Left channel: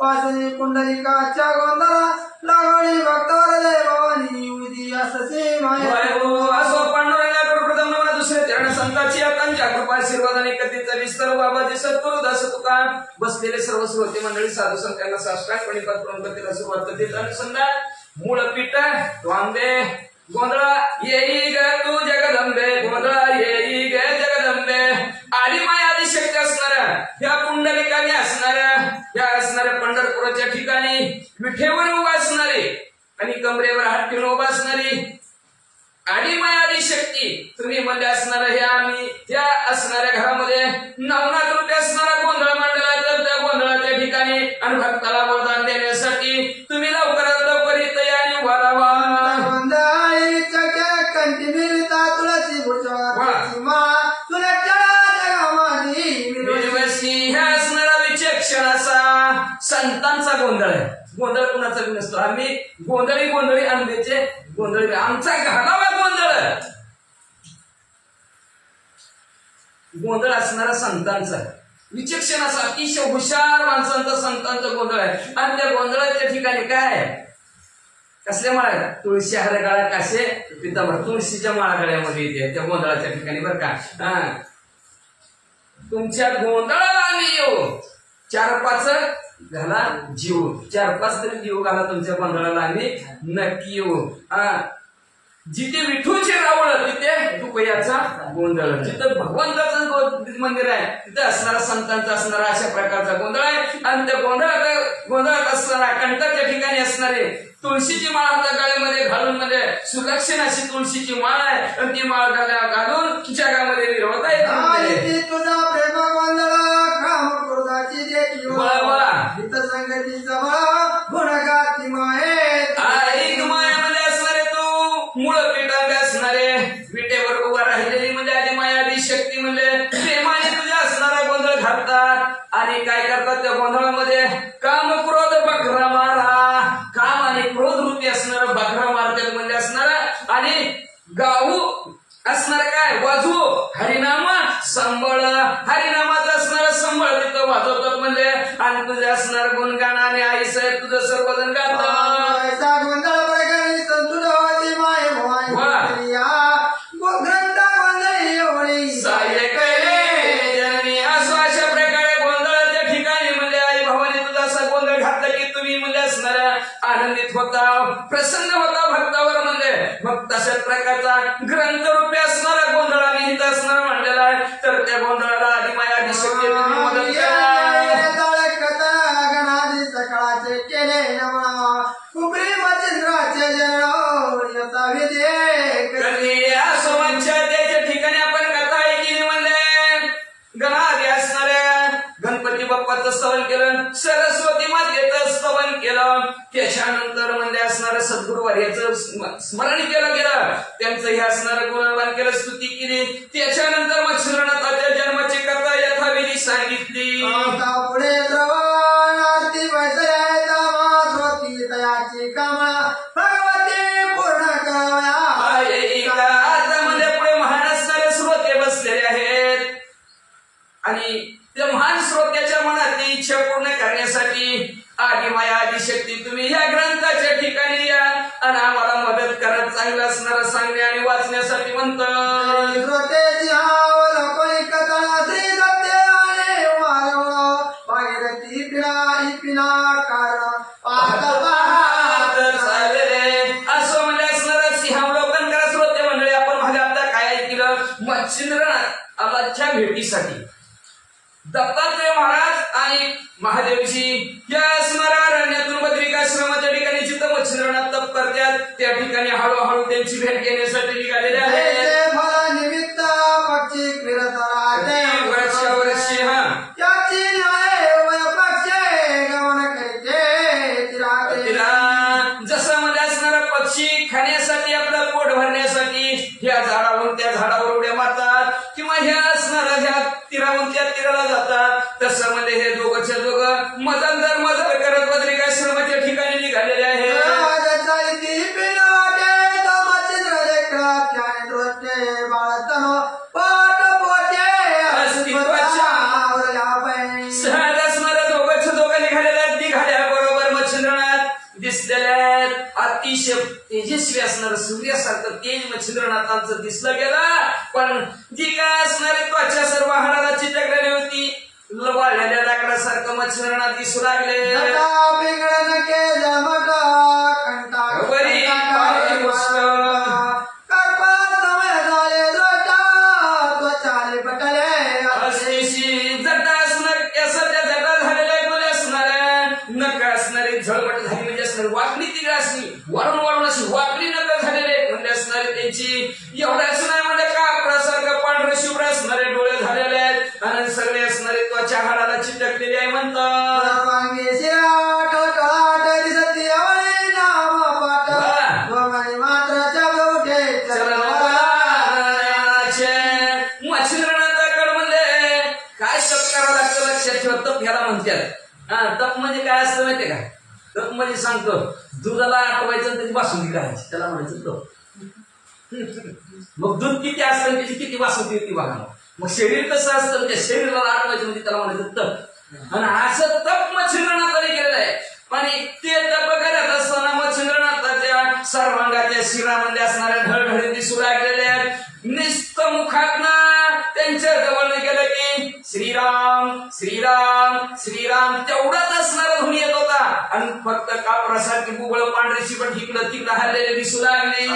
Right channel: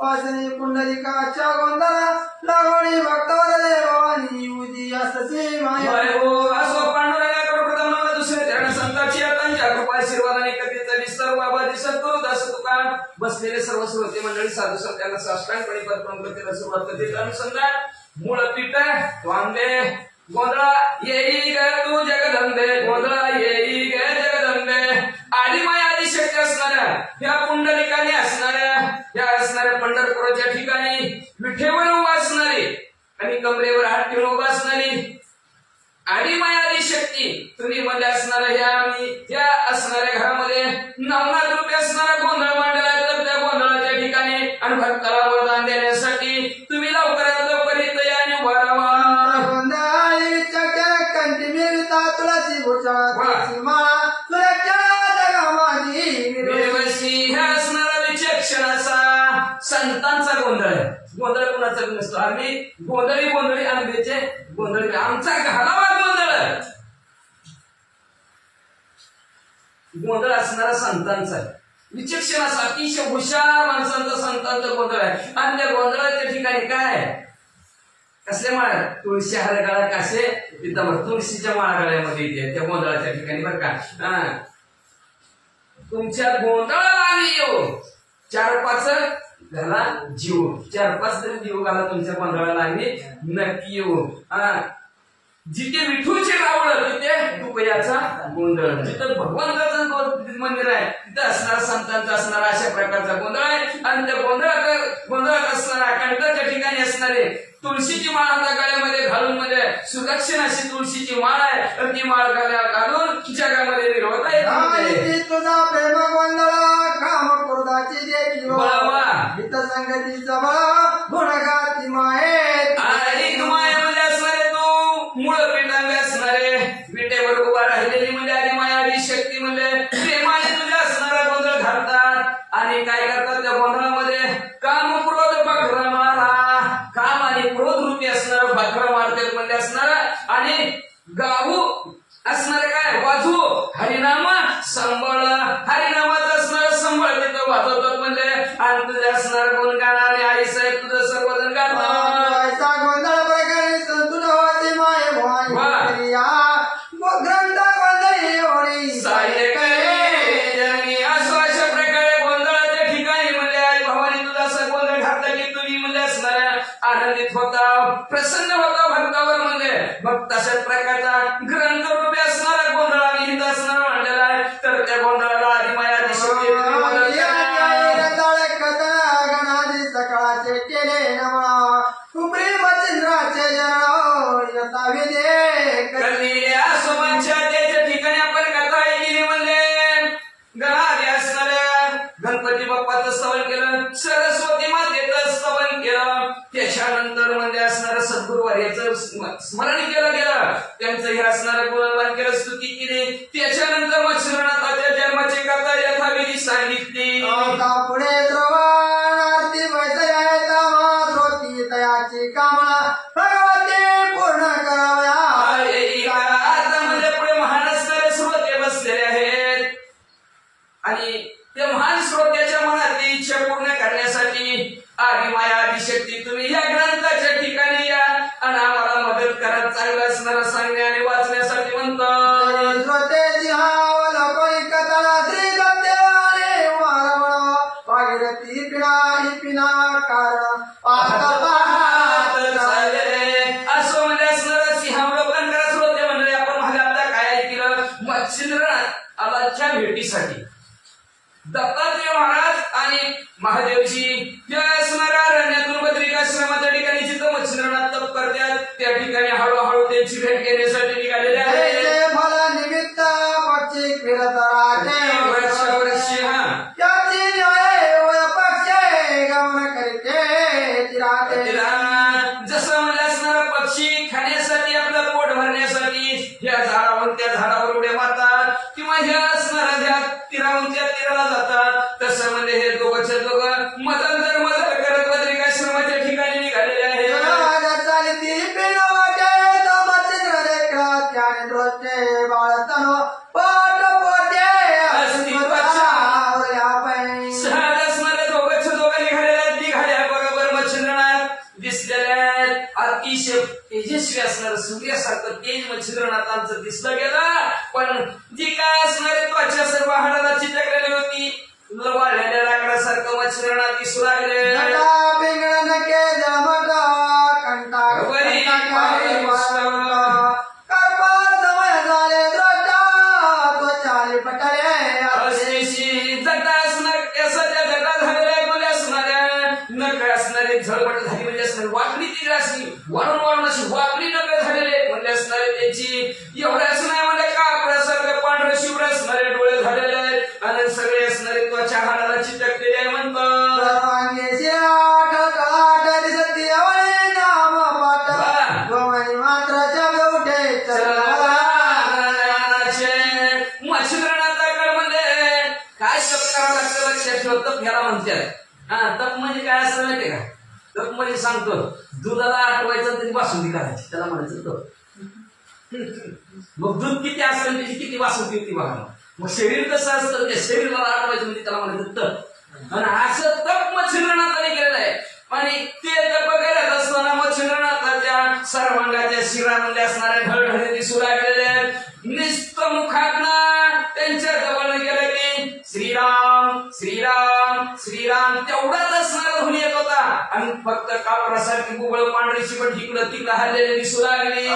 वासने पुंडलिकाच्या गोंधळा लागणी भक्ताला जय भवानी उदी असते असं पांडुरंगाकडे प्रथम नमन दुसरे चरण संतांची त्यांच्या कृपा आशीर्वादाने कथेचा विस्तार बाबाजी सद्गुरु दास तुकाराम बसलेले सर्व श्रोते मंडळी साधू संतांना साष्टांगपणे पत्करून कथेला सुरुवात करतील. अनुसंधान मूळ पीठ वांदे गोंधळा येई ग तू जगदंबे गोंधळा येई ग जगदंबे आधी माय आधी शक्य असणाऱ्या या पुंडलिकाने असणाऱ्या पंढरपुराच्या ठिकाणी विठेवर उभा असणारे आणि कमरेवर हात ठेवून उभा असणारी आणि मायादी शक्ती तुम्ही मध्ये असणारा ह्या असणाऱ्या घरामध्ये नवनाथ रूपी असणारा गोंधळ मांडला तर त्या गोंधळाच्या ठिकाणी आणि भक्ताला वरदान देण्यासाठी तुम्ही लवकरात लवकर इथं या आणि वरावा तुळशी ह्या असणारा विचक्षणाचा संतांचा गोंधळ आहे. गोंधळ कुणाचा नसतो. आम्ही गोंधळी आंबेचे गोंधळ आमचा घालावा गोंधळ असणारा संतांचा विचक्षणाचा अतिशय हुशार माणसांचा संतांचा गोंधळ आहे. आणि त्या गोंधळाच्या ठिकाणी काय कसले माळा तुळशी हार गळा कासे पितांबर तुळशीच्या माळा गळ्यामध्ये येते त्या गोंधळाच्या ठिकाणी बरं का. तुमच्या गोंधळाला आम्ही येऊ 4-5 घाला जीव 4-5 तरी जीव घाला तुमच्या गोंधळाला आम्ही नक्की येऊ. जिथे विठूचे रावळ तिथे रुपयाचा गोंधळ जिथं भगवंताचं मंदिर आहे तिथे असणारा संतांचा असणारा अशा प्रकारचा गोंधळ आहे. आणि त्या गोंधळात असणारा कंठाच्या ठिकाणी असणारे तुळशीची माळ आपल्या गळ्यामध्ये घालून मध्ये सुलक्षण अशी तुळशीची माळ आहे. तर ती माळ घालून जगामध्ये विरोध आहे. तुझा प्रेम गोंधळ काम क्रोधाची देखील संगती जवळ गुणगाती माये मायामध्ये असणारे तू मूळ पिठांबे असणारे विटेवर उभा राहिलेली म्हणजे आधी माया आधी शक्ती म्हणजे प्रेमाने तुझ्या असणारा गोंधळ घालतात. आणि काय करतात त्या गोंधळामध्ये काम क्रोध बकरा मारा काम आणि क्रोध रूपी असणारं बकरा मारतात म्हणजे असणारा आणि गाऊ असणार काय वाजू हरिनाम संबळ हरिनामाचं असणारं संबळ तिथं वाजवतात म्हणजे आणि तुझं असणार गुणगान आणि आई साहेब तुझं सर्वजण गातात गोंधळ प्रकारे संतुल होते माय भवानी ग्रंथ गोंधळी सायक असं अशा प्रकारे गोंधळाच्या ठिकाणी म्हणजे आई भवानी तुझा असा गोंधळ घातला की तुम्ही म्हणजे असणाऱ्या आनंदित होता प्रसन्न होता भक्तावर म्हणजे भक्त अशा प्रकारचा ग्रंथ रूपी असणारा गोंधळ आणि हित असणारा मांडलेला आहे. तर त्या गोंधळाला आधी माया आधी शक्ती सकाळचे केले नमा कुबरी मतिंद्राचे जन त्याच्या ठिकाणी आपण कथा ऐकली म्हणजे गणादी असणाऱ्या गणपती बाप्पाचं स्तवन केलं सरस्वती मातेचं स्तवन केलं त्याच्यानंतर म्हणजे असणारं सद्गुरुवार्याचं स्मरण केलं गेलं त्यांचं हे असणारं गुणगान केलं स्तुती केली. त्याच्यानंतर मच्छिंद्रनाथाच्या जन्माची कथा यथाविधी सांगितली. पुढे तयाची कामळा भगवती पूर्ण म्हणजे पुढे महान असणारे श्रोते बसलेले आहेत आणि त्या महान श्रोत्याच्या मनातली इच्छा पूर्ण करण्यासाठी आधी माया आधी शक्ती तुम्ही या ग्रंथाच्या ठिकाणी या आणि आम्हाला मदत करा चांगलं असणारं सांगणे आणि वाचण्यासाठी म्हणतो. असं म्हणजे असणारा सिंहावलोकन करा श्रोते मंडळी. आपण मागे आता काय ऐकलं मच्छिंद्रनाथाच्या भेटीसाठी दत्तात्रय महाराज आणि महादेवजी या असणाऱ्या अरण्यातून बद्रिकाश्रमाच्या ठिकाणी जिथं मच्छिंद्रनाथ तप करतात त्या ठिकाणी हळूहळू त्यांची भेट घेण्यासाठी निघालेले आहे. मला निमित्त पक्षी फिरत राहते जसं म्हणजे खाण्यासाठी आपलं पोट भरण्यासाठी ह्या झाडावर त्या झाडावर उड्या मारतात किंवा ह्या असणाऱ्या ह्या तीरावरून त्या तीराला जातात. तसं म्हणजे हे दोघंच्या दोघं मजल करत बद्रिकाश्रमाच्या ठिकाणी निघालेले आहे. अतिशय तेजस्वी असणार सूर्यासारखं तेज मच्छिंद्रनाथांचं दिसलं गेलं. पण जी काय असणारी त्वचा सर्व हाडाला चिटकलेली होती. वाढलेल्या लाकडासारखं मच्छिंद्रनाथ दिसू लागले. झळपट झाली म्हणजे असणारी वाकडी तिकडे असली वाढून अशी वाकडी नका झालेले म्हणजे असणारे त्यांची एवढ्याच नाही म्हणजे कापडासारखं पांढरं शिवडं असणारे डोळे झालेले आहेत आणि सगळे असणारे त्वचा हाडाला चिटकलेले आहे म्हणतात. मच्छिंद्रनाथाकडे म्हणजे काय तप करावं लागतं लक्षात ठेवा. तप ह्याला म्हणतात. तप म्हणजे काय असतं माहितीये का? तप म्हणजे सांगतो दुधाला आटवायचं त्याची बासुंदी करायची त्याला म्हणायचं तप. मग दूध किती असतं त्याची किती बासुंदी होती बघा. मग शरीर कसं असतं त्या शरीराला आटवायचं म्हणजे त्याला म्हणायचं तप. आणि असं तप मच्छिंद्रनाथाने केलेलं आहे. आणि ते तप करत असताना मच्छिंद्रनाथाच्या सर्वांगाच्या शिरामध्ये असणाऱ्या ढळढळे दिसू लागलेले आहेत. नुसतं मुखातनं त्यांच्या जवळ गेलं की श्रीराम श्रीराम श्रीराम तेवढाच असणारा ध्वनी येत होता. आणि फक्त कापडासारखी गुबळ पांढरीची पण इकडं तिकडं हल्लेले दिसू लागले.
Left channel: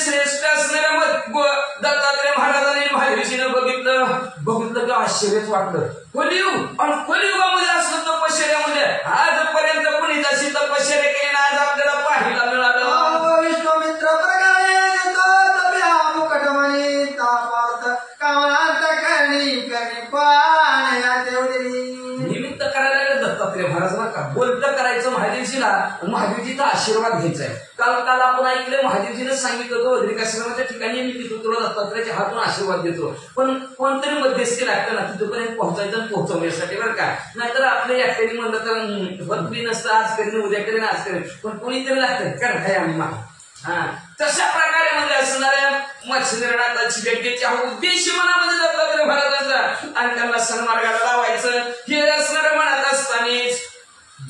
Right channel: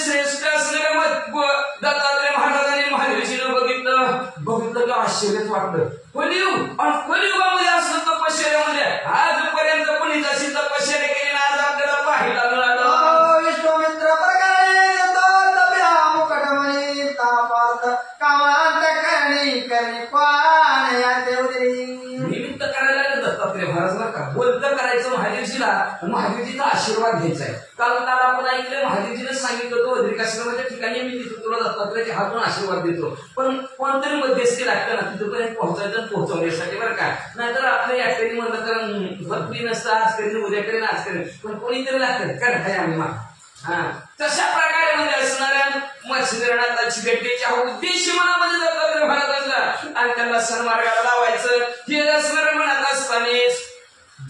श्रेष्ठ असणाऱ्या दत्तात्रय महाराजांनी महादेवजीनं बघितलं का आश्चर्यच वाटलं. कलियुग आणि कलियुगामध्ये असलं तपश्चर्यामध्ये आजपर्यंत कोणी जशी तपश्चर्या केली आज आपल्याला पाहायला मिळालं. विश्वामित्र प्रकारे मुकटमणी तापार्थ कामांत करणी निमित्त करायला दत्तात्रय महाराज बरं का बोलतं करायचं महादेवजीला महादेवजीचा आशीर्वाद घ्यायचा आहे. काल आपण ऐकलंय महादेवजीने सांगितलं होतं बद्रिकाश्रमाच्या ठिकाणी मी तिथं तुला दत्तात्रयाच्या हातून आशीर्वाद देतो. पण कोणतरी मध्यस्थी लागतं ना तिथपर्यंत पोहोचायचं पोहोचवण्यासाठी बरं का. नाहीतर आपल्या एकट्याने म्हणलं तर बदली नसतं आज करीन उद्या करीन आज करीन पण कोणीतरी लागतं काय आम्ही मा. तशा प्रकारे म्हणजे असणाऱ्या मच्छिंद्रनाथाची भेटीचा हा उद्देश मनामध्ये दत्तात्रय महाराजांचा आणि त्यांना सन्मार्गाला लावायचं हे असणाऱ्या मनात असतानाच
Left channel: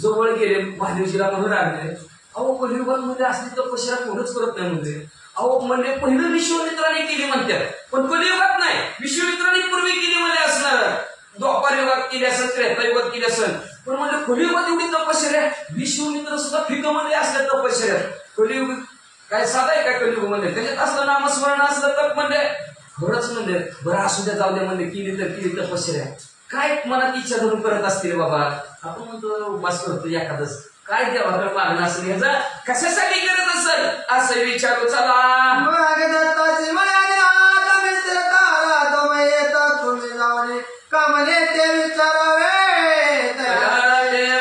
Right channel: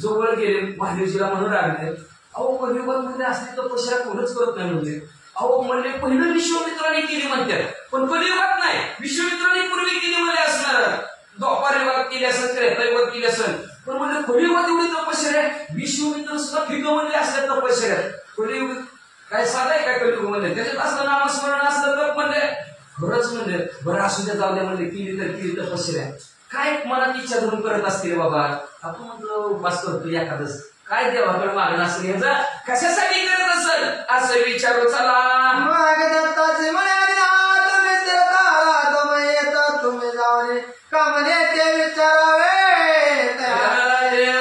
जवळ गेले महादेवजीला म्हणून लागले. अहो कलियुगामध्ये असली तपश्चर्या कोणच करत नाही म्हणजे. अहो म्हणजे पहिलं विश्वामित्राने केली म्हणतात पण कलियुगात नाही. विश्वामित्राने पूर्वी केली म्हणजे असणार द्वापार युगात केली असेल त्रेतायुगात केली असेल पण म्हणजे कलियुगात एवढी तपश्चर्या विश्वामित्र सुद्धा फिगमध्ये असल्या तपश्चर्या. कलियुग काय साधा आहे काय कलियुग म्हणजे त्याच्यात असलं नामस्मरण असलं तर म्हणजे खरंच म्हणजे बरं असू द्या जाऊ द्या म्हणजे केली तपश्चर्या काय मनात इच्छा धरून करत असतील बाबा. आपण म्हणतो बस करतो एखादच काय देवाकडे मागणं असेल ह्याचा कशासाठी करत असेल असं विचारू चला. तुम्ही जाऊन कामने ते विचारावे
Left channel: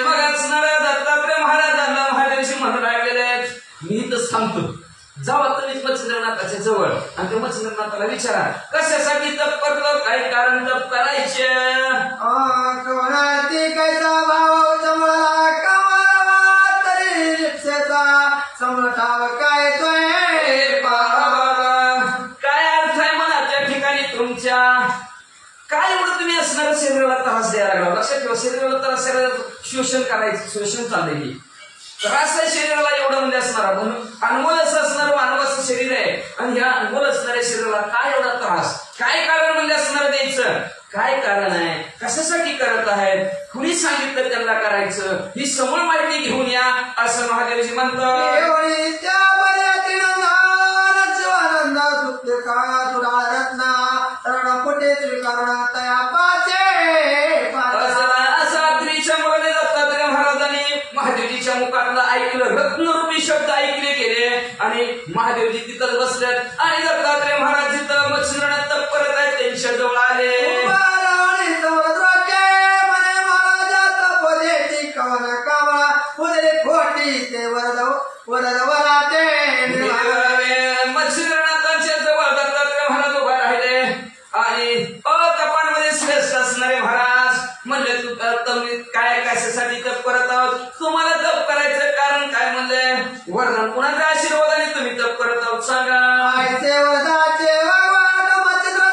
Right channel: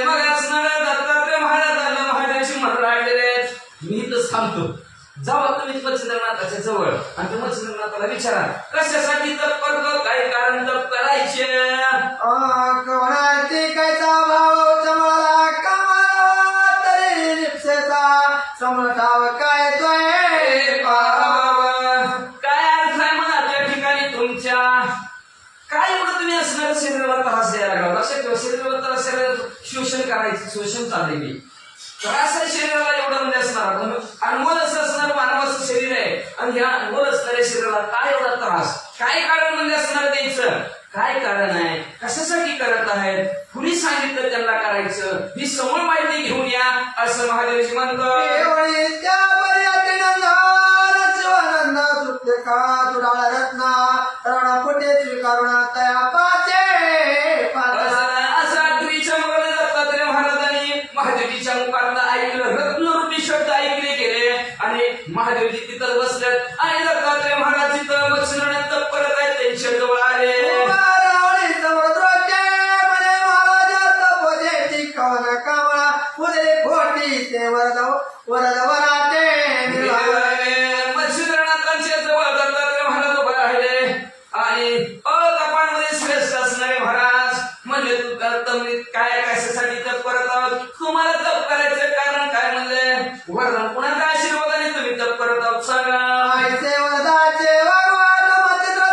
मग असणाऱ्या दत्तात्रय महाराजांना महादेवशी म्हणू लागलेले मी तर सांगतो जावा तुम्ही मच्छिंद्रनाथाच्या जवळ आणि त्या मच्छिंद्रनाथाला विचारा कशासाठी तप करतो काय कारण तप करायचे. कैसा भाव तुम्हाला कमावा तरी रिक्षेचा समठाव काय अर्थ आहे म्हणा त्या ठिकाणी तुमच्या काय एवढं तुम्ही असणार शरीराला त्रास द्यायला लागला. लक्षात ठेवा शरीराला त्रास शोषण करायचं शोषण चाललेली त्रास आहे शरीराला एवढं म्हणजे असणार अनमोल असं असणारं मानवाचं शरीर आहे आणि ह्या अनमोल असणाऱ्या शरीराला काय एवढा त्रास काय कारण म्हणजे असणार द्यायचं काय कारण आहे कशासाठी करत आहेत कुणी सांगितलं त्यांना करायचं ही समोर माहिती घेऊन या असं महादेवजी म्हणतो. दत्तात्रय महाराजांनी महादेवजीच्या मुखातलं ऐकलं रत्नरूपी शब्द ऐकले गेले आणि महादेवजी तिथं बसलेत आणि दत्तात्रय महाराज तिथं मच्छिंद्रनाथ तप करत आहेत त्यांच्या जवळ आले. वरद वराटे मच्छिंद्रनाथांच्या जवळ दत्तात्रय महाराज उभा राहिले आणि तपांमध्ये श्रेष्ठ असणारे महाराज म्हणले तुम्ही काय कशासाठी तप करत आहोत तुम्हाला तप करायचं कारण काय म्हणले वरदान कुणाच्या आशीर्वादाने तुम्ही तप करत आहोत सांगा वरदाचे वागवाद मच्छिंद्र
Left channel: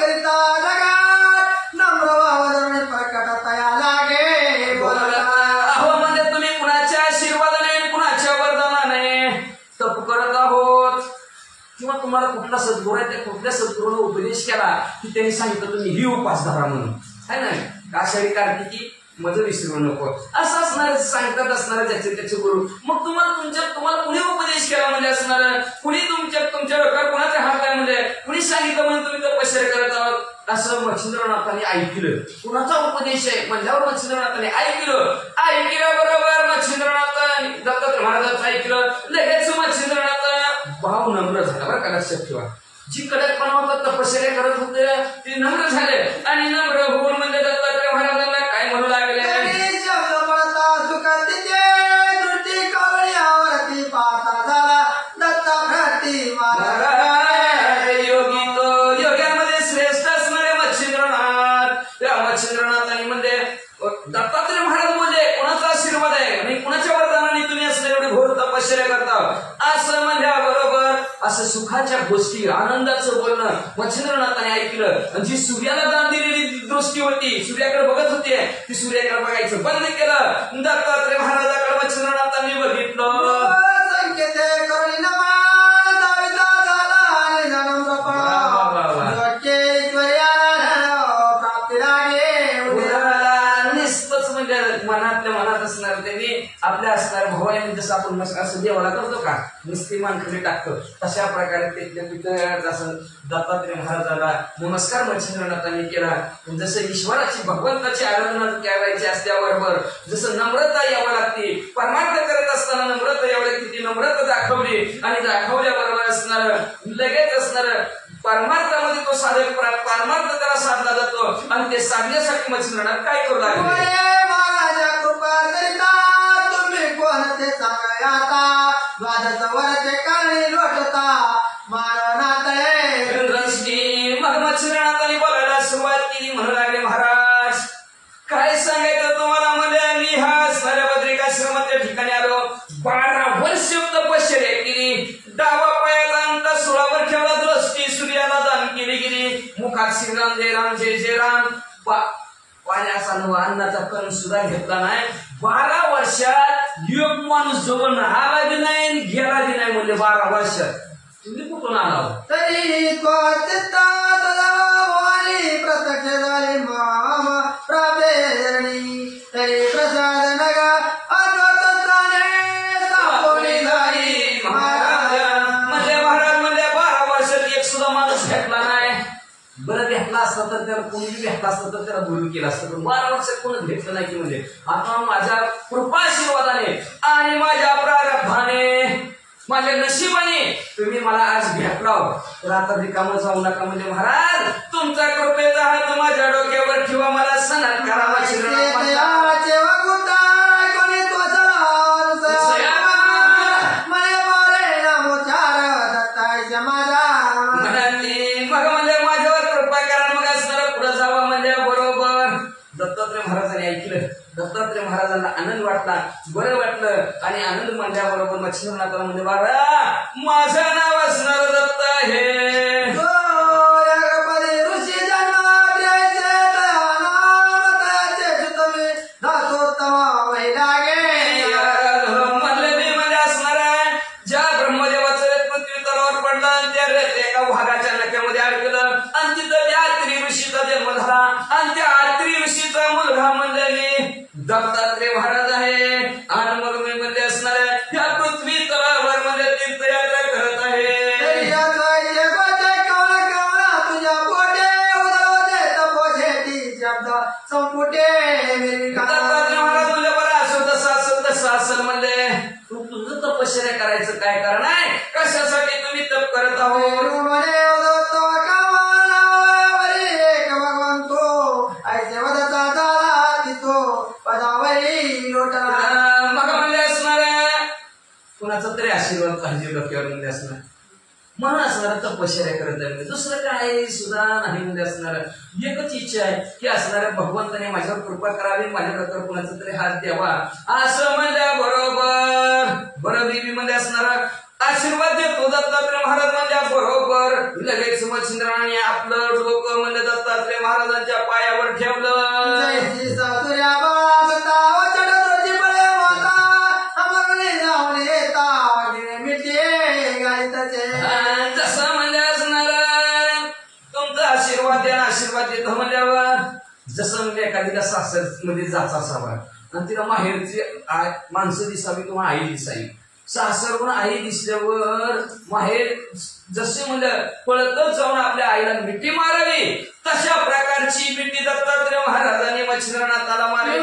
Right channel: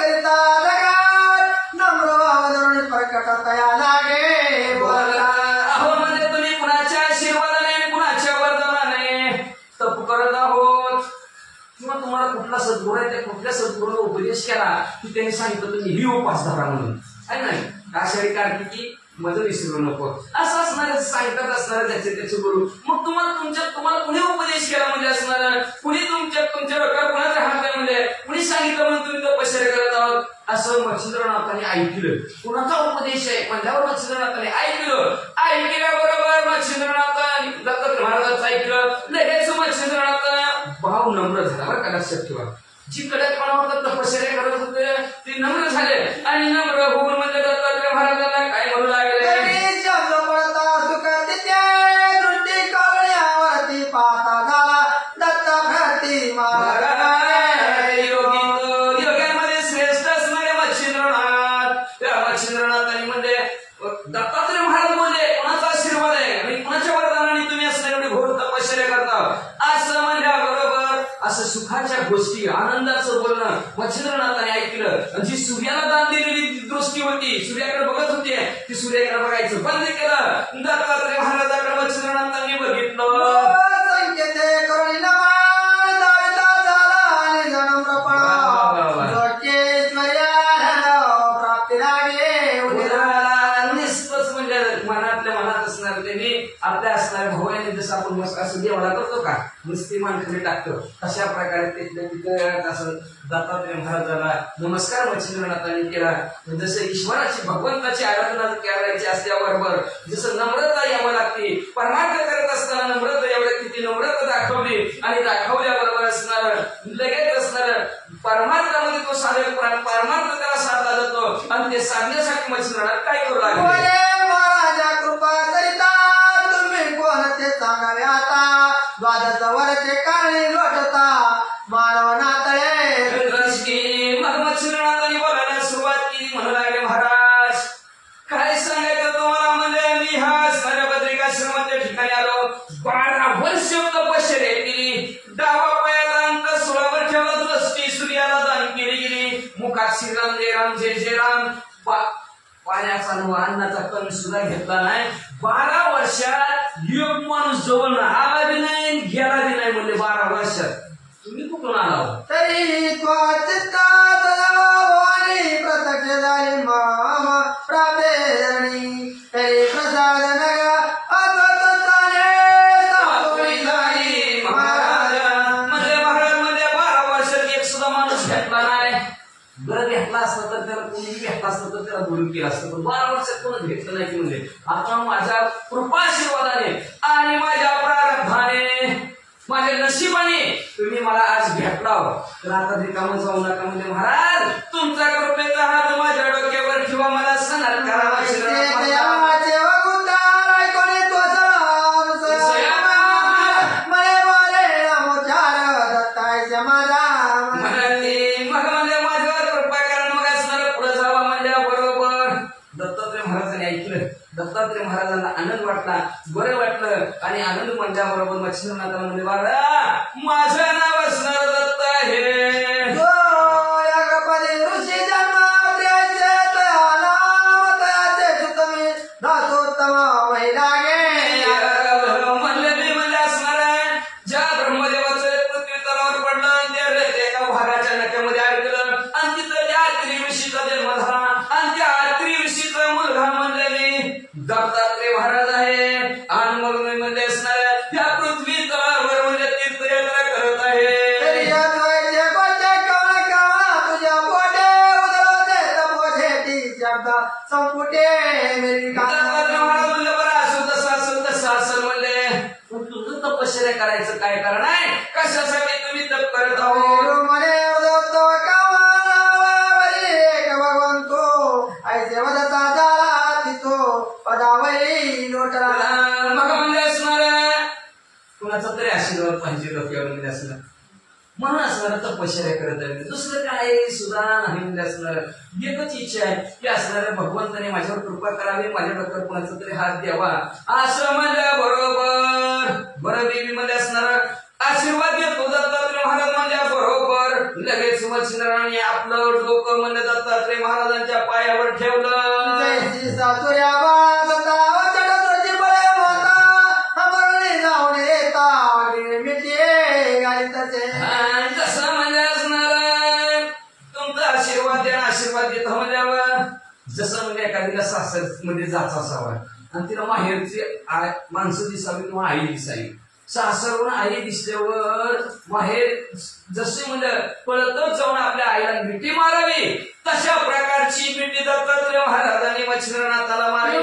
करिता जगात नम्र वावरून प्रकट तया लागे म्हणजे तुम्ही कुणाच्या आशीर्वादाने कुणाच्या वरदानाने तप करत आहोत किंवा तुम्हाला कुठला सद्गुरू आहे त्या कुठल्या सद्गुरूने उपदेश केला की त्यांनी सांगितलं तुम्ही ही उपास धरा म्हणून आहे ना आषाढी कार्तिकी मज विसरू नको असं असणार सांगतात असणार ज्याचे त्याचे गुरु मग तुम्हाला कुणी उपदेश केला म्हणजे असणार कुणी तुमच्या डोक्यावर कुणाचा हात काय म्हणजे कुणी सांगितलं म्हणून तुम्ही तपश्चर्या करत आहोत असं मच्छिंद्रनाथांनी ऐकलं कुणाचा उपदेश आहे म्हणल्यावर मच्छिंद्रनाथांनी ऐकल्याबरोबर मच्छिंद्रनाथ दत्तात्रय महाराजांचं ऐकलं लगेच मच्छिंद्रनाथ भाव नम्र झाला बरं का लक्षात ठेवा जी कडकपणा होता तपश्चर्या करत होते ते नम्र झाले आणि नम्र होऊन म्हणजे दत्तात्रय महाराजांना काय म्हणू लागले शब्द पडता सुखते दृष्टी कवण्यावरती पाहता झाला दत्ता भरती महाराज योग्यामध्ये श्रेष्ठ असणारे मच्छिंद्रनाथ त्या मच्छिंद्रनाथांनी म्हणजे दत्तात्रय महाराज बोलले कोणाचा आशीर्वाद आहे आणि कुणाच्या वरदानाने तुम्ही असं एवढी घोर तपश्चर्या करता असं म्हणल्याबरोबर असं सुखाच्या गोष्टी आनंदाचं बोलणं मच्छिंद्रनाथाने ऐकलं जी सूर्याला दान दिलेली दृष्टी होती सूर्याकडे बघत होती ती सूर्याकडे बघायचं बंद केलं दत्तात्रय महाराजाकडे मच्छिंद्रनाथांनी बघितलं संकेते करुणी नमान दाविता झाला आणि प्राप्ती रागे निस्तच म्हणजे मनातल्या मनात असणार त्यांनी आपल्या असणाऱ्या भावाने जसं आपण असं देवाला करतो का नुसती मानखडी टाकतो तशा प्रकारे तिथल्या पितळात असं दत्तात्रय महाराजाला नमस्कार मच्छिंद्रनाथांनी केला जसं ईश्वराची भगवंताची आराधना करायची असल्याबरोबर जसं नम्रता यावं लागते परमार्थ करत असताना नम्रता एवढ्या किती नम्रता दाखवली आणि दाखवल्याबरोबर असणार लगेच असणार परमार्थामध्ये तो साधक परमार्थ त्याला साधला जातो आणि ते साधण्यासाठी मच्छिंद्रनाथ काय करू लागले महाराजा कृपा करिता तुम्ही कोणते सांगाय आता द्वादश वरचे काळी लोटता मानव नातळे मग मच्छिंद्रनाथांनी बोलायला सुरुवात केली म्हणू लागले महाराज काय सांगायचं तुम्हाला म्हणजे मी हा स्थलभद्रिकाश्रमाच्या ठिकाणी आलो 12 वर्ष तपश्चर्या केली डावा पायाला अंत 16 वर ठेवला दृष्टी सूर्याला दान केली गेली मुखात श्रीराम जय राम जय जय राम पाण्याचा नवा अन्नाचा कण सुद्धा घेतला नाही 12 वर्षात एक माणूस जवळ आला बी नाही गेला बी नाही म्हणजे 12 वर्षात तुम्ही कुठून आला तरी चित्तात भवानी प्रत्यक्ष झाली माम प्राप्तेरणी तरी प्रसाद नगा बरं भेटला असतं तर त्याला कोणी भेटला असतं तर त्याला बोलून केलं असतं पण 12 वर्षात कोणच भेटलं नाही की म्हणजे आता माझ्या कृपाशीर्वादाने आणि माझ्या प्रारब्धाने माझ्या नशिबाने तुम्ही मला आज भेटला तर आता रिकामं जाऊ नका म्हणजे महाराज तुमचा कृपेचा हात माझ्या डोक्यावर ठेवा मला सणात करा दत्तात्रय महाराजांनी ऐकलं दत्तात्रय महाराजांना आनंद वाटला बरं वाटलं आणि आनंद म्हणल्याबरोबर मच्छिंद्रनाथाला म्हणजे बाबा माझं नाव असणार दत्त आहे ऋषी जन्म म्हणलेली म्हणजे असणार ज्या ब्रह्मदेवाचं पृथ्वी तलावर पडलं आणि त्या एका भागाच्या नक्यामध्ये अडकलं आणि तिथं त्या अत्री ऋषीचा जन्म झाला आणि त्या अत्री ऋषीचा मुलगा म्हणलेली दत्तात्रय महाराज आहे आणि मग मी म्हणजे असणार या पृथ्वी तलावर म्हणजे तीर्थयात्रा करत आहे तुझं तपश्चर्या करायचं काय कारण आहे कशासाठी तुम्ही तप करत आहोत पाहिजे डोक्यावर म्हणजे असणार म्हणून असणार तपश्चर्या करत आहे दुसरं काय सुद्धा नाही म्हणजे असणार एकच इच्छा आहे की असणाऱ्या भगवंताने माझ्यावर कृपा करावी माझ्या डोक्यावर कुणाचा तरी हात द्यावा असं म्हणल्या बरोबर बरं देवी मध्ये असणार आशीर्वाद देतो दत्तात्रय महाराज म्हणल्या बरोबर लगेच मच्छिंद्राने आपलं डोकं म्हणजे दत्तात्रय महाराजांच्या पायावर ठेवलं जसं म्हणजे असणार तुमचा आशीर्वाद द्या आशीर्वाद देतो म्हणल्यावर जसं म्हणजे एखाद्याला सासर मध्ये जाचा असावा आणि तिला माहेरची माणसं दिसावी किंवा आई दिसावी सासरवरून आई दिसल्यावर माहेर जसे म्हणजे पळतच जाऊन आपल्या आईला मिठी मारावी तशा प्रकारची मिठी दत्तात्रय महाराजांनी मच्छिंद्रनाथाला मारली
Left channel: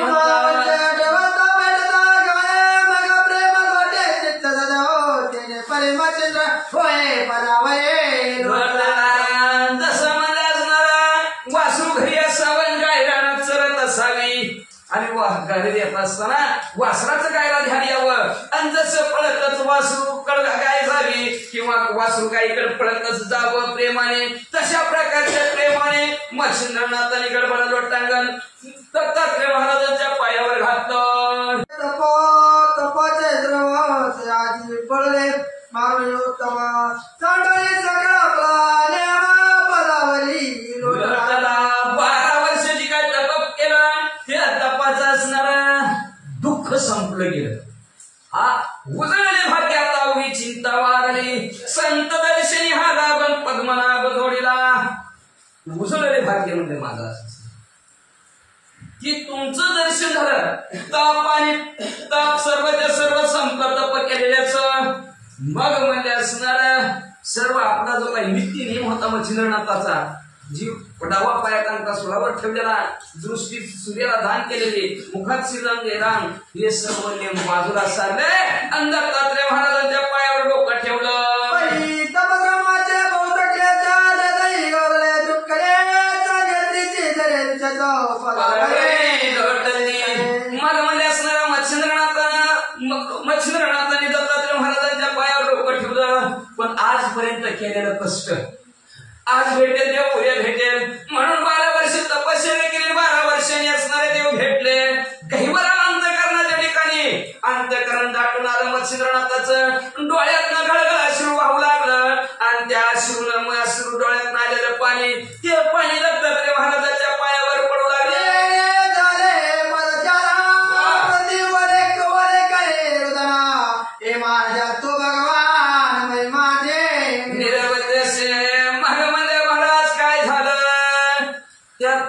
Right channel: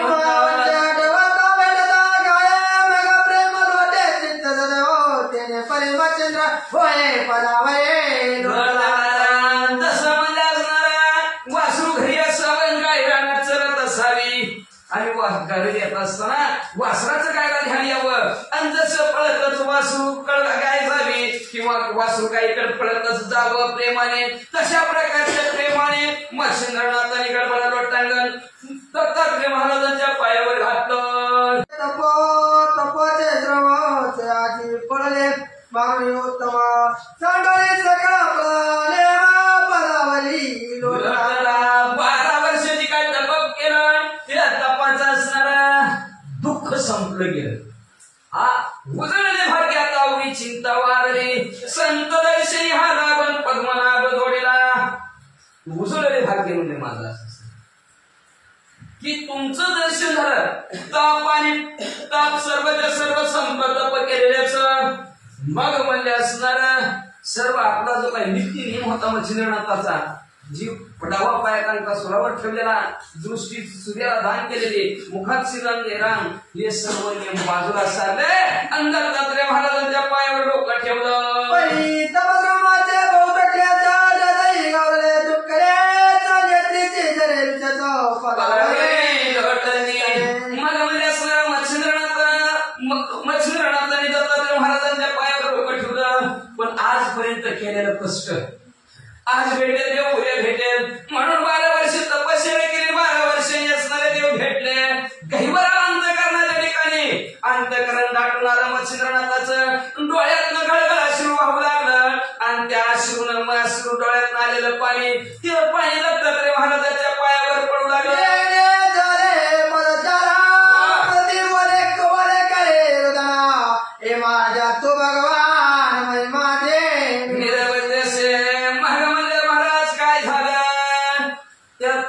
जसं म्हणजे असणारा वासरू घरी असावं गाय रानात चरत असावी आणि घरी येत असताना वासराचं गायला ध्यान यावं आणि जसं पळतच वासरू गाय झाली किंवा वासरू गायीकडे पळतच जावं प्रेमाने तशा प्रकारच्या प्रेमाने मच्छिंद्रनाथाने गडबडा लोटांगण दत्तात्रय महाराजांच्या पायावर घातलं तपाचे द्रव आधी पळले मागणी उत्तमा चांडोली सगळा पदावली लोटला 12 वर्ष जी काय तप केलं ते तपाचं असणार दुःख संपलं गेलं उजळले भाग्य आता चिंता वारली संत दर्शनी हा लाभन पद्मनाभ जोडीला उजळले भाग्य म्हणजे माझं असं की तुमचं दर्शन झालं ताप आणि ताप सर्वच्या सर्व संपत तप केलेल्याच मग म्हणजे असणार सर्व आपला जो काही नित्य नियम होता मच्छिंद्रनाथाचा जीव डावा पायाकांका सुरावर ठेवलेला दृष्टी सूर्याला दान केलेली मुखात श्रीराम राम हे सर्व नियम बाजूला सारले आणि दत्तात्रय महाराजांच्या पायावर डोकं ठेवलं मग म्हणजे असणारा मच्छिंद्रनाथाने दत्तात्रय महाराजांच्या पायावर डोकं ठेवलं पण आजपर्यंत केलेलं कष्ट आज भेटेल देव उद्या भेटेल म्हणून 12 वर्ष तपश्चर्या केली 12 वर्षांनी असणारे देव भेटले गहिवरा अंतकरणाच्या ठिकाणी अंतकरण दाटून आलं मच्छिंद्रनाथाचं डोळ्यातनं गळगळ अश्रू वाहू लागलं आणि त्या अश्रू डोळ्यातनं आलेलं पाणी ते पाणी दत्तात्रय महाराजांच्या पायावर पडू लागलं माझ्या तो भगवान माझे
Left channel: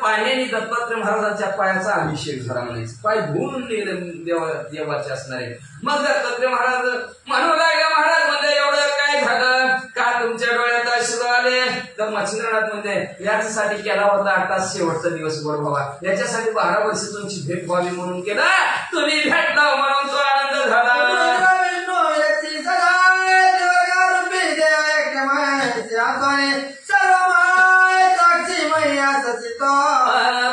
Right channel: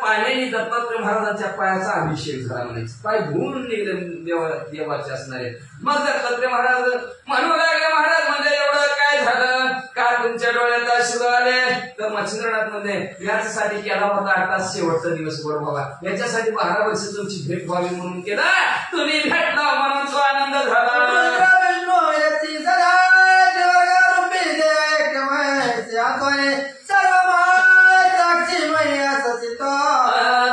पाण्याने दत्तात्रय महाराजांच्या पायाचा अभिषेक झाला म्हणायचं पाय धुवून देवाचे असणारे मग दत्तात्रय महाराज म्हणू लागले महाराज म्हणजे एवढं काय झालं का तुमच्या डोळ्यात अश्रू आले तर मच्छिंद्रनाथ म्हणजे याच्यासाठी केला होता आता शेवटचा दिवस बरोबर याच्यासाठी 12 वर्ष तुमची भेट व्हावी म्हणून केला तुम्ही भेटला म्हणून तो आनंद झाला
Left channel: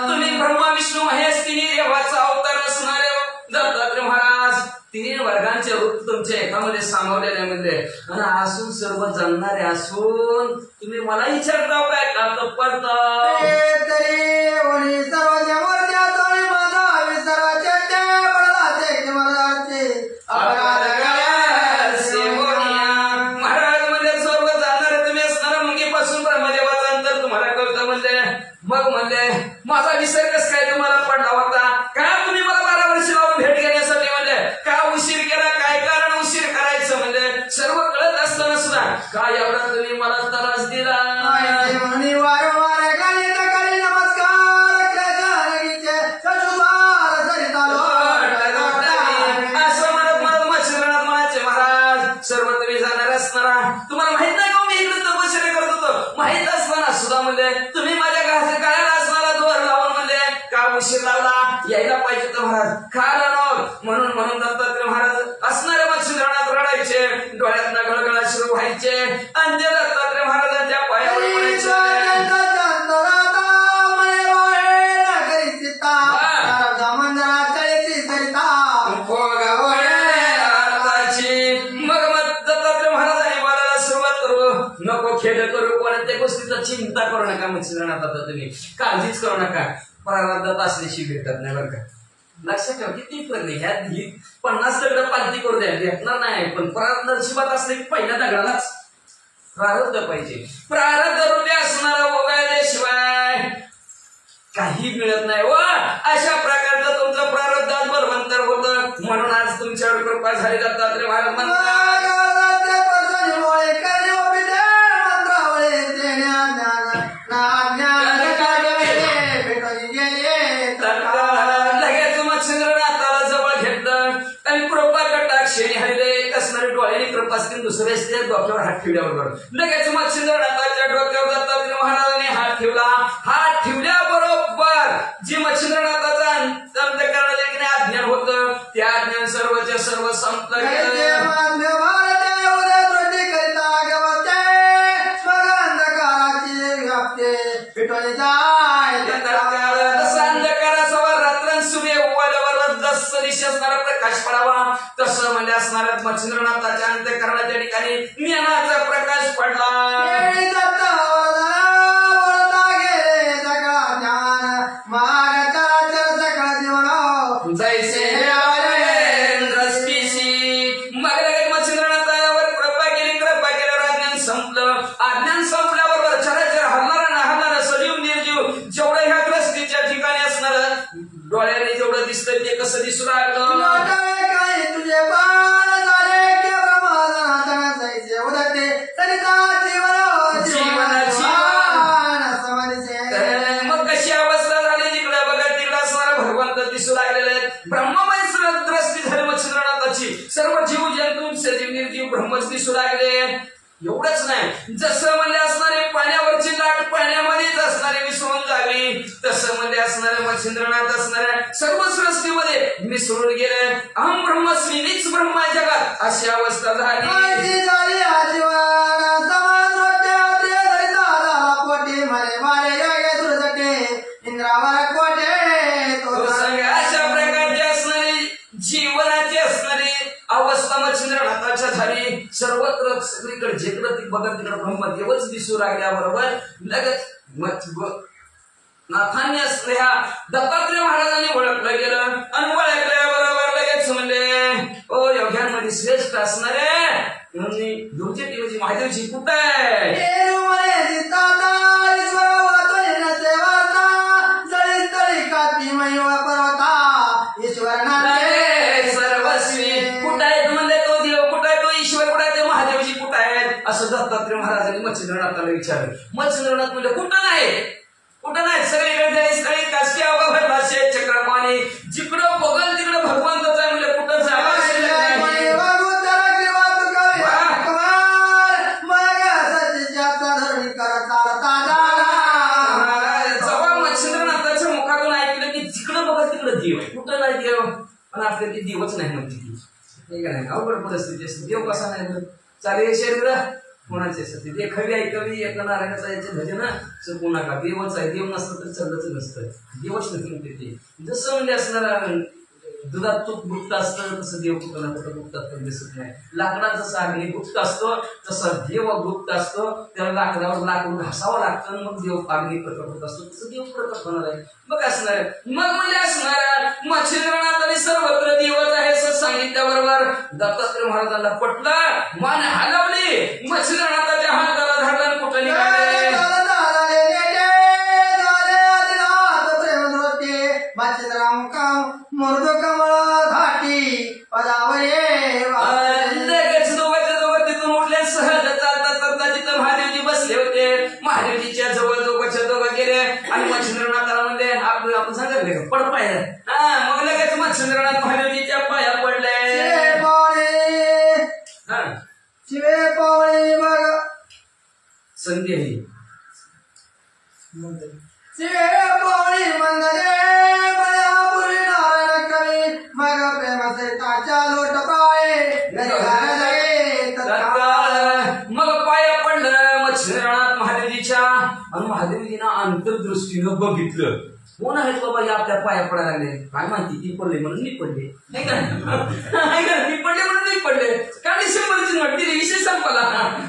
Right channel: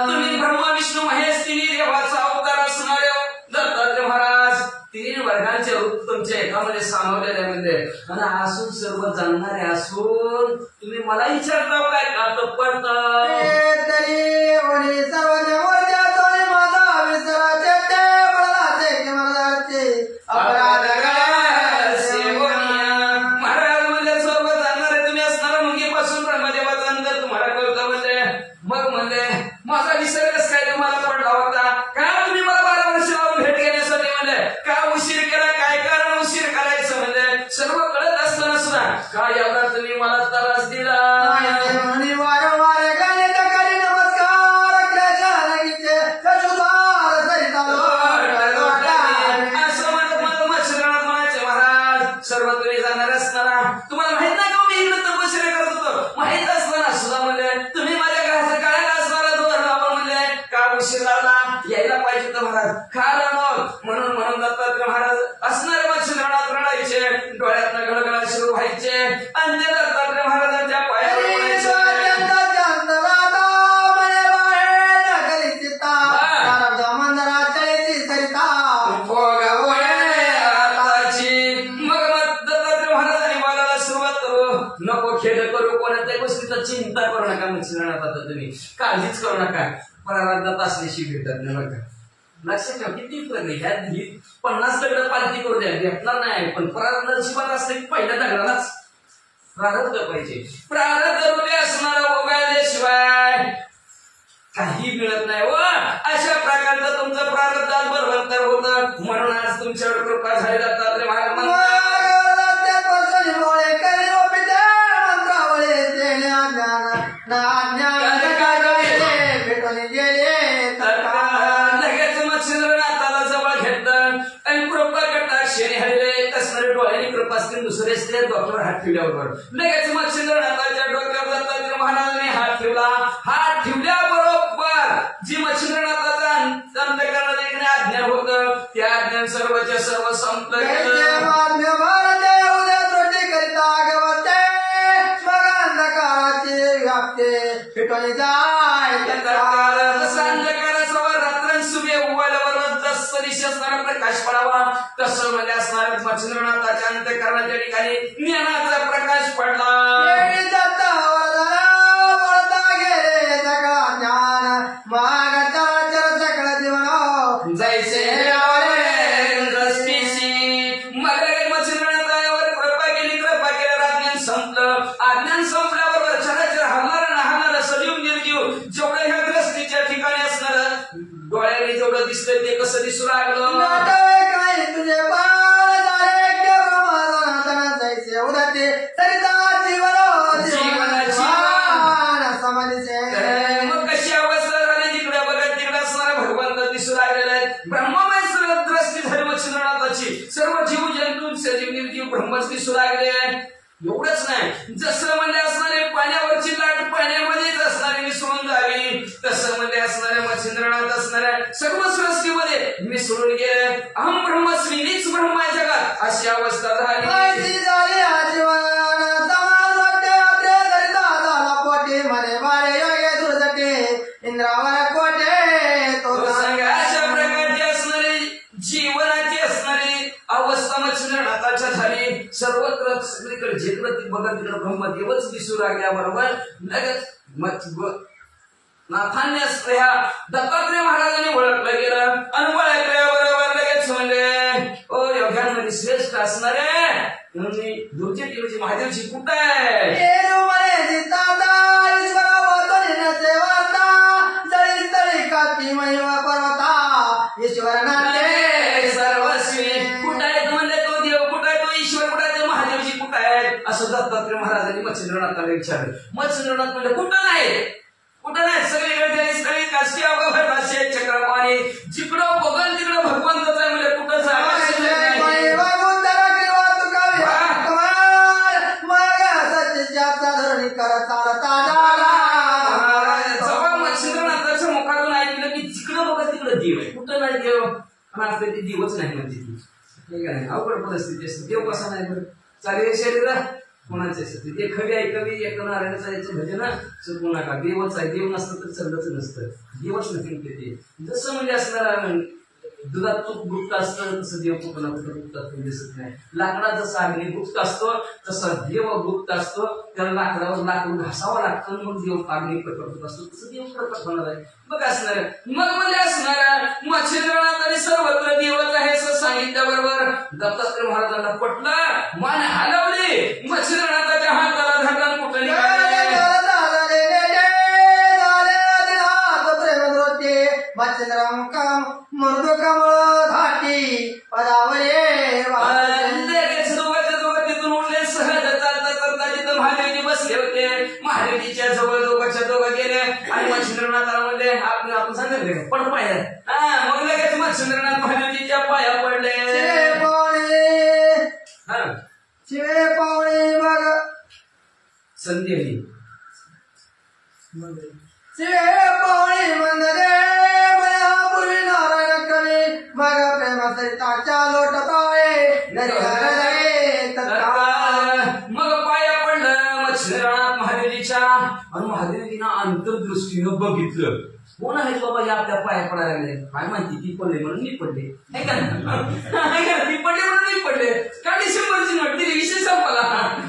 तुम्ही ब्रह्मा विष्णू महेश तिन्ही देवाचा अवतार असणारे दत्तात्रय महाराज तिन्ही वर्गांचे रूप तुमच्या एकामध्ये सामावलेले म्हणजे आणि असून सर्व जाणणारे असून तुम्ही मला विचारता काय का तत्पर्त माझा विसर कस काय तुम्हाला पडला होता का तुम्ही मला 12 वर्ष लावून भेट घेण्यासाठी म्हणजे का उशीर केला काय कारण उशीर करायचं म्हणजे सर्व कळत असताना सुद्धा का एवढा तुम्ही मला त्रास दिला असं म्हणत मला मच्छिंद्रनाथ म्हणायचे महाराज सर्व तुम्ही जाणार असताना तुम्हाला माहित नाही का मी इकडे तपश्चर्या करत होतो माहित असताना सुद्धा म्हणजे तुम्ही माझ्या गाळ्याला असणारा दोर लावून म्हणजे का उशीर लावला यायला पाहिजे तर महाराज का म्हणून दत्तात्रय महाराज असणारे मच्छिंद्रनाथ रडायचे डोळ्यातनं गळगळ सुरू व्हायचे आणि ते दत्तात्रय महाराजांच्या पायावर मग दत्तात्रय खेळ करू कोणत्या गोष्टीचा चिंता करू नका मच्छिंद्रनाथ आता तुम्ही काळजीच करू नका प्रारब्धात असल्याशी भेटत नाही बरं का लक्षात ठेवा किती प्रगती ह्या 50 दगड पालती करू द्या भेटणार नाही पण प्रारब्ध नशिबात असले की पहिल्या दगडालाच प्रारब्ध पाहिजे प्रारब्ध हृदय असणार वगळल्याशिवाय काही मिळत नाही व अशा प्रकारचं तुमचं प्रारब्धात बरोबर होतं म्हणून आज तुमच्यावर कृपा झाली दत्तात्रय महाराज म्हणतात लगेच मच्छिंद्रनाथाला जवळ घेतलं आणि कृपा कटाक्षेने हरिले असणारे डोळ्याने कृपा असतील दुसरे असते डोक्यावर हात ठेवल्याबरोबर लगेच मच्छिंद्रनाथाच्या डोक्यावर दत्तात्रय महाराजांनी हात ठेवला हात ठेवल्याबरोबर जी मच्छिंद्रनाथाचा अंतःकरणाला अज्ञान होतं त्या अज्ञान सर्वच्या सर्व संपलं गेलं प्रकाश पडावा तसं म्हणजे असणाऱ्या मच्छिंद्रनाथाच्या अंतःकरणाच्या ठिकाणी ज्ञानाचा प्रकाश पडला जैसे मच्छिंद्रनाथावर कृपा केल्यावर अज्ञान संपलं अज्ञान संपल्याबरोबर चराचर हरणारा ना हरणारा सजीव निर्जीव जेवढं ह्या ग्रस्तीच्या ठिकाणी असणार डोळ्याने जेवढं दिसतंय ते कसं दिसू लागलं मग कशी अवस्था झाली जिकडे बघा तिकडे असणारा भगवंत दिसू लागलेले आहेत ब्रह्ममय दृष्टी झाली मच्छिंद्रनाथाची सर्व जीव जंतू सजीव निर्जीव ब्रह्मच दिसू लागले एवढंच नाही जसं म्हणजे असणारे पाण्यावरची लाट पाण्यामध्येच असणारे मिसळून जावी तसं म्हणजे असणाऱ्या मच्छिंद्रनाथ असणाऱ्या सर्व सृष्टीमध्ये मिसळून गेले अहम ब्रह्मस्मी मीच ब्रह्मा जगात अशी अवस्था झाली अशा प्रकारची असणारी जीवनाची असणारी अवस्था मच्छिंद्रनाथाच्या झाली सर्वत्र सगळीकडे जिकडं ती बघत तिकडे ब्रह्मदेवच दिसू लागल्याबरोबर लगेच नाथांनी ह्या दत्तात्रय महाराजांनी ओळखलं गेलं आणि ओळखल्याबरोबर लगेच म्हणले ओ योग्यांमध्ये श्रेष्ठ असणारे दूरचे देवची महादेवची कुठं आहे असं दत्तात्रय महाराजांनी मच्छिंद्रनाथाला विचारलं मच्छिंद्रनाथ म्हणजे कुठं नाही सगळीकडे स्थळी काशी अवघड चक्रपाणी जिकडं बघल तिकडं भगवंतच आहे म्हणजे कुठं जेव्हा मच्छिंद्रनाथाच्या मुखातून ऐकलं की जिकडं बघल तिकडं देव आहे कुठं नाही देव पण आपल्या ते देवच नाही म्हणते ती नाही अवघड परिस्थिती असते देव कसा नाही चालेल शरीर कोणाची असते ते खवी आहे कवी एका नारायणाचा याचे भजन चुकू नका देवच आहे देव नसतं तर चाललंच नसतं देवच नसेल ते जसं म्हणजे असणारा दुधात तूप गुप्त असतं तसं देव कुठं ना कुठं गुप्त असतं दिसत नाही लाकडात जसं अग्नी गुप्त असतो तसं देव गुप्त असतो त्याला लाकडावर लाकूड घासावं लागतं मग देव अग्नी प्रकट होत असतो तसं देव प्रकट होणार आहे मग असणार मग म्हणजे असणाऱ्या मच्छिंद्रनाथाने सर्वत्र देवच आहे असं सांगितल्याबरोबर दत्तात्रय महाराजांना पटलं मान हलवली मच्छिंद्रनाथाच्या हाताला धरलं कुठं निघाले तिथून उठले सहज चालता तिथं महादेवजी बसले होते महादेवजीच्या जवळ दोघं गेले आणि मच्छिंद्रनाथाला म्हणजे आपण सांगितले का पड पाय मग लगेच मच्छिंद्रनाथ महादेवजीच्या पाया पडले संधी मग पाया पडलं मच्छिंद्रनाथ महादेवजीच्या आणि महादेवजीनं अंतर्दृष्टीनं बघितलं कोण आहे बाबा या आपल्या पाया पडायला लागले काय माहिती ती पडले म्हणून मी पडले ती पडले म्हणून मी पडले का डिसेंबरची नोट दिली विषय संपला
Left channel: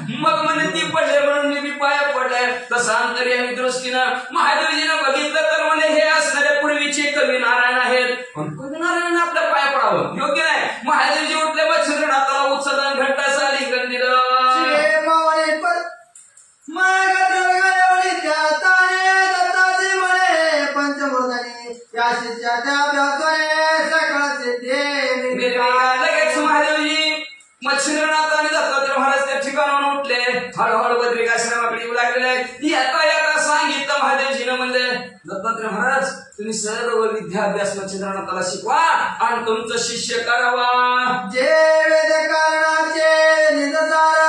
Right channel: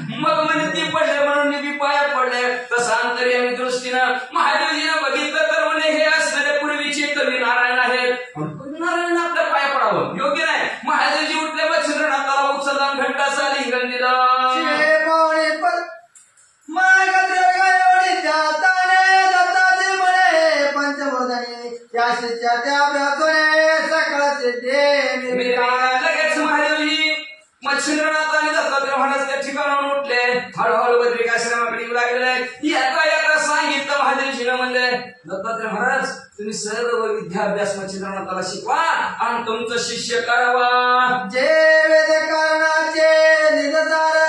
मग म्हणजे ती पडले म्हणून मी महादेवजीनं बघितलं तर म्हणे हे असणारे पूर्वीचे कवी नारायण आहेत. कवी नारायण आपल्या पाया पडावं योग्य नाही. महादेवजी उठले मच्छिंद्रनाथाला उचलून घंटाचा लिंगण दिलं. लगेच महादेवजी मच्छिंद्रनाथ आणि दत्तात्रय महाराज त्या ठिकाणाहून उठले. हळूहळू बद्रिकाश्रमाकडे येऊ लागलेले आहेत. येता येता सांगितलं महादेवजीनं म्हणले दत्तात्रय महाराज तुम्ही सर्व विद्याभ्यास मच्छिंद्रनाथाला शिकवा आणि तुमचं शिष्य करावा. जे वेद कारणाचे निजसार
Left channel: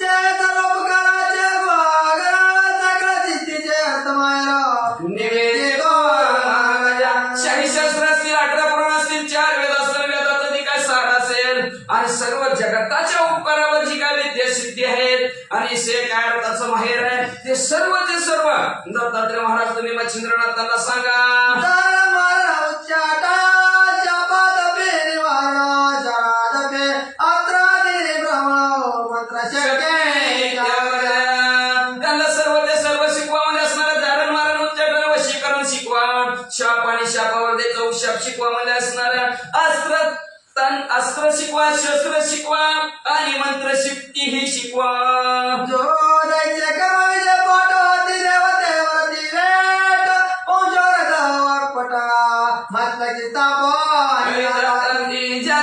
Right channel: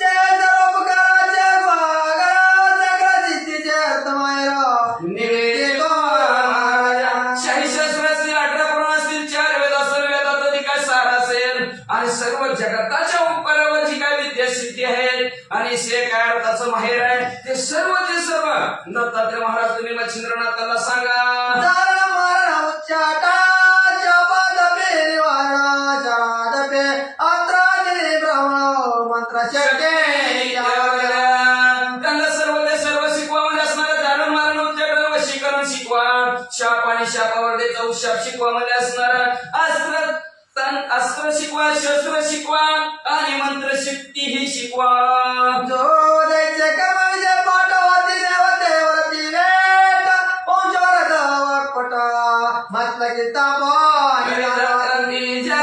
जे सर्वोपकाराचे गुहागर सकळ सिद्धीचे अर्थमायरा निवेदितो महाराजा. शाही शास्त्र असतील 18 पुराण असतील 4 वेद असतील वेदाचा जी काय सार असेल आणि सर्व जगताच्या उपकारावर जी काय विद्या सिद्धी आहेत आणि से काय अर्थाचं माहेर आहे ते सर्व दत्तात्रय महाराज तुम्ही मच्छिंद्रनाथाला सांगा. त्यांना सर्व शिकवा म्हणजे असणारा धारण मारण उच्चाटन वशीकरण शिकवा. शाप आणि शापावर द्यायचा उशाप शिकवा म्हणजे असणारं अस्त्र शिकवा, शस्त्र शिकवा आणि मंत्रशक्ती ही शिकवा. जो दैत्य कर्मविषय पाठवती देवतेवरती वेट ओंजोरत वाकपटा मस्तकी तापा ज्या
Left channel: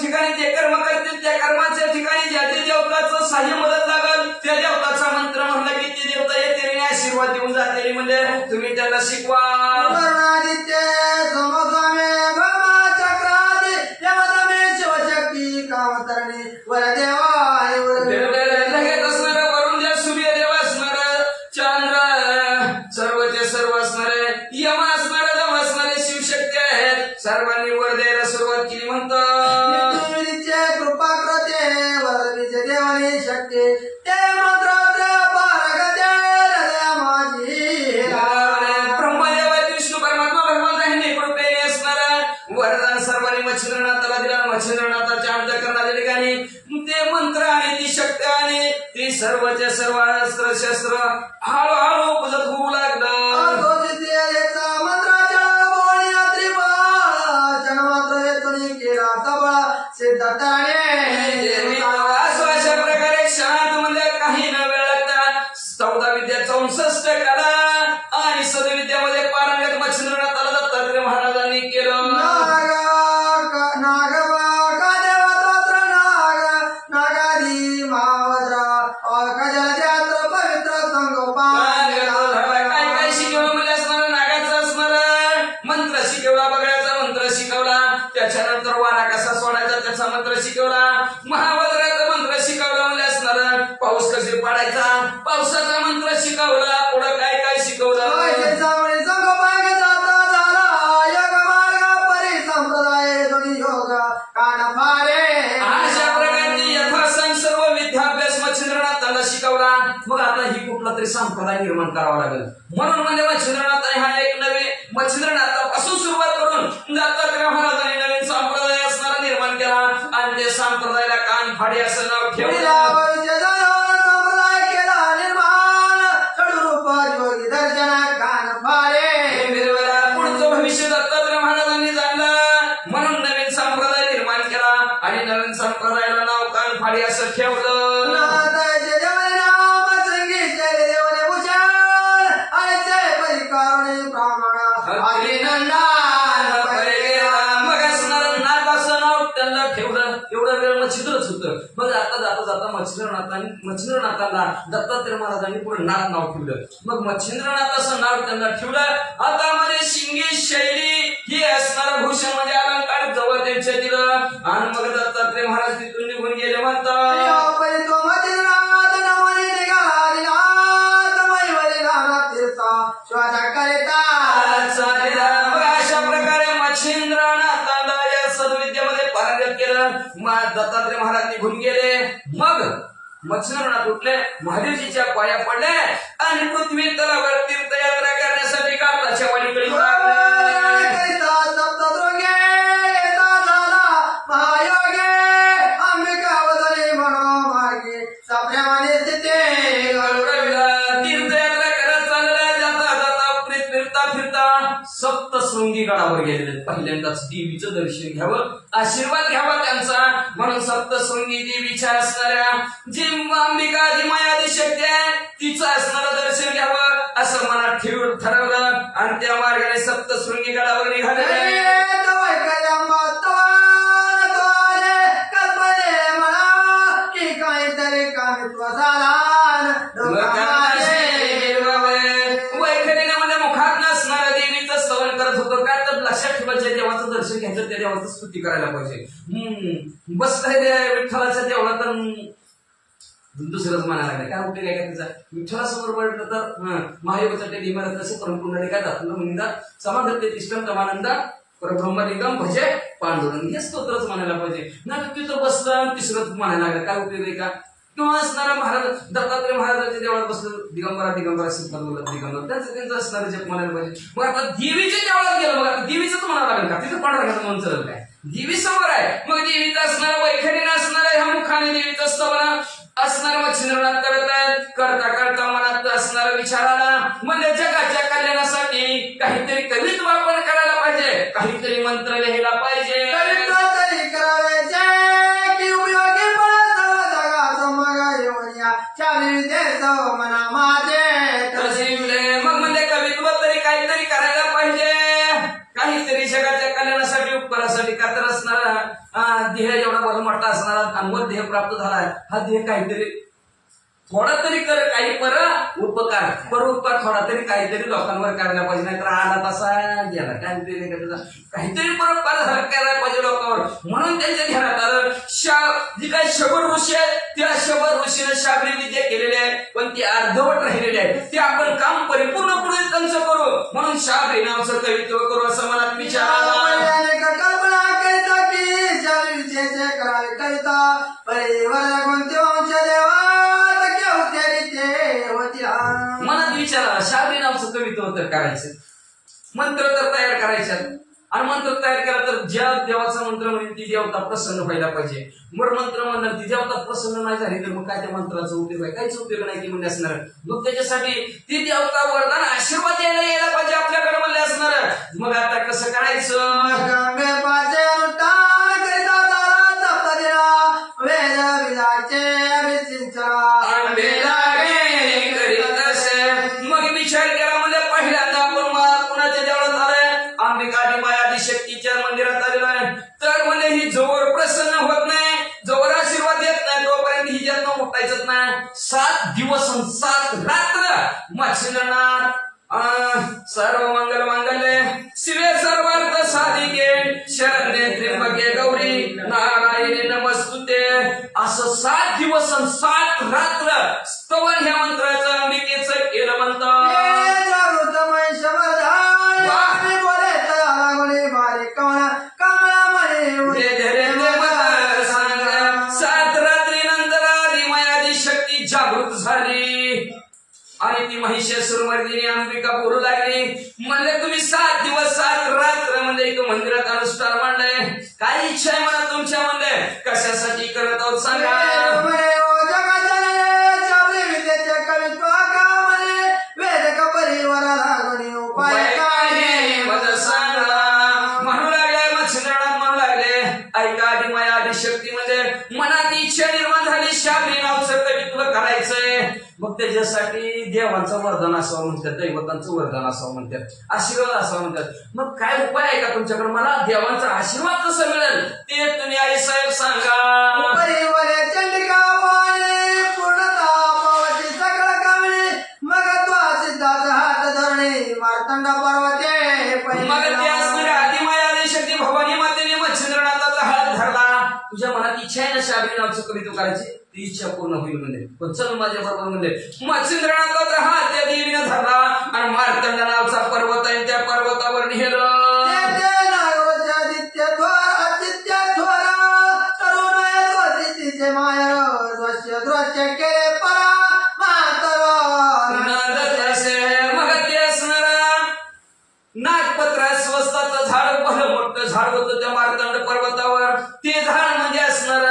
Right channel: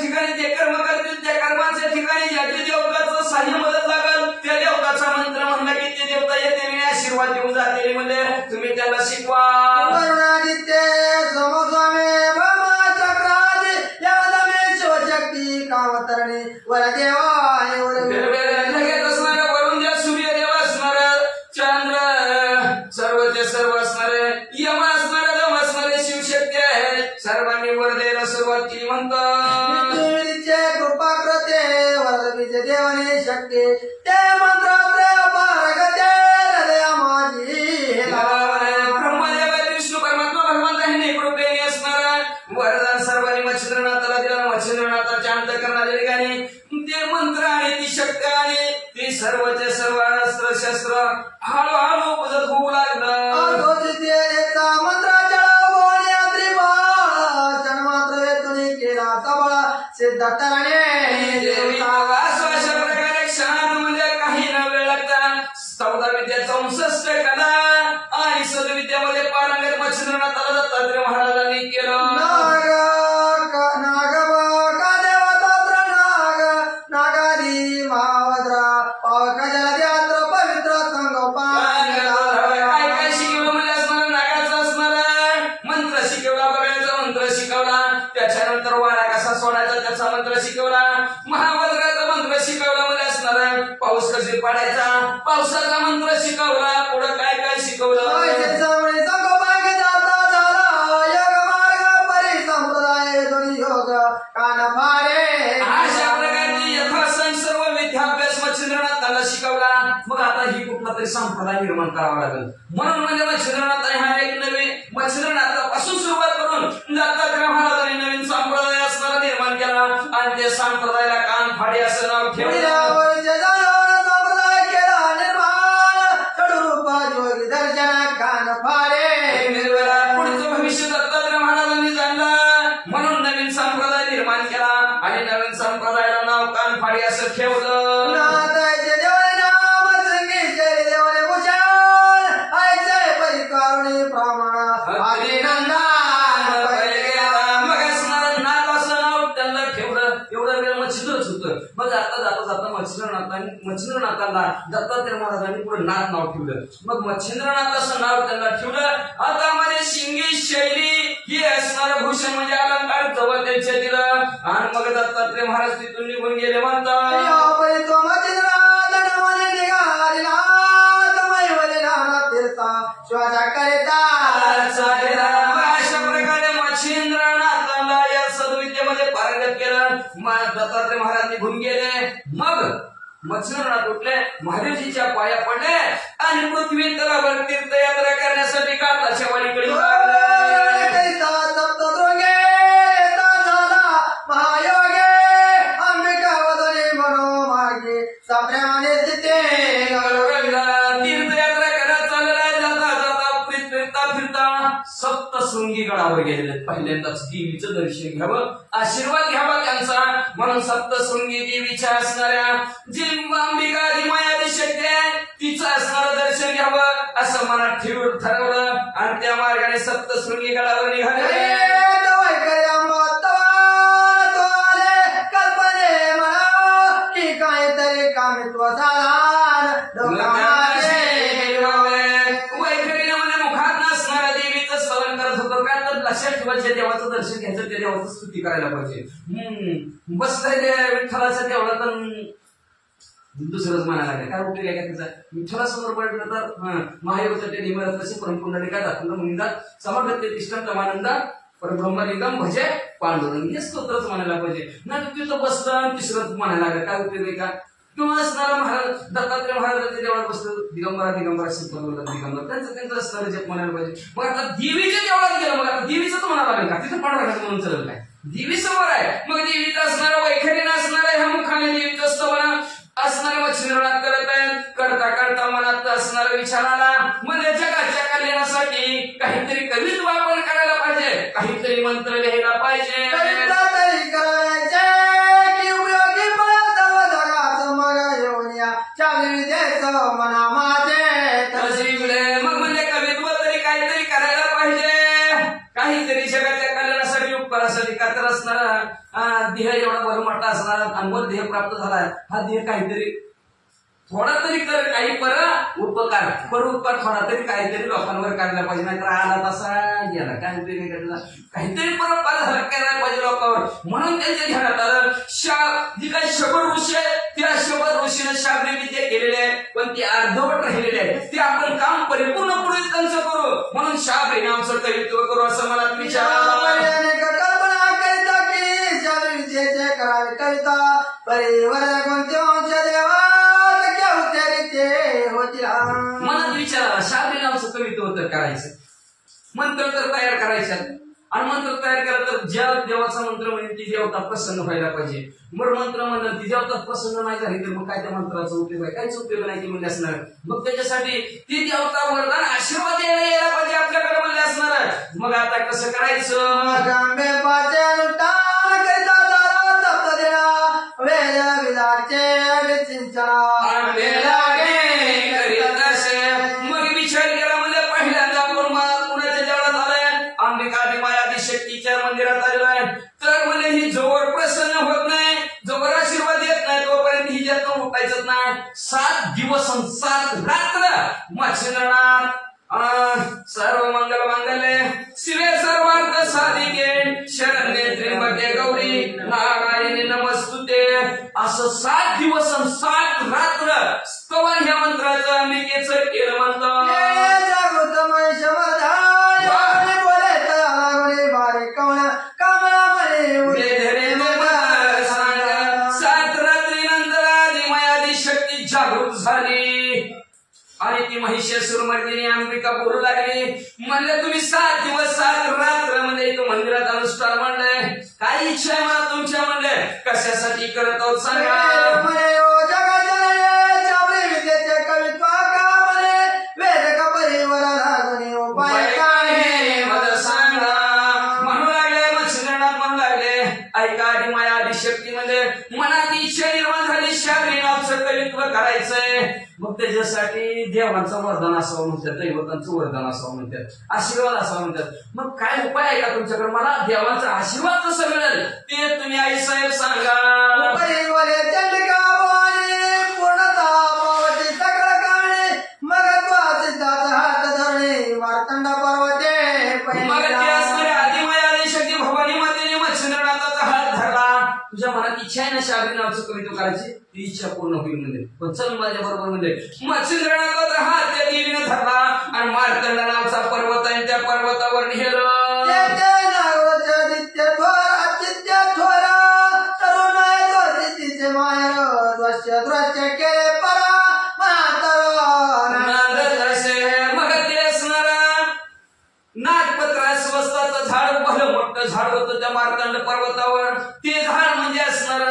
ठिकाणी जे कर्म करतील त्या कर्माच्या ठिकाणी ज्या देवताचं साह्य मदत लागल त्या देवताचा मंत्र म्हणलं की ते देवता येते आशीर्वाद देऊन जाते म्हणजे तुम्ही त्याला शिकवा. करुणादित्य समस्वामी कामतरणी वरदेवा लगेच असणार वरुण देव सूर्यदेव असणार चंद्र सर्वचे सर्व असणारे यम असणारे दम असणारे शिवशक्ती आहेत. सर्वांनी वर द्यायला सुरुवात केली म्हणतो कृपा करते वरदीचे देवाने शक्ती ते मंत्रात्रय पारगते हृदया माझी. ब्रह्मदेव विष्णू परमात्मा भगवंत यांनी कृपेने असणार वरदान सर्वांनी मच्छिंद्रनाथाला दिला. मच्छिंद्रनाथाच्या अंतःकरणाच्या ठिकाणी ते मंत्र आणि ती शक्ती आणि ती सर्वचे सर्व अस्त्र शस्त्र हळूहळू उपजत होऊ लागलं. मंत्राच्या जन्मात्र येथून केला सभा सिद्धार्थाने अशा प्रकारे क्षणात म्हणजे काही न वेळ लागता 14 विद्या 64 कला आणि सदविद्यामध्ये पारंगत मच्छिंद्रनाथाला दत्तात्रय महाराजांनी केलं. काय शिकवलं म्हणजे असणार नागाचा असणार मंत्र शिकवला, बगड्याचा मंत्र शिकवला, त्याच्यानंतर वारा कसा सोडायचा त्याचा मंत्र शिकवला, महावज्राचा मंत्र शिकवला म्हणजे असणार पाऊस कसे पाडायचा पावसाचा मंत्र शिकवला. पुढं काय काय शिकवलं अशा प्रकारची यथासंग सर्व विद्याभ्यास मच्छिंद्रनाथाला शिकवला. मग आता ही कुठला तरी संप्रदाय निर्माण करावा लागेल. म्हणून म्हणजे मच्छिंद्रनाथ हा एक नवीन मच्छिंद्रनाथापासून सुरुवात करून दत्तात्रय महाराजांनी नवीन संप्रदाय असणारा निर्माण केला आणि त्या संप्रदायाला कानफाडी असं नाव ठेवलं. पुढचं भविष्य दत्तात्रय महाराजांनी जाणलं म्हणून नवीन संप्रदाय निर्माण केला आणि नवीन संप्रदायाला नाव कानफाडी असं ठेवलं. मग असणार नाथ असं नाव त्यांना ठेवलं. एवढं वेळ मच्छिंद्रच होतं. मग आता जाता मच्छिंद्रनाथांना दत्तात्रय महाराजांनी पुढे नाथ नाव ठेवलं. मग मच्छिंद्रनाथ असं नाव त्यांना ठेवलं. आता मध्ये शिंगी शैली ही असणार भूषण म्हणजे अलंकार जवळ त्यांच्या दिलं आणि मग दत्तात्रय महाराज तिथून निघून गेले म्हणतात. अशा प्रकारे मच्छिंद्रनाथाला या सद्विद्येमध्ये पारंगत केलं. दत्तात्रय महाराज निघून गेले. मग मच्छिंद्रनाथ उठले, महादेवजीच्या पाया पडले आणि पृथ्वी तलावर तीर्थयात्रा करण्यासाठी काताच्या वाडीकडे तीर्थयात्रा करत चालल्या जातात सप्तशृंगी गडावर गेलेले आहेत. पहिल्यांदाच देवीचं दर्शन घ्यावं, आशीर्वाद घ्यावा त्यांचा. म्हणून सप्तशृंगी देवीच्या असणाऱ्या जी अंबिका जी मायादी शक्ती आहे तिचं असणारं दर्शन घ्यावं असं मनात ठेवून ठरवलं आणि त्या मार्गाने सप्तशृंगी गडावर निघाले. वैखरीने म्हणजे मुखात नसणाऱ्या देवीचं स्तवन करत होतो. काय तर लक्षात ठेवा, ज्या देवाचं दर्शन घ्यायचं त्या देवाचं स्तुती करायला पाहिजे. बसलाय विठ्ठलाच्या देवळात दुसरंच म्हणायला लागलं. काय उपयोग आहे का तिचा? विठ्ठलासमोर पडलं तर महायोगाच्या इमारत कसे परमपुंडे काय दाखवलं म्हणतात समागत तिष्ठम तमानंदा परब्रह्मलिंगम भजे पांडुरंग हे स्तोत्रच म्हणायला पाहिजे. नाही तर तिथं बसलं तिसरंच म्हणायला लागलं. काय उपयोग आहे का? किंवा असणारा महाराज दत्तात्रय महाराजांच्या देवळात बसलं दिगंबरा दिगंबरा श्रीपाद वल्लभ दिगंबर त्यांचं असणारं जप म्हणायला पाहिजे. मग आता देवीच्या देवळात गेलं, मग आता देवीचं तर म्हणावं लागेल का? तिथं पांडुरंगाचं म्हणून चालेल काय? देवी समोर आहे. मग देवीचं असणारं वैखरीनं असणारं ह्या मुखाने देवीचं स्तवन असणारं मच्छिंद्रनाथ करत आहेत. करता करता मनात असणारा विचार आला म्हणजे जगाच्या कल्याणासाठी काहीतरी कवित्व आपण करायला पाहिजे, काहीतरी मंत्र लिहायला पाहिजे. मग म्हणजे कवित्व तरी काहीतरी करायला पाहिजे, काहीतरी जगाच्या कल्याणासाठी उपकारासाठी का तर असणार देह एवढा बरं मोठा असणार आणि मग देह प्राप्त झालाय. हा देह काहीतरी थोडा तरी कर, काही उपकार परोपकार थोडा तरी काहीतरी लोकांवर करायला पाहिजे. नाहीतर आला तसा गेला, काहीतरी परोपकार झाला करायला पाहिजे लोकांवर. म्हणून त्यांच्या ध्यानात आलं जी काही शबर ऋषी आहे त्या शबर ऋषीने शाब्री विद्या केलेली आहे पण ती अर्धवट राहिलेली आहे. ते आपण काम परिपूर्ण पुढे त्यांचं करू म्हणून शाब्री नावाचं कवित्व करू असं मनात विचार आला. मनात विचार आला शाब्री नावाचं कवित्व तर करायचं, मंत्र तर तयार करायचा आणि मंत्र तयार केला तर ज्या देवाचा मंत्र म्हणेल ती देवता प्रसन्न व्हायला पाहिजे. मग मंत्र म्हणलं ती देवता प्रसन्न नाही झाली तर मग काय त्या मंत्राचा उपयोग आहे? काहीच उपयोग नाही ती म्हणले असणार. मग त्याच्यासाठी ती देवता वरदान आशीर्वाद यायला पाहिजे आपल्याकडे म्हणले असणार. मग आता कसं करायचं? मग विचार केला म्हणजे पहिल्यांदा आपण कुणाच्या देवळात आलोय? अंबिका मायादी शक्तीच्या मंदिरात आलेलो आहे. तर म्हणजे ही जोवर प्रसन्न होत नाही, जोवर आशीर्वाद येत नाही तोपर्यंत हिच्यातनं उठायचंच नाही. 7 दिवस 7 रात्र मच्छिंद्रनाथ सर्व मंगल मांगल्ये शिवे सर्वार्थ साधिके शरण्ये त्र्यंबके गौरी नारायणी नमस्तुते असं 7 दिवस 7 रात्र स्तवन ह्या मंत्राचं अंबिकेचं केलं म्हणतं. जागृत झाली आणि ती महिषासुरमर्दिनी अंबिका बोलू लागली म्हणजे तुम्ही 7 दिवस 7 रात्र म्हणजे इथं मंदिरात अनुष्ठान म्हणलंय. काय इच्छा आहे मला तुमच्या म्हणले कशासाठी करत आहोत सांगा. म्हणू लागले मच्छिंद्रनाथ म्हणू लागले ऐका आधी माया आधी शक्ती म्हणजे मनात इच्छा निर्माण झाली शाब्री नावचं कवित्व करायचंय. मग त्याच्यासाठी देवांचं वरदान असावं म्हणतात, दैवतांचं वरदान असावं म्हणतात, आशीर्वाद असावं म्हणतात. मग काय उपाय आहे का तुमच्याकडे? मला देवांचा आशीर्वाद कसं मिळेल ते तुम्ही आई साहेब सांगा. मग ते असणाऱ्या आदिमाया शक्ती भवानी मातेने मच्छिंद्रनाथाचा हात धरला. तुझ्या मनात इच्छा आहे ना शाब्री नावचं कवित्व करायची, ती इच्छा पूर्ण होईल म्हणजे. पण चल माझ्या बरोबर म्हणजे मच्छिंद्रनाथाचा हात त्या देवीने धरला आणि मार्तंड नावचा पर्वत आहे त्या पर्वतावर नेलं. मग ते असणार नागपत्रा स्वस्ताचं झाड भलं मोठं झाड होतं त्या मार्तंड पर्वतावर. ते झाड म्हणजे असणार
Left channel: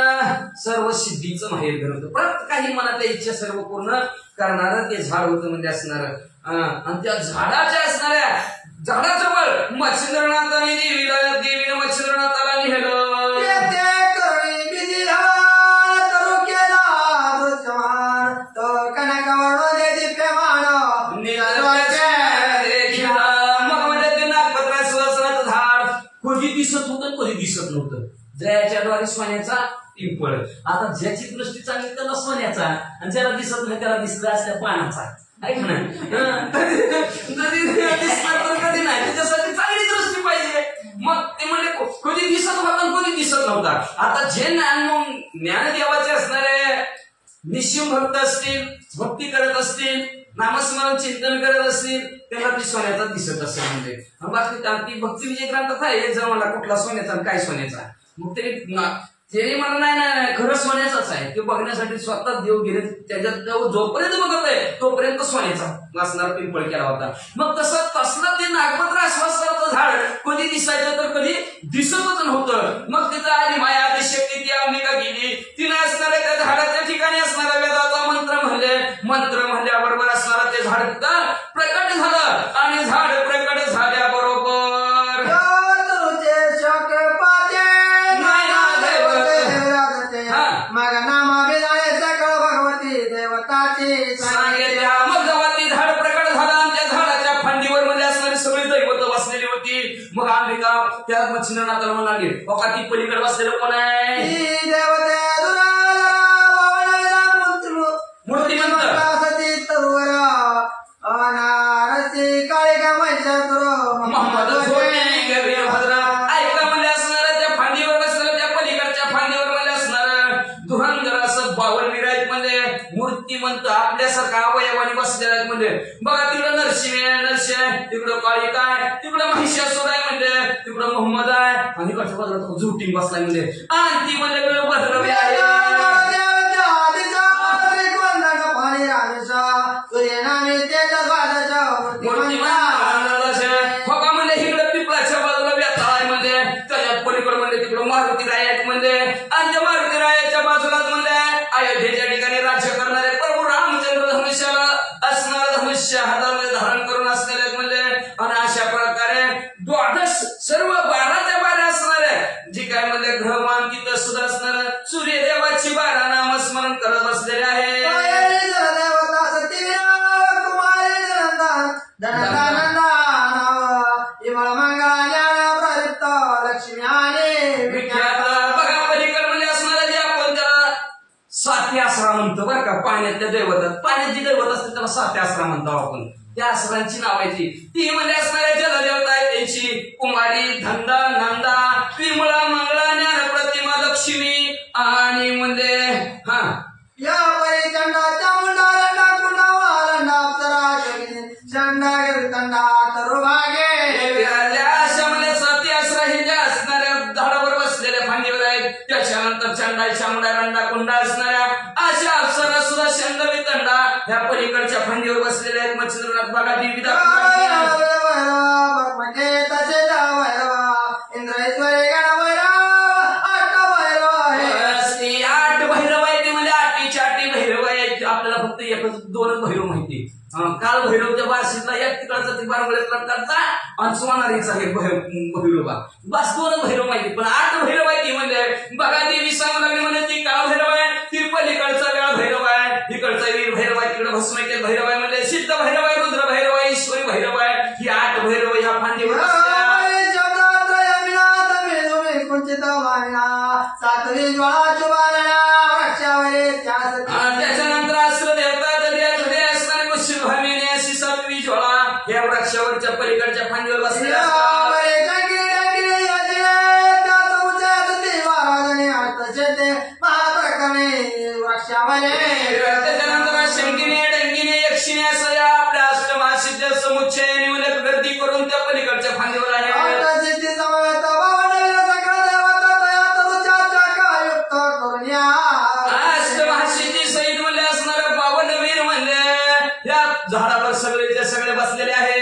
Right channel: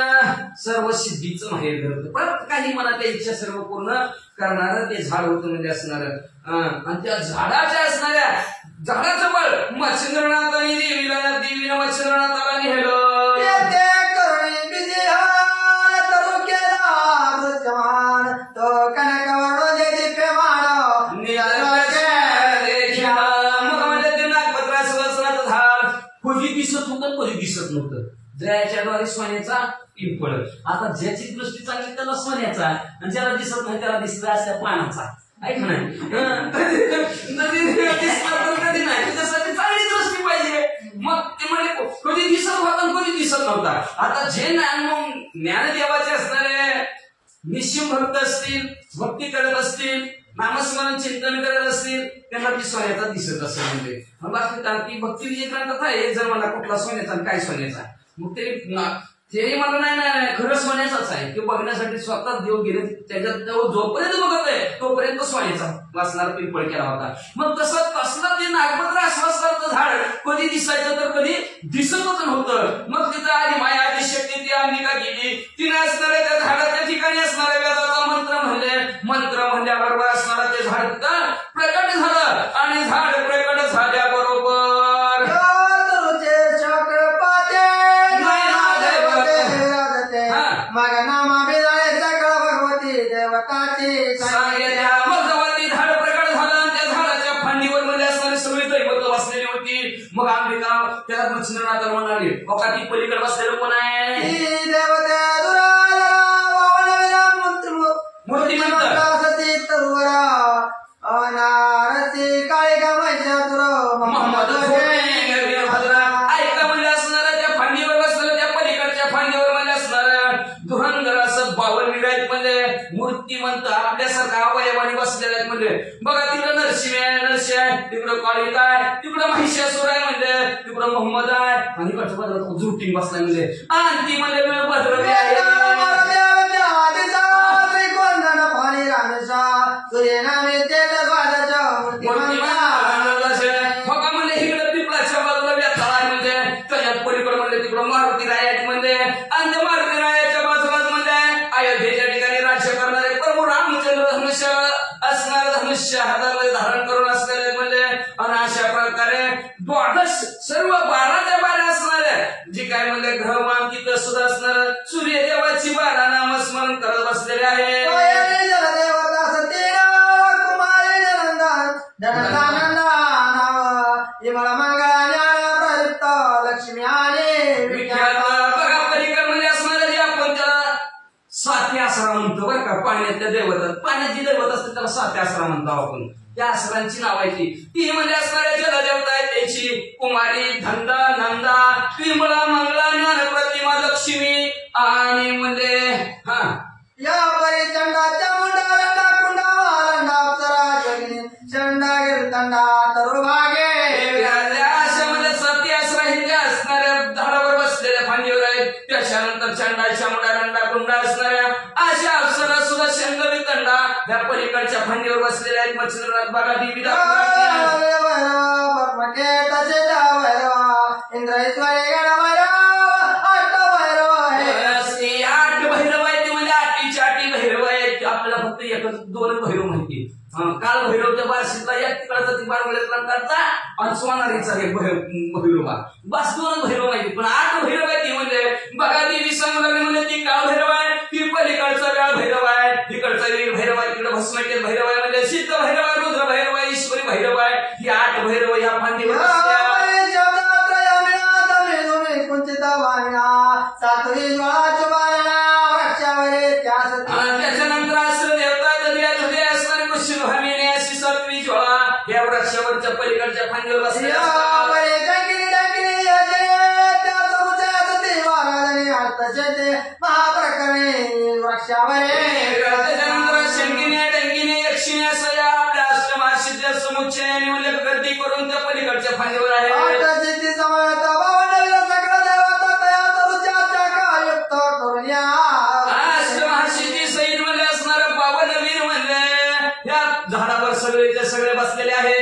सर्व सिद्धीचं माहेर करत परत काही मनातल्या इच्छा सर्व पूर्ण करणार ते झाड होतं म्हणजे असणार. आणि त्या झाडाच्या असणाऱ्या झाडाजवळ मच्छिंद्रनाथाने देवीनं मच्छिंद्रनाथाला नेलं. कधी दिसत होतं कधी दिसत नव्हतं. ज्याच्याद्वारे सोन्याचा पिंपळ. आता ज्याची दृष्टी चांगली त्याला सोन्याचा आणि ज्याला दिसत नाही त्याला दिसला असल्या पानाचा. ऐक नाही दिसणार तर कधी नाही. त्याच्यासाठी चांगली दृष्टी पाहिजे. मग ते म्हणजे कधी दिसत होता कधी दिसत नव्हता. आता जे ज्ञानदेवाचे असणारे निश्चिम भक्त असतील, भक्ती करत असतील, नामस्मरण चिंतन करत असतील त्यांना ती सोन्याचा दिसत असेल. म्हणजे बाकी ती भक्ती विजय ग्रंथात आहे एक जण मला कुठला सोन्याचा आणि काय सोन्याचा. मग ते म्हणलं नाही खरं सोन्याचाच आहे. ते बघण्यासाठी स्वतः देव गेले त्याच्यात जोपर्यंत बघत आहे तोपर्यंत सोन्याचा वासणारा पिंपळ केला होता. मग तसलं ते नागपत्र असं झाड कधी दिसायचं तर कधी दिसतच नव्हतं. मग तिथं आधी माया आधी शक्ती ती अंबिका गेली. तिने असणाऱ्या त्या झाडाच्या ठिकाणी असणारा वेदाचा मंत्र म्हणल्याबरोबर असणारा ते झाड तिथं प्रकट झालं आणि झाड प्रकट झाल्याबरोबर मग अंबिका त्या मच्छिंद्रनाथाला म्हणाली बघा ती पलीकडे बसलेलं कोण आहे. मूर्तिमंत मोहम्मद ऐका म्हणजे असणार त्या फांदीवर बसलेलं त्या पलीकडच्या फांदीवर म्हणजे असणार धुरंधर असं बावनवीर आहेत. म्हणजे मूर्तिमंत आपल्यासारखा अवयवाने बसलेले आहेत. म्हणजे बघा तिकडं नरसिंह आहे, तिकडं काळिका आहे, तिकडं महिषासूर आहे, म्हणजे तिकडं मोहम्मद आहे आणि इकडच्या बाजूला झुटीन बसलाय. म्हणजे आणि ती म्हणजे भद्रवी आहे. म्हणजे इकडं पिपळाच्या बाजूला व्यथा आहे. म्हणजे त्याच्यात पलीकडे म्हणजे तिकडं मारुती राय आहेत. म्हणजे आणि त्या मारुती रायाच्या बाजूलाच म्हणजे अयोध्येच्या ठिकाणी राज्य करणारे प्रभू रामचंद्र धनुष्य असणार धनुष्य हातामध्ये धारण करून असलेले. म्हणजे आणि अशा प्रकारे 12 सर्व 12 असणाऱ्या जी काय म्हणजे ग्रहमान तिथं सुद्धा असणार सूर्यदेवाची 12 नामस्मरण करत बसलेले आहे. लक्ष्मी आणि बघा पलीकड म्हणजे असणार जे आपण त्याला सात्य आसरा म्हणतो बरं का. पाण्यातल्या दैवतात पाण्यात जी दैवत असते त्याला सात्य आसरा म्हणतो आपण. त्या आसरांची नावायची ती म्हणजे असणाऱ्या जलदेवता आहे त्याची कुमारी धंदा नंदा विमळा मंगळा ज्ञान प्रतिमा लक्ष्मी आणि म्हणजे हा या परिचंडाच्या मुंडारंडा कुंडावारंडा अप्सरा जगिनी चंडा गिरतंडा तरुभागे अशा म्हणजे सती आसरा हे ज्या असणाऱ्या झाडावर बसलेल्या फांदीवर आहेत. त्याच्यानंतर चंडाच्या मुंडारंडा कुंडा असणाऱ्या अशा अप्सरा सुद्धा शंगवी तंडा ह्या पलीकडच्या फांदीवर बसलेल्या आहेत. मच्छिंद्रनाथ बघा देवी इंद्रेश्वरी आठ भैरव आहेत. म्हणजे आठी भैरव आहेत. आपल्याला फक्त एकच 2 भैरव माहिती. काल भैरवच्या बारशीतला एक तिकडचा ती बारवळ्यातला काढता आणि सोनारीचा हे भैरोबा बस 2 भैरव माहिती. पण 8 भैरव माहिती. म्हणजे बघा देवी सांगू लागली म्हणजे ती काळ भैरव आहे, ती पलीकडचा वेळ भैरव आहे, इकडचा वीर भैरव आहे, तिकडे भस्मकेत भैरव आहे, म्हणजे सिद्ध भैरव आहे, रुद्र भैरव आहे, ईश्वरी भैरव आहे. ही 8 भैरव ह्या फांदीवर त्याच्यानंतर असं देवता हृदय असणारे मुश्चिभामिनी अशी 7वी ज्वाळा या वृक्षावरच्या पलीकडच्या फांदीवर बसलेल्या त्याच्यानंतर शंकिनी डंगिनी यक्षिणी असं या आपल्या अष्टमासिद्ध समुच्चयाने म्हणजे गर्दी करून त्या पलीकडच्या फांदीवर आहे. अष्टमहासिद्धी सहित म्हणजे असणारं 52 वीर म्हणजे या झाडावर सगळेचे सगळे बसलेले आहे.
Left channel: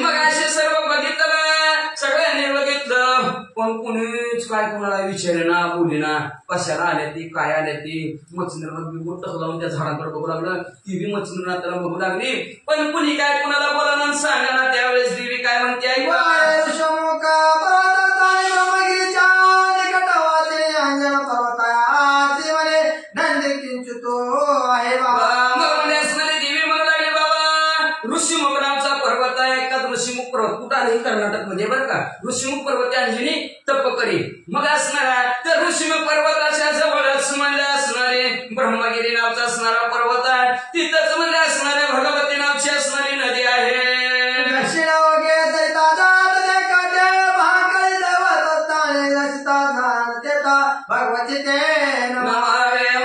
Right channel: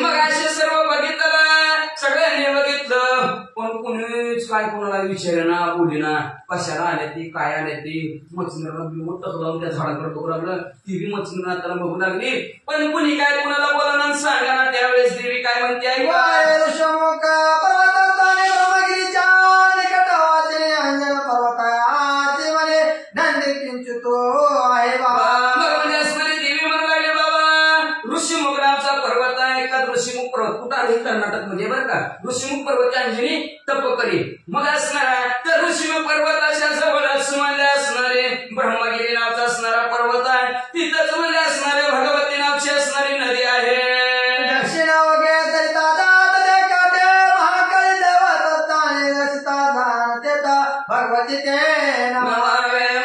मग असे सर्व बघितलं सगळ्यांनी बघितलं पण कुणीच काय कोणाला विचारेना बोलीना कशाला आल्या ती काय आल्या ती मच्छिंद्राला मोठं लावून त्या झाडांकडे बघू लागलं ती बी मच्छिंद्रनाथ त्याला बघू लागली पण कुणी काय कुणाला बोला ना सांगा ना त्यावेळेस देवी काय म्हणते ऐका ऋषमुख पर्वताने ब्रह्मगिरीच्या निकटवाचे अंजन पर्वताचे म्हणे नंदी किंचितो आहे बाबा म्हणजे असणारी देवी म्हणू लागली बाबा ऋषीमुख नामचा पर्वत आहे का ऋषीमुख पर्वत कुठं आहे कर्नाटक मध्ये बरं का ऋषीमुख पर्वत अंजनी तप करी मग असणारा तर ऋषीमुख पर्वताच्या जवळच म्हणले असणारे ब्रह्मगिरी नावचा असणारा पर्वत आहे तिथंच म्हणले असणारे भगवती नावची असणारी नदी आहे भगवती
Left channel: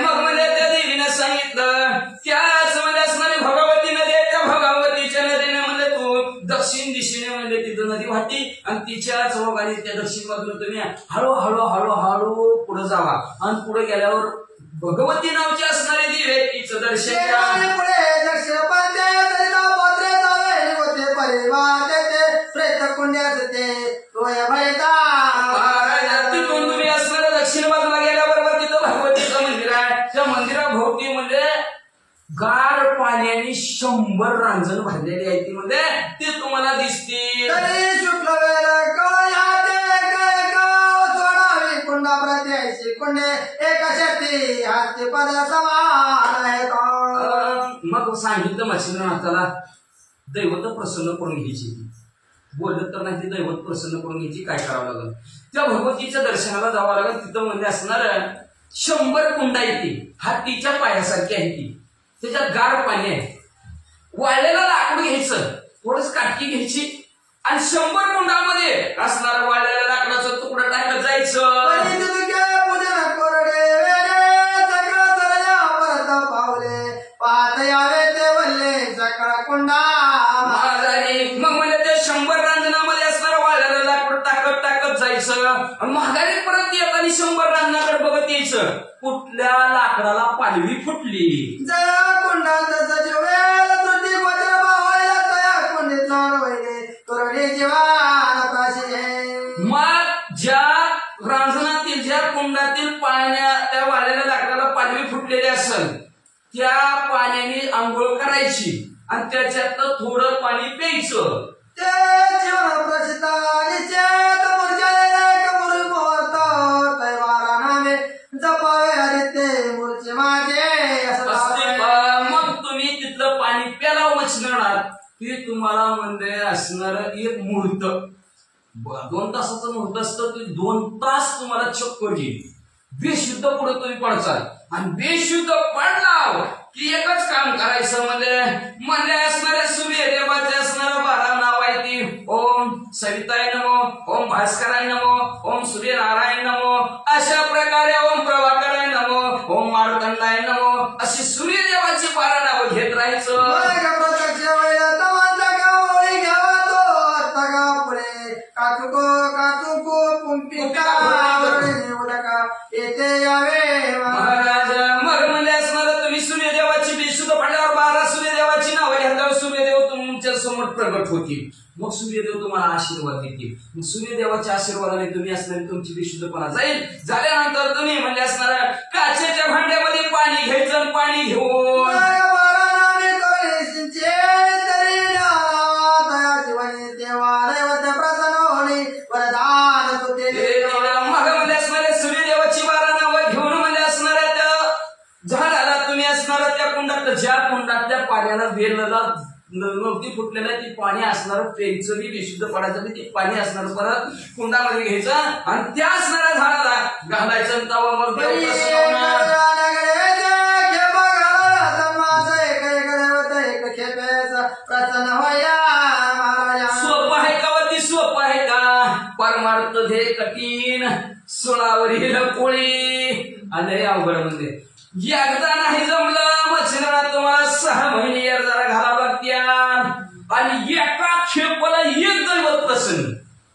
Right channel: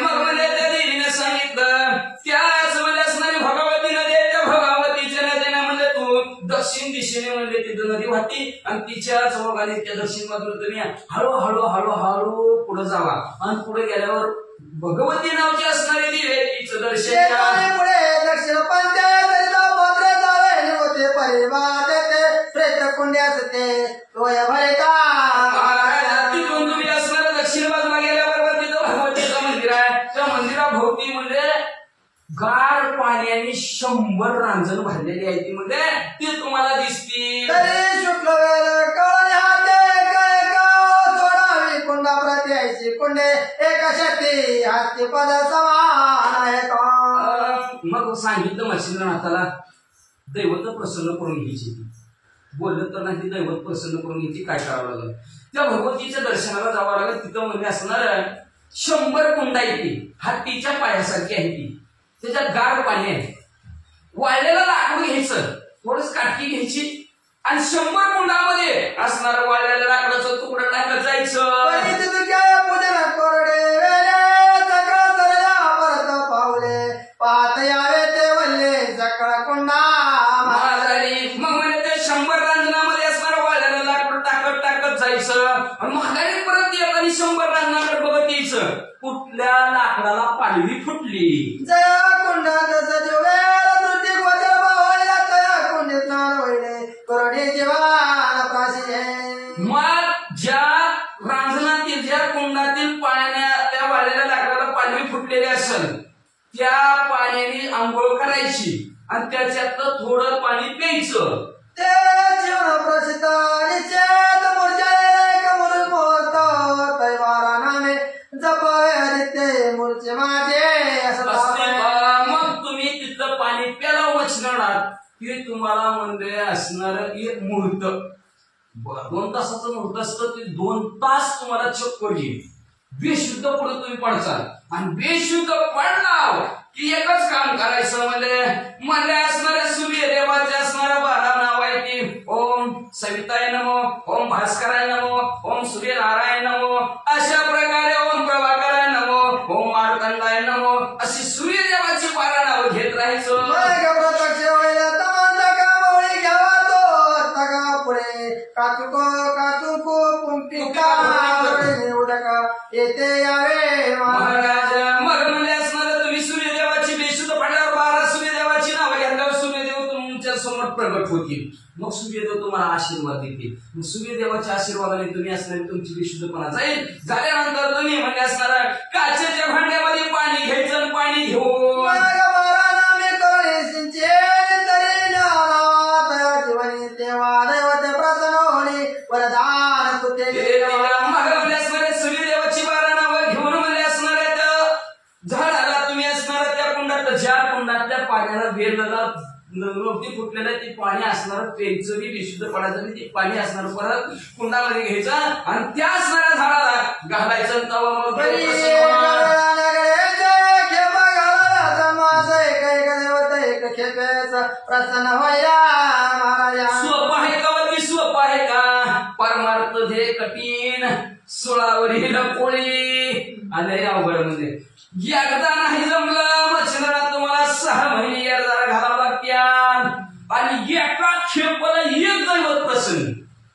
मग म्हणजे त्या देवीने सांगितलं त्याच म्हणजे असणारी भगवती नदी आहे त्या भगवतीच्या नदीने म्हणजे तू दक्षिण दिशेने म्हणजे तिथं नदी वाहती आणि तिच्याच भोगाने त्या दक्षिण बाजूला तुम्ही हळूहळू हळूहळू पुढे जावा आणि पुढे गेल्यावर भगवती नावची असणारी देवी आहे तिचं दर्शन दक्षिण तिथून तुम्ही असणाऱ्या दक्षिण बाजूला गेल्याबरोबर तिथं भगवतीचं मंदिर आहे त्या मंदिराभोवती म्हणजे गार पाण्याने 100 रांजण भरलेली आहे ती म्हणजे ती तुम्हाला दिसतील शुक्ल कुंडा प्रत्याशी कुंडे एका शक्ती हाती पद समान आहे मग सांगितलं मच्छिंद्रनाथाला दैवत प्रसन्न करून घ्यायची बोलत तर नाही ती दैवत प्रसन्न करून घ्यायची काय करावं लागलं त्या भगवतीच्या दर्शनाला जावं लागलं तिथं म्हणजे असणार 100 कुंडा आहे ती हातीच्या पायासारखी आहे ती त्याच्यात गार पाणी आहे वाळलेलं लाकूड घ्यायचं थोडंच काटकी घ्यायची आणि 100 कुंडामध्ये असणार वाळलेल्या लाकडाचं तुकडं टाकत जायचं पावले पाहत यावे ते वल्ले सकाळ कुंडा मग म्हणजे ते 100 रांजणामध्ये असणार वाळलेलं लाकूड टाकत जायचं आणि महागारी परत येताना 100 रांजणाकडे बघत यायचं कुठल्या लाकडाला पालवी फुटली जया कुंडात सजीवेल तृतीय वज्र बावळला तया कुंडीत नारवले करुणे जीवान प्राशी मग ज्या रांजणातील ज्या कुंडातील पाण्या त्या वाळलेल्या लाकडाला पालवी फुटलेली असेल त्या पाण्याने आंघोळ करायची आणि त्याच्यात थोडं पाणी प्यायचं ते जीवन प्रसिद्ध निश्चित मूर्छा मुहूर्त तैवारा नामे जपावे ते मूर्छे माझे मग तुम्ही तिथलं पाणी प्याला वचणार की तुम्हाला म्हणजे असणार एक मुहूर्त 2 तासाचं मुहूर्त असतं ते 2 तास तुम्हाला चक्कर येईल बेशुद्ध पुढे तुम्ही पडचाल आणि बेशुद्ध पडला की एकच काम करायचं म्हणजे असणाऱ्या सूर्यदेवाचे असणारं 12 नाव आहे ती ओम सविताय नमो ओम भास्कराय नमो ओम सूर्यनारायण नमो अशा प्रकारे ओम प्रभाकराय नमो ओम मार्तंडाय नमो अशी सूर्यदेवाची 12 नावं घेत राहायचं प्रत्यक्ष पुढे काचुको पुंपिका उदका येते यावे मग म्हणजे असणार तुम्ही सूर्यदेवाची बेशुद्ध पडल्यावर 12 सूर्यदेवाची नावं घेतल्यावर सूर्यदेव तुमच्या समोर प्रगट होतील मग सूर्यदेव तुम्हाला आशीर्वाद देतील मग सूर्यदेवाच्या आशीर्वादाने तुम्ही असणारी तुमची बेशुद्धपणा जाईल झाल्यानंतर तुम्ही म्हणजे असणार काचेच्या भांड्यामध्ये पाणी घ्यायचं आणि पाणी घेऊन सूर्यदेवाची 12 नावं घेऊन म्हणजे असणाऱ्या त्या झाडाला तुम्ही असणार त्या कुंडात ज्या कुंडात त्या पाण्याला वेलला नव्हती फुटलेलं ती पाणी असणार प्यायचं बी बेशुद्ध पडायचं ते पाणी असणार परत कुंडामध्ये घ्यायचं आणि त्या असणाऱ्या झाडाला घालायचं तवा मग प्रसन्न होया सोपं आहे का वरती सोपं आहे का परमार्थ हे कठीण सोळावरील पोळी आणि अवघड म्हणजे एकदा नाही जमलं मच्छिंद्रनाथ तुम्हाला 6 महिने अर्जाला घालावं लागत्या आणि एका खेपाला एक दैवत प्रसन्न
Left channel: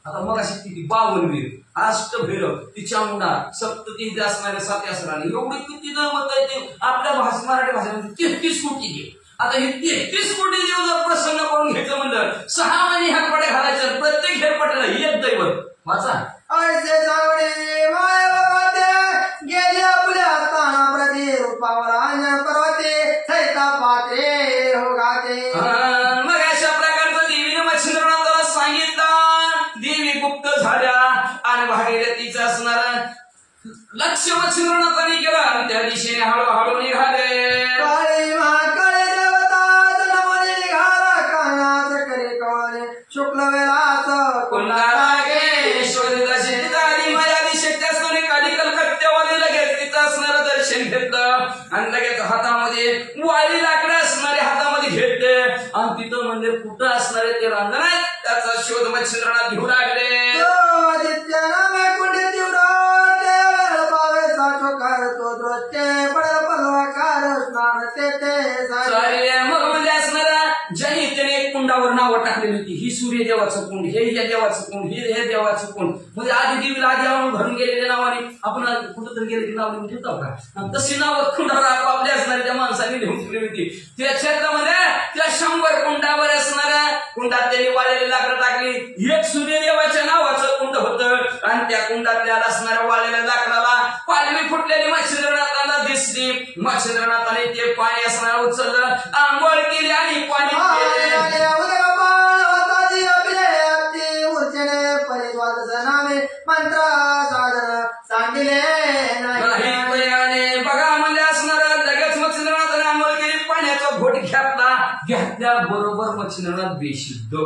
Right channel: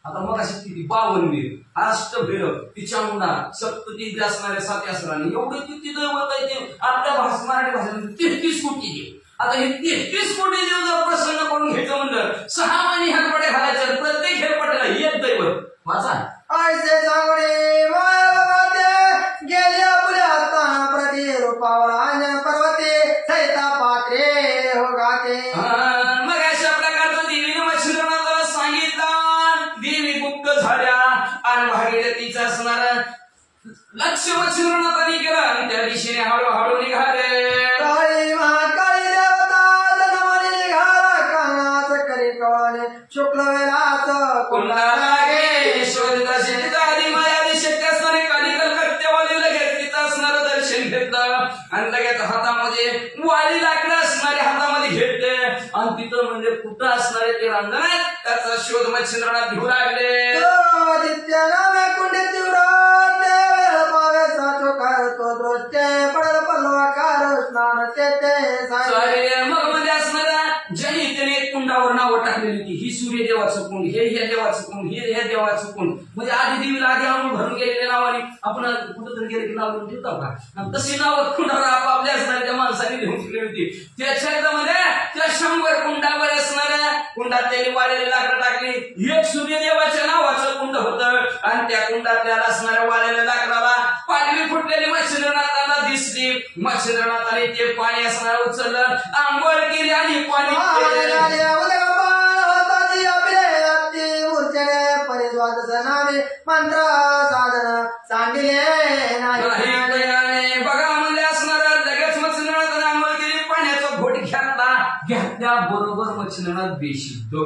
आता मग अशी किती 52 वीर अष्टभैरव ती चामुंडा सप्तती असणारे 7 असणारे एवढे किती दैवत आहे ते आपल्या मराठी भाषेमध्ये 33 कोटी देव आता हे 33 कोटी देव जर प्रसन्न करून घ्यायचं म्हणलं 6 महिने हेरपाटे घालायचं प्रत्येक हेरपाट्याला एक दैवत वाचा ऐसे जागणे माया गेल्या पुढ्या ताना प्रति रूपावर अंजन पर्वते सैता पात्रे हो गाते. मग अशा प्रकारचं देवीने मच्छिंद्रनाथाला सांगितलं. देवी गुप्त झाल्या आणि भागीरथीचं असणार लक्ष मच्छिंद्रनाथाने केलं आणि त्या दिशेने हळूहळू निघाले. काळी महाकाळी देवता जन्मली निघाला कानाच करे कवाले शुक्ल वेळाच पुन्हा लागे शोधित शेतीचा आधी माया दिशेत असणारे काली कलकत्त्यावाले लगेच तिचं असणारं दर्शन घेतलं आणि लगेच हातामध्ये वाळी लाकडं असणारे हातामध्ये घेतले आणि तिथं म्हणजे कुठं असणारे ते रांगण आहे त्याचा शोध मच्छिंद्रनाथ घेऊ लागले. आदित्य नामे कुंडी तीव्र पावे साठो तो दृष्टे पडल पलवाकार स्नान ते सारे मग म्हणजे असणारा ज्यांनी त्याने कुंडावर नावं टाकलेली होती. ही सूर्यदेवाचं कुंड, हे या देवाचं कुंड, हे देवाचं कुंड. म्हणजे आधी देवीला आधी आणून भरून गेलेल्या नावाने आपण कुठंतरी गेले की नाव लिहून ठेवतो का. तशी नावं कुंडावर आपापल्या असणाऱ्या त्या माणसाने लिहून ठेवली होती. त्याच्यामध्ये त्या 100 कुंडावर असणाऱ्या कुंडात त्यांनी वाळलेली लाकडं टाकली. एक सूर्यदेवाच्या नावाचं कुंड होतं आणि त्या कुंडातल्या असणाऱ्या वाळलेल्या लाकडाला पालवी फुटलेली मच्छिंद्रनाथाला दिसली. मच्छिंद्रनाथाने ते पाणी असणारं उचललं, आंघोळ केली आणि पाणी मंत्र साधन सांगितले नाही. बघा म्हणजे असणारा लगेच मच्छिंद्रनाथाने आंघोळ केली, पाण्याचा घोट घेतल्या बरोबर मच्छिंद्रनाथ बेशुद्ध.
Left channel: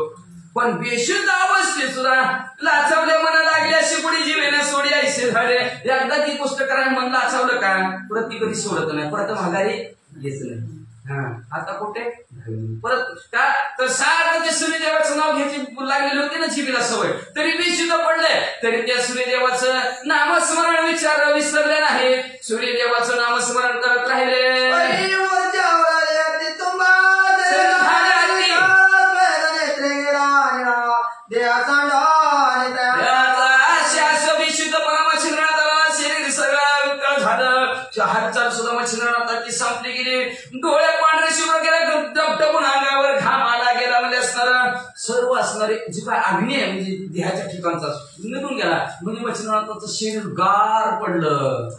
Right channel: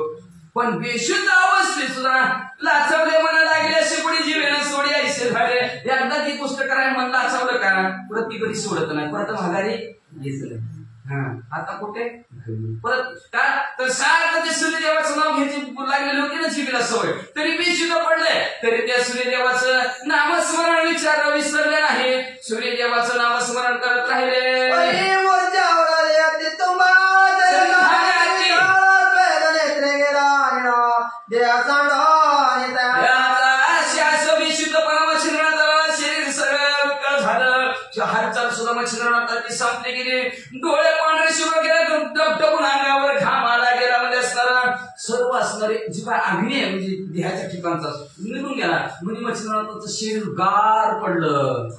पण बेशुद्ध अवस्थेत सुद्धा लाचवले म्हणा लागले अशी पुढे जीवेने सोडी ऐसे झाले. एकदा ती पुस्तक करायला मन लाचवलं का परत ती कधी सोडत नाही, परत माघारी घ्यायचं नाही. आता कुठे परत का तर सारखं ते सूर्यदेवाचं नाव घ्यायची लागलेली होती ना जीवीला सवय, तरी बेशुद्ध पडलंय. तरी त्या सूर्यदेवाचं नामस्मरण विसरले नाही. सूर्यदेवाचं नामस्मरण करत राहिले. हालचाल सुद्धा मच्छिंद्रनाथाची संपली गेली. डोळे पांढरे शिवर गेला, डबडबून अंगावर घाम आला गेला. म्हणजे असणारा सर्व असणारे जी काय अग्नी आहे म्हणजे देहाच्या ठिकाणचा निघून गेला. म्हणजे मच्छिंद्रनाथाचं शरीर गार पडलं.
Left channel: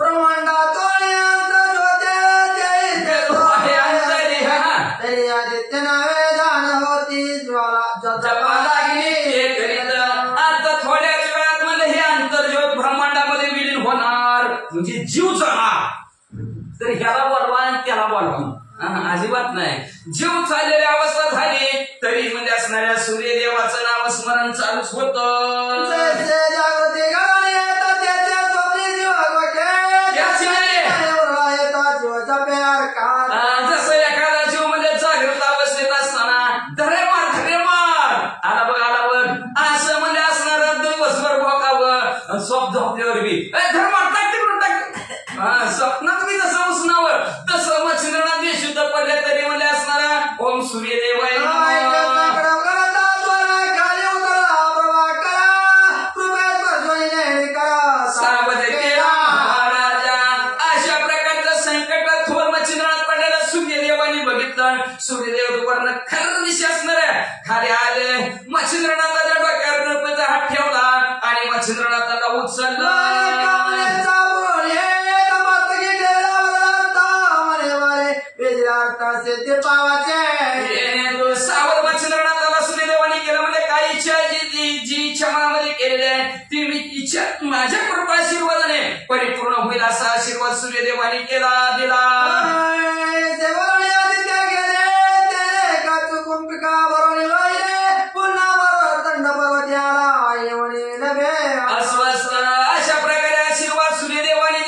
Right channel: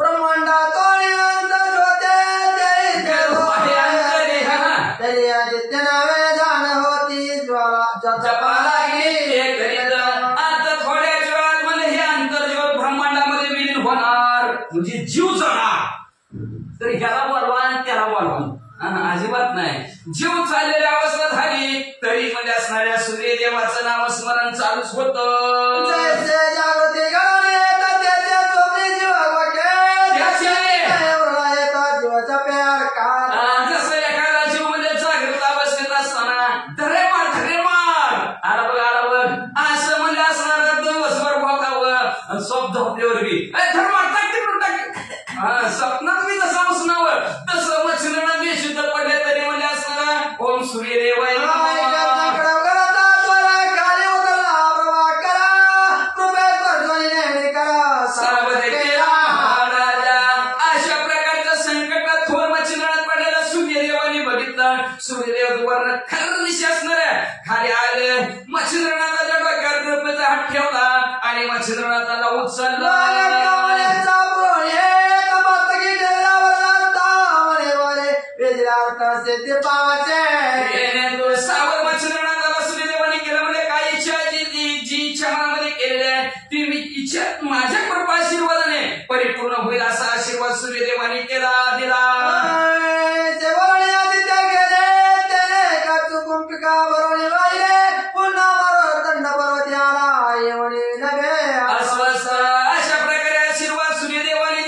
तरी आदित्य नावे जाण होती ज्वाला आता थोड्याच वेळात म्हणजे हे आंतरज्योत ब्रह्मांडामध्ये विलीन होणार म्हणजे जीव जाणार. तर ह्याला बोलवा त्याला बोलवा अजिबात नाही. जीव चाललेली अवस्था झाली तरी म्हणजे असणाऱ्या सूर्यदेवाचं नामस्मरण चालूच होतं. जसं एखादा जीव म्हणजे जागृत अवस्थेत असताना धरे मार आला बघ असं म्हणजे असणारा दिवसभर भोगावं स्वप्न झोपल्यावर बी धर्मात स्वप्नात मी जसं बसणावं तसं मच्छिंद्रनाथ बेशुद्ध पडले तरी म्हणजे असणारा ओम सूर्यदेव अशा प्रकारच्या संकटात थोर मच्छिंद्रनाथ पडलेला सूर्यदेवानी बघितलं. सूर्यदेव वर्ण खरनिशी असणाऱ्या खाली आले. मच्छिंद्रनाथाच्या डोक्यावर कृपेचा हात ठेवला आणि मच्छिंद्रनाथाला उचललं. सावध मच्छिंद्रनाथाला सूर्यदेवानी केलं म्हणजे काय इच्छा जी इच्छा मनामध्ये केलेली आहे ती इच्छा माझ्या कृपा आशीर्वादाने परिपूर्ण होईल असा आशीर्वाद सूर्यदेवानी दिला. अशा प्रकारे आशीर्वाद सूर्यदेवाने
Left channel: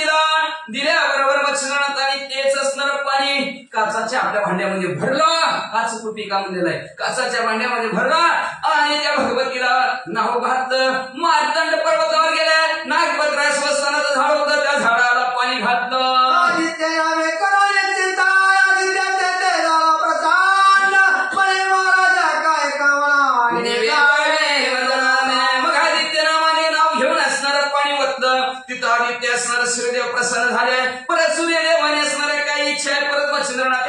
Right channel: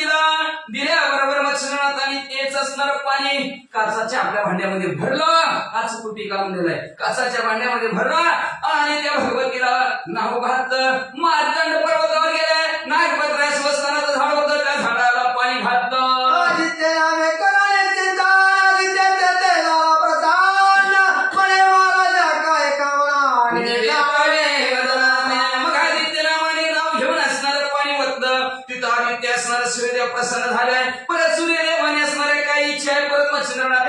दिल्याबरोबर मच्छिंद्रनाथाने तेच असणार पाणी काचाच्या आपल्या भांड्यामध्ये भरलं. काच कुठे का म्हणलेलं आहे, काचाच्या भांड्यामध्ये भरलं आणि त्या भगवतीला नाव घातलं. मार्तंड पर्वतावर गेले. नागपत्र स्वस्तानाचं झाड होतं त्या झाडाला पाणी घातलं. मग आदित्य नावाने नाव घेऊन असणारं पाणी वतलं. तिथं आदित्य असणार सूर्यदेव प्रसन्न झाले. परत सूर्यदेवाने असणाऱ्या काही इच्छा आहे परत मच्छिंद्रनाथ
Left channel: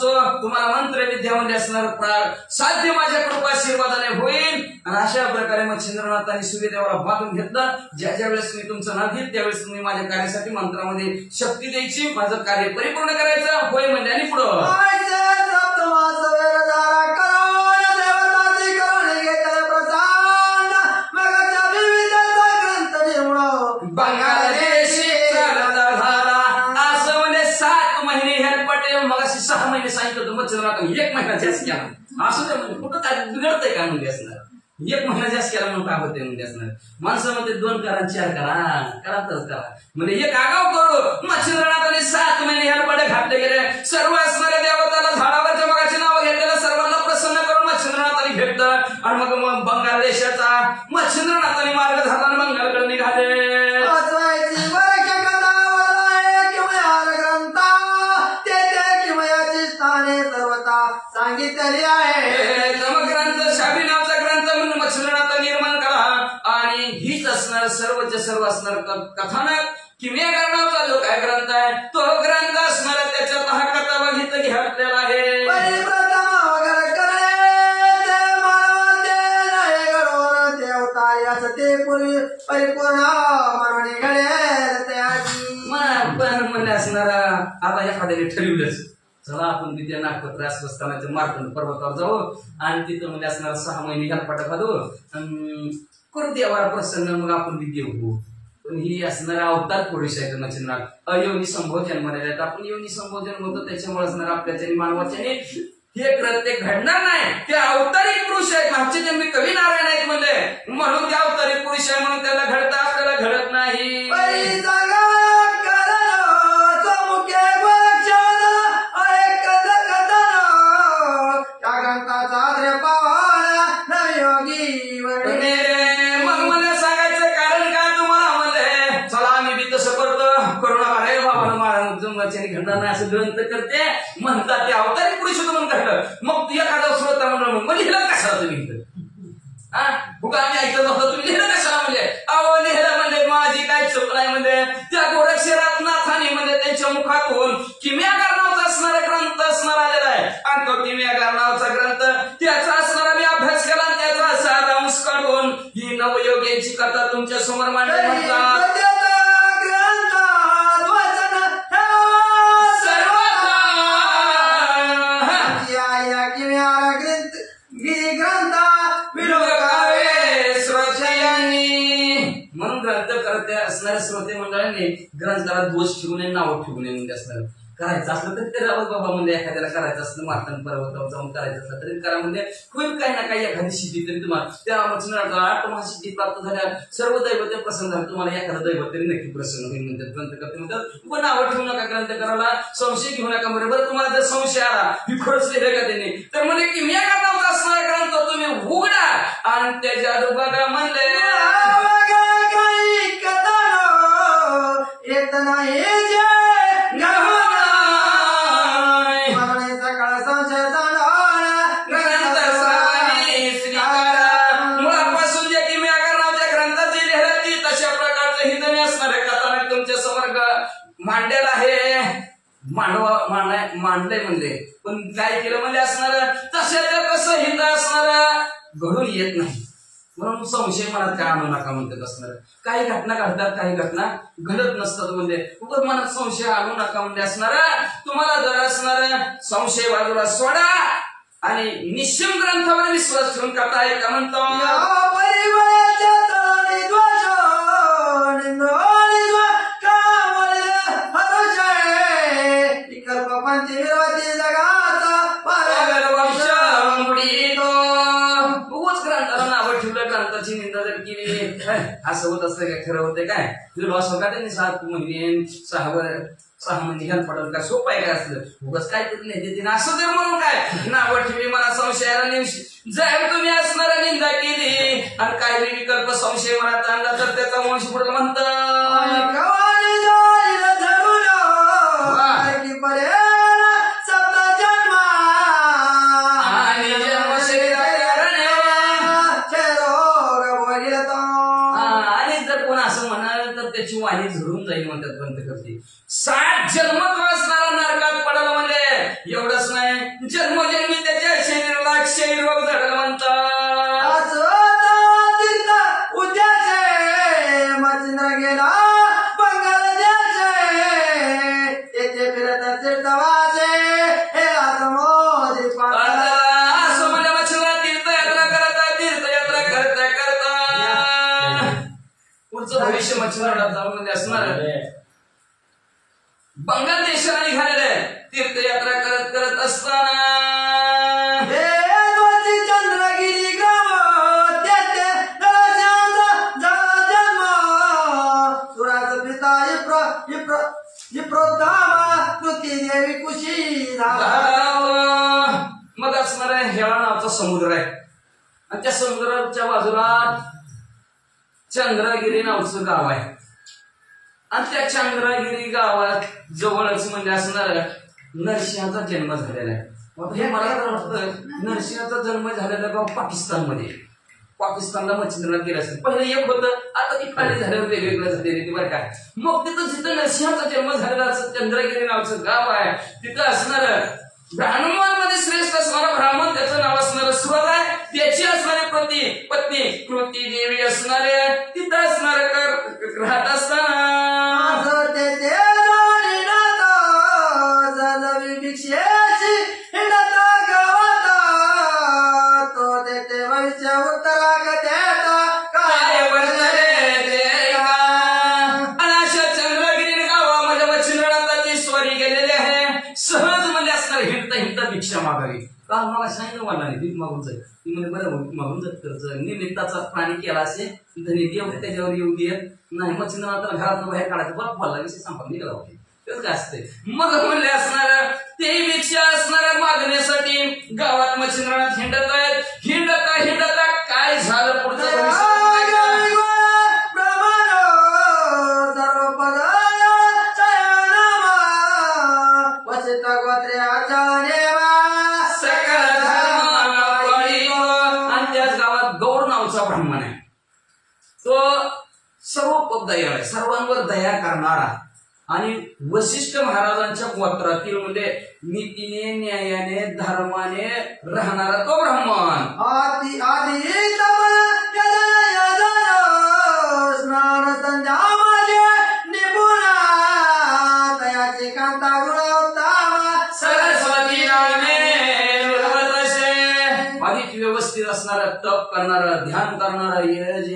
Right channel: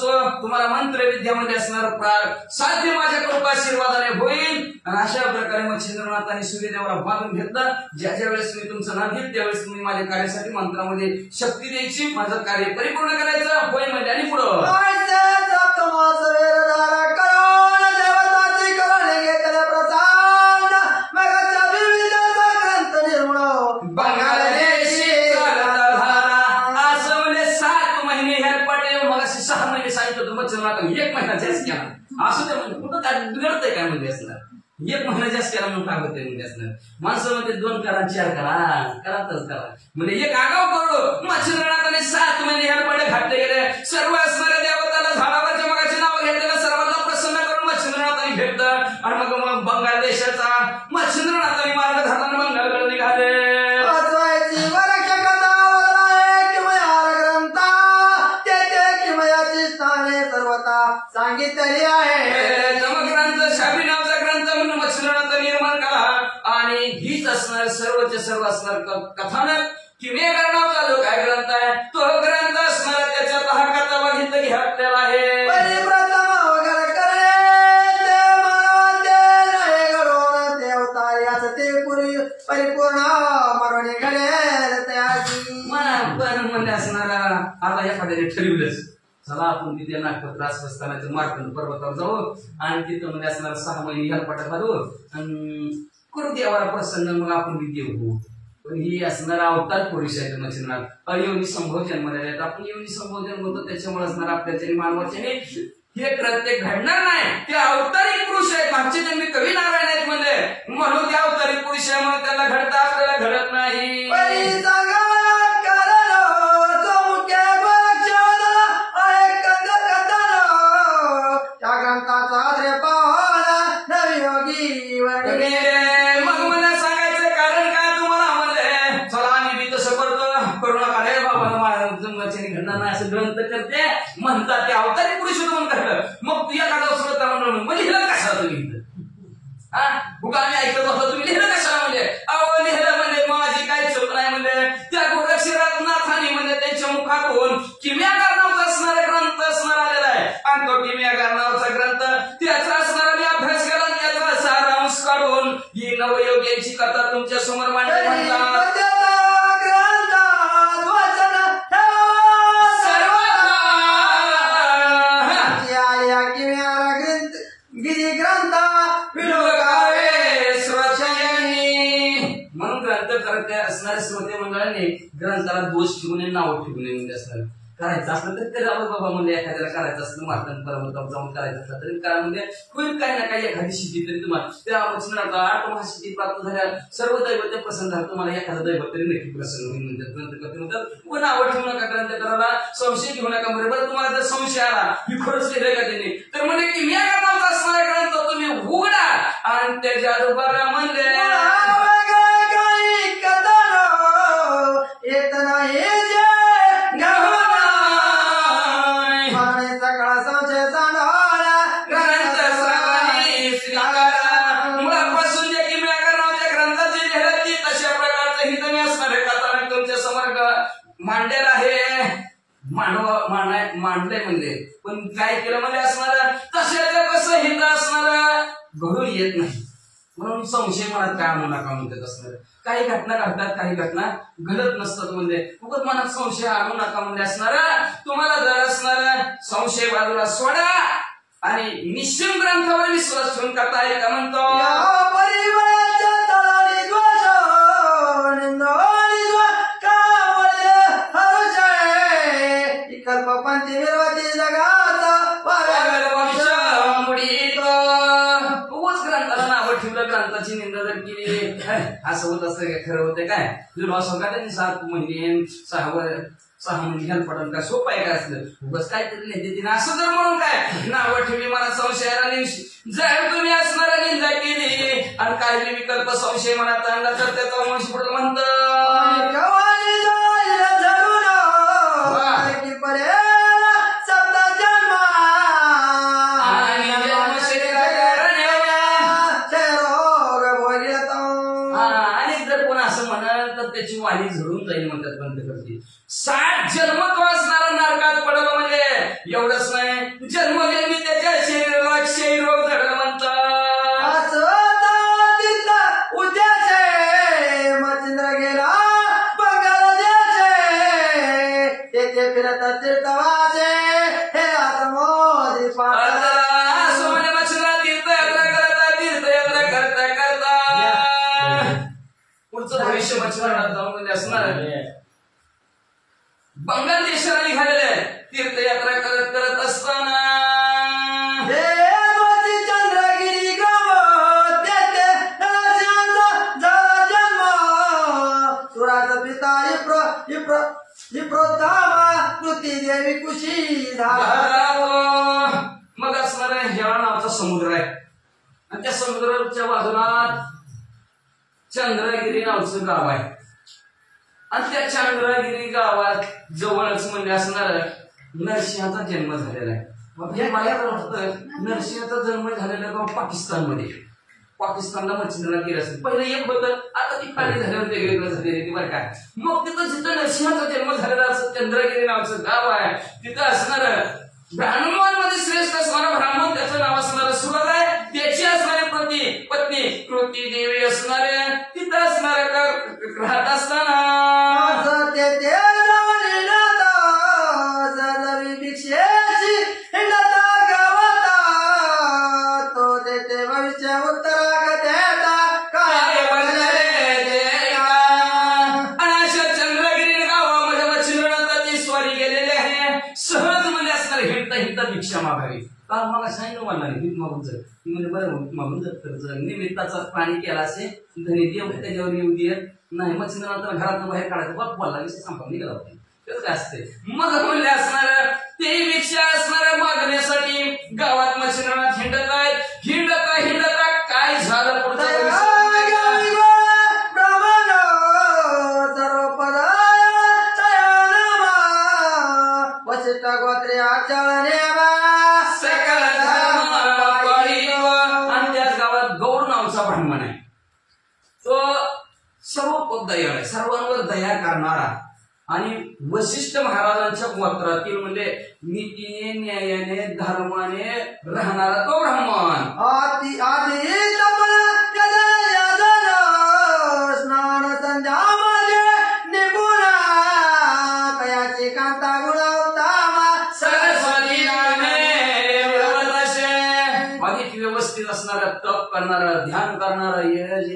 असतो तुम्हाला मंत्रविद्यामध्ये असणार साध्य माझ्या कृपाशीर्वादाने होईल. आणि अशा प्रकारे मच्छिंद्रनाथांनी सूर्यदेवाला बांधून घेतलं. ज्या ज्या वेळेस मी तुमचं नाव घेईल त्यावेळेस तुम्ही माझ्या कार्यासाठी मंत्रामध्ये शक्ती द्यायची, माझं कार्य परिपूर्ण करायचं. होय म्हणजे आणि पुढं मला 6 महिने सांगितलं होतं मच्छिंद्रनाथ 1 महिना जास्त केला असं ते म्हणजे कुठं काय बिघडतंय काय म्हणजे असणार. 1 महिना जास्त केला म्हणून काय होते म्हणजे असणार. माणसं म्हणजे 2 करा 4 करा तर करा म्हणजे एक आगाव करू. मच्छिंद्रनाथाने 7 महिने हेलपाटे घातले गेले. सर्व असणाऱ्या देवताला झाडावरच्या मगाची नावं घेतलेलं सर्वांना प्रसन्न करून मच्छिंद्रनाथांनी भेटलं. आणि मग बंगाल देशाचा मच्छिंद्रनाथांनी मार्ग धरताना बंगालकडे निघाले. सांगितलेली आहे ग्रंथ शाबी नावाचा ग्रंथ म्हणून मच्छिंद्रनाथ निर्माण करा. आणि हीच असणार सर्वचे सर्व असणार कथानक. किमयागार नावाचा जो काय ग्रंथ आहे तो ग्रंथ असणार. त्याच्यात हा कथा बघितलं घातलेला आहे. परिप्रथम वगैरे करे देवता याच ते परिपूर्ण मरवणे घडेल त्याची म्हणजे असणार. आता एखाद्याने ठरवलंच चला आपण तिथे नागपत्र आसपासस्थानाच्या मार्कंड पर्वतावर जाऊ आणि तिथं म्हणजे असणार 6 महिने हेलपाटा घालू आणि करू देवाला प्रसन्न मग आपण विद्या होऊ. पण ही असणार अवतार पुरुष आहे मच्छिंद्रनाथ. अयोनी संभोजन म्हणाले आपण योनी संभोजन म्हणतो. त्याच्यामुळे असणार आपल्याच्याने मानवाच्याने हे कृत्य घडणार नाही. ते अवतारिक पुरुष आहेत. मागचे जन्मी कवी नारायण आहेत म्हणले म्हणून ते अवतारिक पुरुष आहे म्हणून त्याला घडता आपल्याला घडत नाही. मग मला सांगायचं कारण काय तुम्हाला म्हणले चला आम्ही बी तसं करतो करू नका रे बाबा जन्माच्या घडणार नाही असं ग्रंथ करते म्हणतात. ते अवतारिक पुरुष म्हणून घडलं. मग तू एखादा श्रोता म्हणून लिहिलं कशाला तुम्ही बुका आम्ही ऐकत होतो तुम्ही लिहिलं कशाला म्हणजे अहो लिहिलं म्हणजे माझी काही चूक नाही म्हणजे त्या गोरक्षरात नाथानी म्हणजे त्यांच्या मुखातून किमयागार नावाचा असणारा ग्रंथ असणार आलेला आहे. आणि तो किमयागार नावाचा ग्रंथ त्याचा असणारा मी अभ्यास केला आणि त्याचा सारांश काढून ही नवयोग्याची कथा तुमच्या समोर मांडली म्हणतात. असणाऱ्या श्रोते मंडळांनी ग्रंथाला दोष ठेवू नये नाव ठेवू नये म्हणजे असणार. करायचं असलं तरी बाबा म्हणजे एखाद्याला करायचं असलं मार्कंड पर्वतावर जाऊन करायचं असलं तरी करा म्हणजे होईल काही ना काही एखादी सिद्धी तरी तुम्हाला त्या मच्छिंद्रनाथ 8 महासिद्धी प्राप्त झाल्या. सर्व दैवत प्रसन्न झालं तुम्हाला एखादा दैवत तरी नक्की प्रसन्न होईल म्हणतात. ग्रंथ करते म्हणतात व नावं ठेवू नका ग्रंथ करायला संशय घेऊ नका. बरोबर तुम्हाला जर संशय आला मी खरंच लिहिलं का त्यांनी तर म्हणजे की मी नावाचा असणारा ग्रंथ तुम्ही उघडा आणि त्याच्या बघा म्हणले येत नाही मुळापासून जे किमयागार नावाच्या ग्रंथाची लिहिली तशा प्रकारचं हित असणार कथानक तुमच्या समोर मांडलेलं आहे. मांडलंय म्हणजे पण काय केलं म्हणजे असणार तशाला कसं हित असणार घडून येत नाही. म्हणून संशय मनात काय आणू नका म्हणतात असणार. काही घटना घडतात काही घटना घडत नसतात म्हणजे उगाच मनात संशय आणू नका म्हणजे असणार. तुम्हाला जर असणार संशय बाजूला सोडा आणि निश्चिम ग्रंथावर विश्वास ठेवून कथा आहे का म्हणतो. ग्रंथाची निंदा जर केली असं होत असतं काय खरं होतं काय तुला सांगा त्यांनी 7 महिने 6 महिने हेलपाटून काय सोपं आहे काय असलं उगाच काय तरी नाही तिने असं जर म्हणून काय नावं ठेवली मला संशयाला जर तुम्ही असणारा निंदा केली आणि काही विकल्प संशय मनात आणला तर त्याचा वंश पुढे म्हणतं त्याची वाणी झरून जाईल म्हणतात ग्रंथ करते. 60 जन्म तो असणारा नरकात पडला म्हणजे एवढंच नाही जन्मजन्मी त्याच्या शरीराला क्षय रोग धडल म्हणतात. तीर्थ उद्याचे मच्छिंद्र गेला बंगाल देशे तेथे फिरत तीर्थवाचे हे मोदी असं म्हणजे मच्छिंद्र तीर्थयात्रा करता पुढचं भविष्य मच्छिंद्रात जाऊन म्हणजे असणार बंगाल देशाला निघालेले आहे. तीर्थयात्रा करत असताना चंद्रगिरी गाव तेथे जन्म सुराचा पिता विप्रोत्तामा तुती देवी कुशी मग असणार हेळा नावाचा समुद्र आहे आणि त्या समुद्राच्या बाजूला चंद्रगिरी नावाचं गाव आहे आणि त्या चंद्रगिरी गावात जवळच म्हणजे असणार नरसिंहाचा जन्म झालेला आहे. हे मला तर वाटतं नरसिंहाचा जन्म झालेला गाव पाकिस्तानला मच्छिंद्रनाथ गेला असेल. पहिलं एक होतं, आता ती खाली झाल्यावर वेगवेगळं झालेली ती बरं काय. मग तिथं जिथं नरसिंहाचा जन्म झालेला असं चंद्रगिरी नावाचं गाव आहे तिथं असणार ब्राह्मणांमध्ये श्रेष्ठ असणारा ब्राह्मण त्याचं नाव असणारं सुरत आहे. त्याची असणारी पत्नी कृती देवी असणारे तिथं असणारे राहत असताना भिक्षा मागावी का मला सांगितलं मला नाही भीक मागून जाईल ती म्हणजे बरं मागून जात तर निमित्ताचा प्राणी केला असे धनी देव त्याच्यावर येऊ दे नाही मच्छिंद्रनाथ घरातून बाहेर काढायचं बघ बोलला विषय संपला निघाला होते तेच काय असते. मग म्हणले असणार ते भिक्षा असणाऱ्या मागण्यासाठी गावात मच्छिंद्रनाथ हिंडत आहेत. हिंडता काय झालं पुढचं ब्राह्मण आहे. तो सर्व दयाळ आहे, सर्वांवर दया करणारा आणि वशिष्ठ महाराजांच्या गोत्रातील म्हणजे नीतीने न्यायाने धर्माने राहणारा तो ब्राह्मण. स्नान संध्या व्यवस्थित असणारा तप करणारा ध्यान करणारा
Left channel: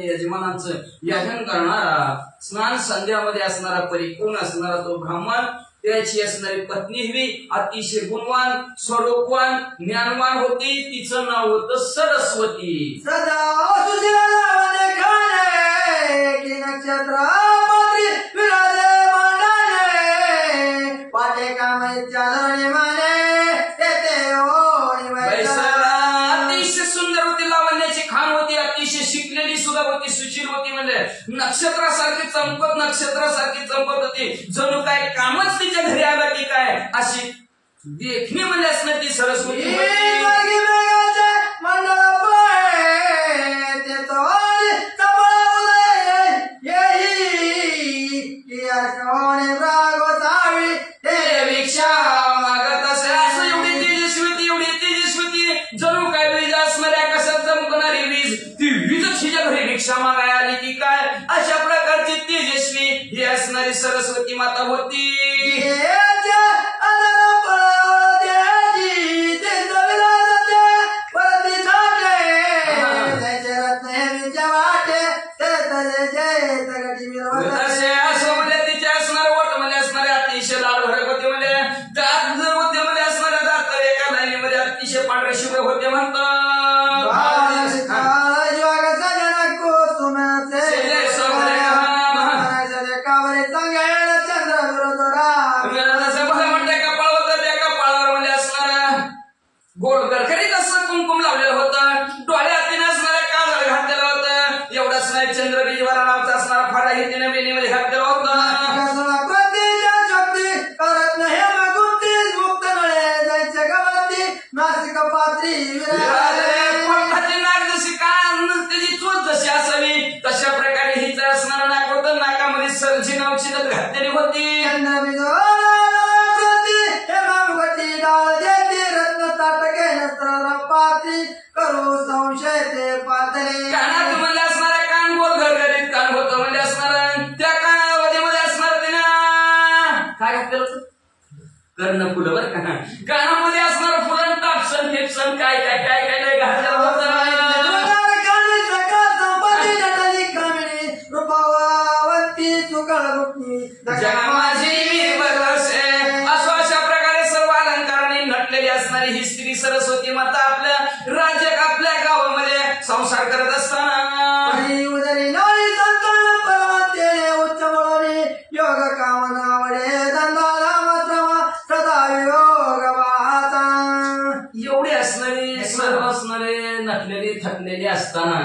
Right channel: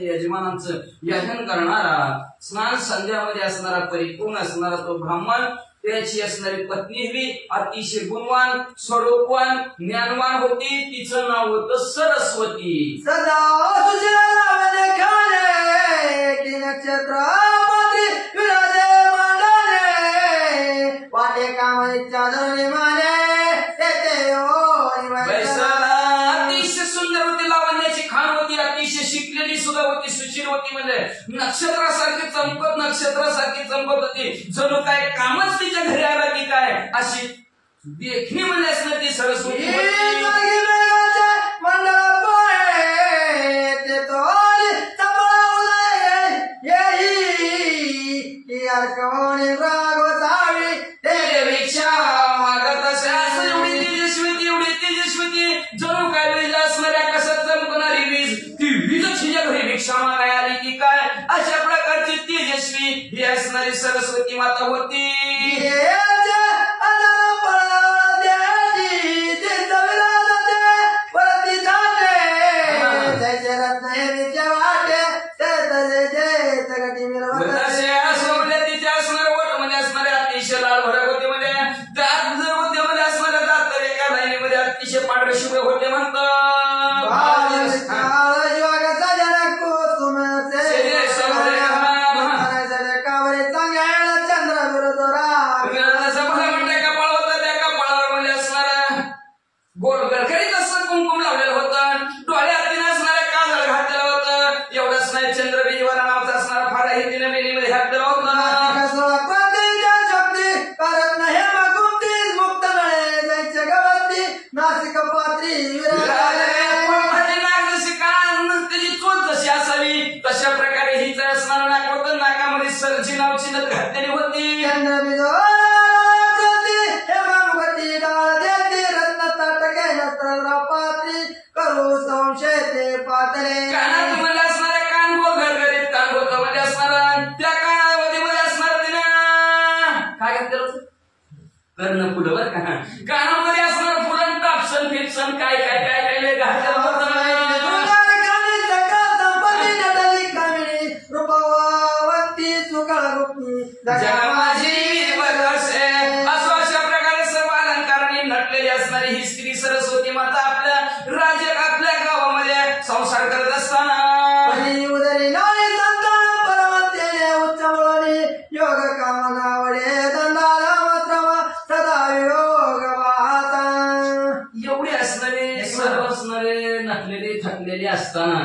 यजमानांचं यजन करणारा स्नान संध्यामध्ये असणारा परिपूर्ण असणारा तो ब्राह्मण. त्याची असणारी पत्नी ही अतिशय गुणवान स्वरूपवान ज्ञानवान होती. तिचं नाव होतं सरस्वती. नक्षत्र अतिशय सुंदर होती, लावण्याची खान होती, अतिशय शिकलेली सुद्धा होती, सुशील होती. म्हणजे नक्षत्रासारखी चमकत होती. जणू काय कामच तिच्या घरी आलं की काय अशी देखणी म्हणजे असणार ती सरस्वती जणू काय वीज असणाऱ्या कशात चमकणारी वीज ती वीजच हिच्या घरी भिक्षा मागायला आली की काय अशा प्रकारची तेजस्वी ही असणारी सरस्वती माता होती. असं म्हणजे तिच्या असणारे बोट म्हणजे असणारे अतिशय लाल भडक होते. म्हणजे मध्ये असणाऱ्या दात तर एका लाईनीमध्ये अतिशय पांढरे शुभ्र होते म्हणतात. गोड गरगरीत असं कुंकुम लावलेलं होतं. डोळ्यात तिने असणाऱ्या काजळ घातलेलं होतं. एवढंच नाही चंद्रबिजीवाला नावचा असणारा फाडाही तिने वेणीमध्ये घातलेला होता. नासिक पात्री नाग जशी त्याची चोच जशी असावी तशा प्रकारे हिच असणारं नाक होतं. नाकामध्ये सरजी नावची नथ घातलेली होती. रत्न कर्ण फुलं बरं का. कानामध्ये असणार फुलं टापसन फिपसन काय काय काय काय काय घातलं जगा माझी असो अशा प्रकारे सर्व अलंकारांनी नटलेली असणारी ही स्त्री सरस्वती माता आपल्या राज्य आपल्या गावामध्ये संसार करत असताना योग कामनावडे एवढे असणारे सर्व असणारे नटलेले थकलेले असताना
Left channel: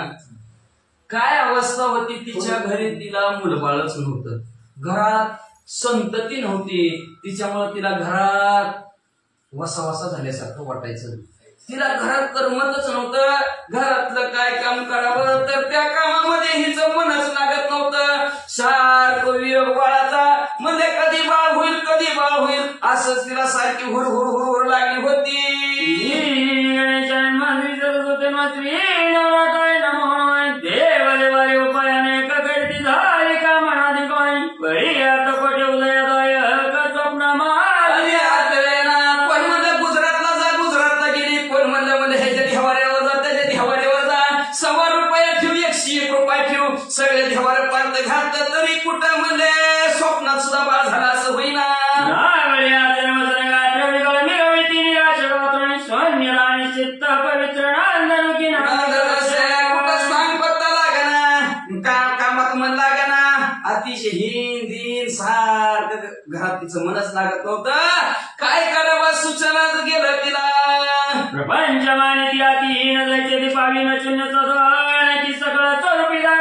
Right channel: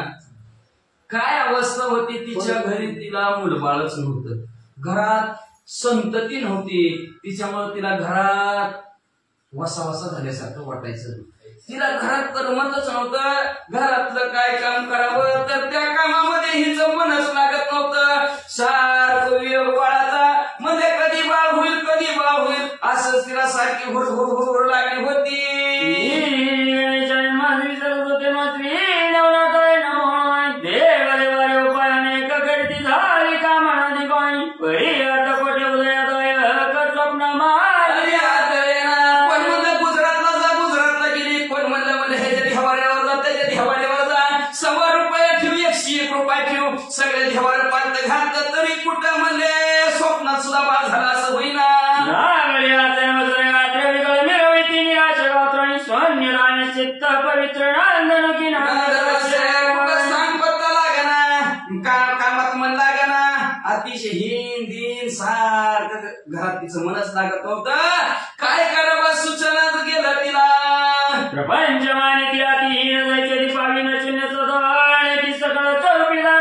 काय अवस्था होती तिच्या घरी. तिला मुलबाळच नव्हतं, घरात संतती नव्हती. तिच्यामुळे तिला घरात वसावसा झाल्यासारखं वाटायचं. तिला घरात करमतच नव्हतं. घरातलं काय काम करावं तर त्या कामामध्ये हिचं मनच लागत नव्हतं. सारखं वियोग बाळाचा म्हणजे कधी बाळ होईल कधी बाळ होईल असंच तिला सारखी हुर हुर हुर हुर लागली होती. सगळे देवाला पार्थ घातलं तरी कुठं म्हणजे स्वप्नात सुद्धा बाळ झाला असं होईना. पत्ता लागना, कामात मन लागना, अतिशय हिंदीन सारखं घरात तिचं मनच लागत नव्हतं. काय करावं सुचनाच गेलं तिला. प्रपंच मानिती अतिहीन जायचे पावी न शून्यचं धोरण ती सगळं चौपीदार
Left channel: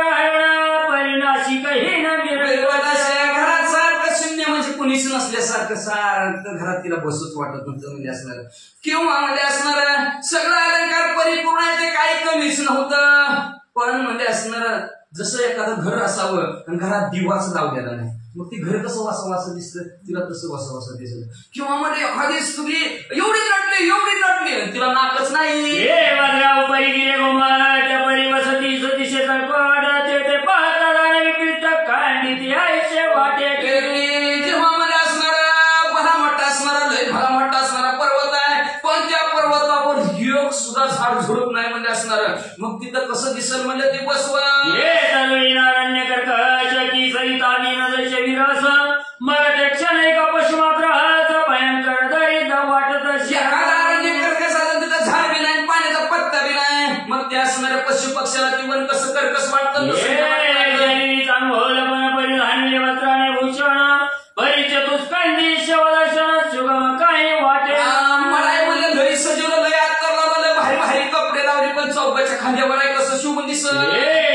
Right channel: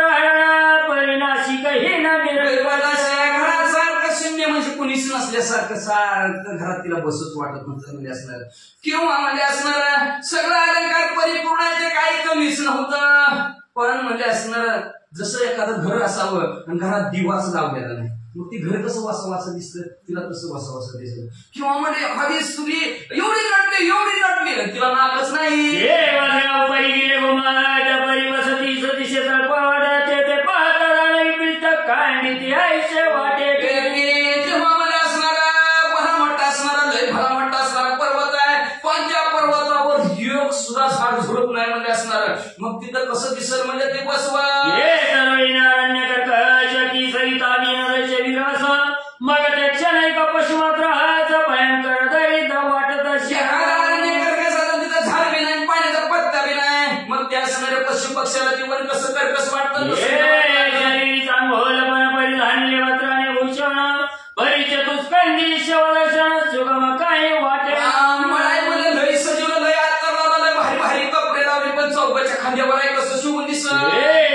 घरात सारखं शून्य म्हणजे कुणीच नसल्यासारखं सारखं घरात तिला बसूच वाटत नव्हतं. म्हणजे असणार किंवा म्हणजे असणार सगळं अलंकार परिपूर्ण आहे ते काही कमीच नव्हतं. पण म्हणजे असणार जसं एखादं घर असावं आणि घरात दिवाच लावलेला नाही, मग ती घर कसं वासावासं दिसतं, तिला तसं वासावासं दिसत. किंवा म्हणजे एखादी स्त्री एवढी नटली तिला नाकच नाही. झाड झुडप नाही म्हणजे असणार. मग तिथं कसं दिसल म्हणजे ते बसवा मग त्या क्षणिक पशुमात्राचं भयंकर दरिद्र वाटत तिथं झाड बी नाही, पाण्याचा पत्ता बी नाही. मग त्या असणाऱ्या पशु पक्षाला ती पण कसं कर्कश वाटतं. चांगोलपण परिधानी वस्त्राने भूषण परिचतुष्कंडी शिवदर्शन सुगम काही वाटे मला लय सजीवलं लय आत्ता लय भारी भारी कपडे लावले पण चौकाच्या खांद्यावर आहे कसं शुभ दिसत.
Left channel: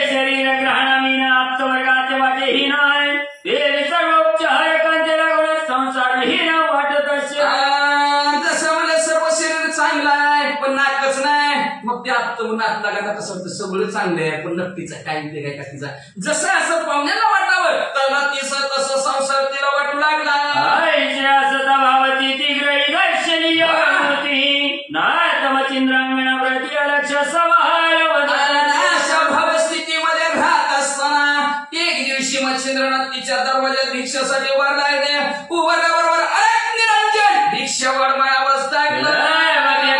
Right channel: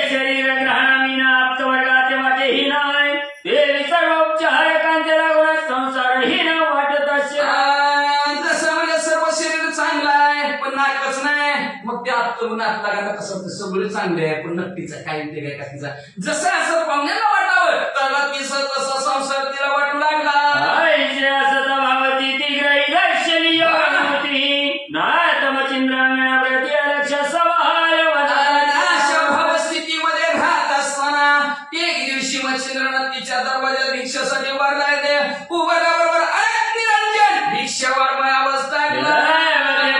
शरीर ग्रहणामीना आप्तवर्गाचे वाटेही नाही ते सर्व उपचार कांचे लागून संसारहीन वाटत असे. जसं म्हणजे सर्व शरीर चांगलं आहे पण नाकच नाही. मग ते आत्म नाक लागायला कसं होतं सगळं चांगलं आहे पण नक्कीचा काय ते काय का तिचा जसं असं पाहुण्याला वाटावं त्याला तिचं तसं संसार तिला वाटू लागला. भावती ती ग्रही दर्शनी नातमचिंद्रांगणा प्रति लक्ष अशा भावस्थितीमध्ये राहत असताना एक दिवशी मच्छिंद्रनाथ तिच्या दरवाजात भिक्षासाठी वरला येते. उभारल्याबरोबर अरे निरंजन भिक्षावर माया अवस्था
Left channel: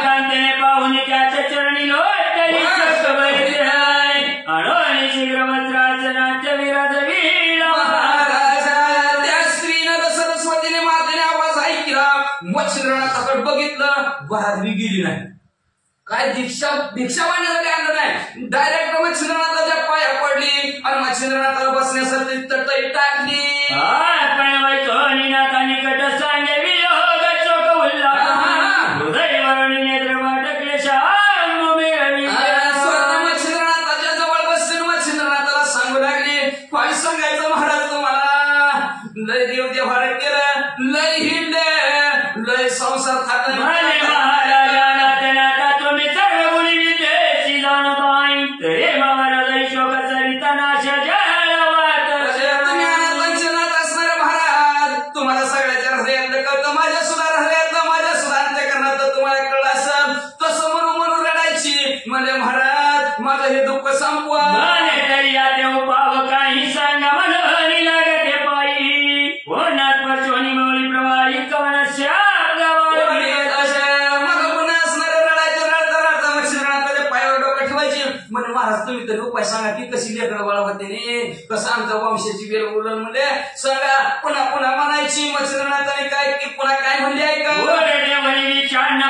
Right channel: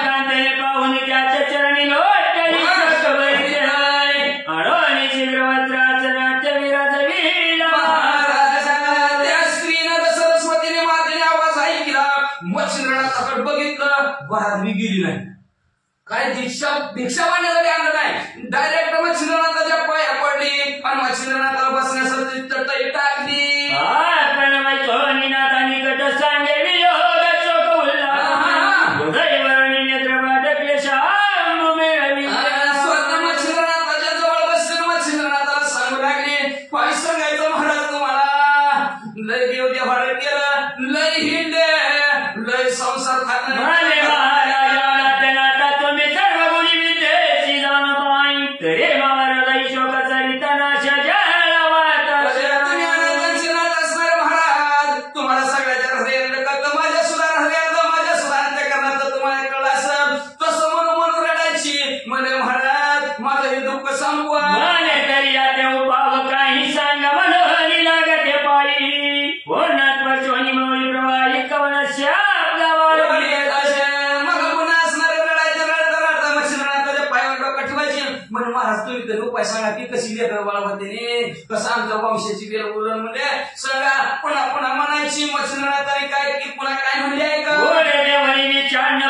कांतेने पाहून त्याच्या चरणी आणि शीघ्रवस्त्राचनाच्या विराज त्या स्त्रीनं सरस्वतीने मातेने आवाज ऐकला. मच्छिंद्रनाथाकडे बघितलं, वरात मी गेली नाही. काय भिक्षा मांडण्यासाठी आणलं नाही, डायरेक्ट मच्छिंद्रनाथाच्या पाया पडली आणि मच्छिंद्रनाथाला बसण्यासाठी तटई टाकली. मच्छिंद्रनाथाच्या जवळ बसले. मच्छिंद्रनाथाला सांगू लागली काय सांगायचं महाराज तुम्हाला. लय देव देवार केलं, लय हिंडे, लय संसार तुम्हाला सगळ्याच्या हृदयातलं करतं, माझ्या सुद्धा हृदयातलं, माझ्या सुद्धा अंतःकरणातलं तुम्हाला कळलं असं. तसं म्हणून म्हणून रडायची म्हणे महाराज माझं हे दुःख संपवा. काही सांगा मनोहरी लागते पायी हो नागपचोनी मौली प्रवाही कवन तरी उपाय सांगा की कशी लेकर बाळ होते ने कसं आमच्या वंशाची वेळ बोलून म्हणजे सांगा पुन्हा पुन्हा म्हणायची मच्छिंद्रनाथ आणि काय की पुन्हा काय म्हणले आहे का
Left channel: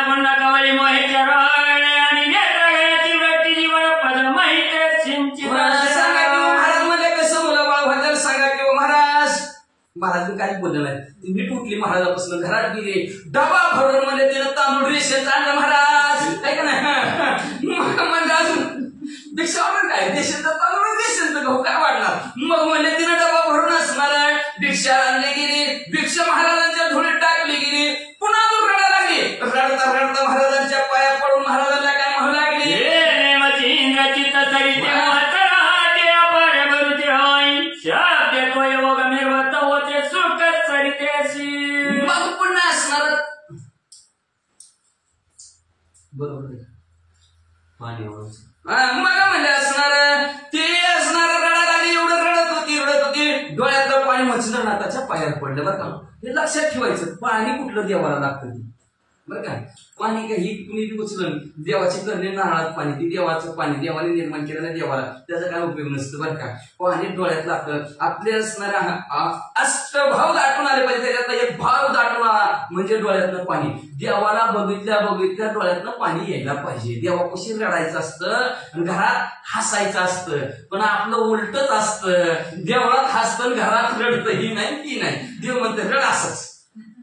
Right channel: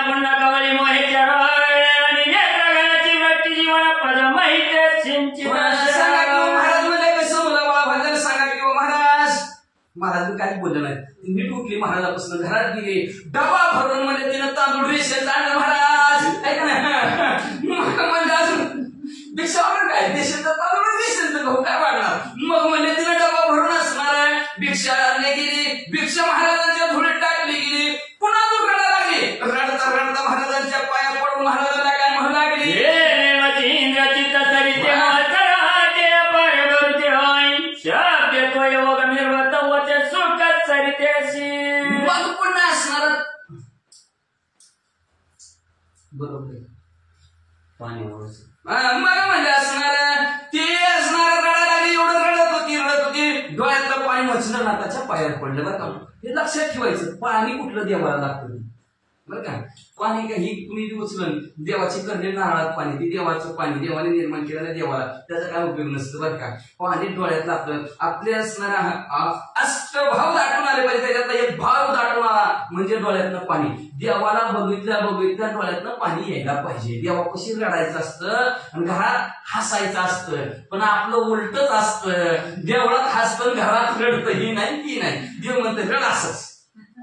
पुन्हा कवली मोहेच्या आणि नेत्रगणाची व्यक्ती जीवन पद माहिती सिंचित सांगा की महाराज म्हणजे कसं मुलं बाळ व्हायला सांगा की महाराज महाराज काही बोललं नाही नीट उठली महाराजापासून घरात गेली डबा भरून म्हणजे तिनं तांदूळ रेशन आणलं महाराज ऐका ना म्हणजे अजून भिक्षावर काय देशाचा तांदूळ रेशन गहू काय वाढणार मग म्हणजे तिनं डबा भरून असणार आहे भिक्षा आणली गेली भिक्षा महाराजांच्या धुळीत टाकली गेली पुन्हा दूर रडायला लागली रडता रडता महाराजांच्या पाया पडून महाराजांना काय म्हणू लागली मग पुन्हा असणार बरोबर पाणी मग म्हणजे असणार ते असणार रडायला लागली एवढं रडत होती डोळ्यातलं पाणी मच्छिंद्रनाथाच्या पायावर पडलं बरं का हे लक्षात ठेवायचं पाणी कुठलं देवाला लागतं बरं का पाणी काही कुणी उचलून देवाची करणे नारळात पाणी ती देवाचं पाणी देवाने निर्माण केलेलं देवाला त्याचा काय उपयोग नसतो बरं का पाणी डोळ्यात लागतं आपले असणारा अष्टभाव दाटून आले पाहिजे त्याच्यातला एक भाव दाटून आला म्हणजे डोळ्यातनं पाणी देवाला बघितल्या डोळ्यातनं पाणी यायला पाहिजे देवापाशी रडायचं असतं आणि घरात हसायचं असतं पण आपलं उलटच असतं देवळात हसतं घरात रडतं ही नाही ती नाही देव म्हणते रड असंच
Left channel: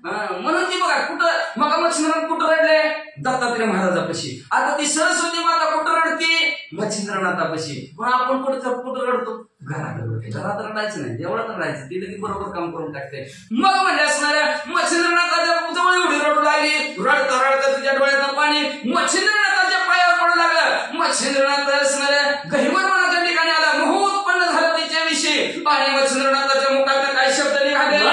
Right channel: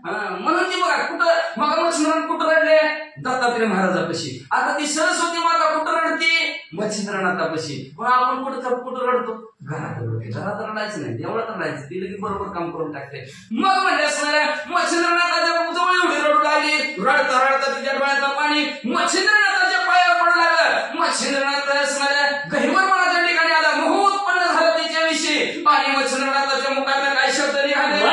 म्हणून ती बघा कुठं मग मच्छिंद्रनाथ कुठं रडले दत्तात्रय महाराजापाशी आता ती सरस्वती माता कुठं रडते मच्छिंद्रनाथापाशी पण आपण कुठं रडतो घरात रडायचं नाही देवळात रडायचं ती लगेच बरोबर काम करून टाकते मग म्हणजे असणाऱ्या मच्छिंद्रनाथाच्या जवळ एवढी रडू लागली रडता रडता तिच्या डोळ्यातलं पाणी मच्छिंद्रनाथाच्या पायावर पडू लागलं मच्छिंद्रनाथ असणाऱ्या गहिवरपणाच्या ठिकाणी आला मोह उत्पन्न झालं तिच्याविषयी आणि मच्छिंद्रनाथाच्या मुखात काही शब्द निघाले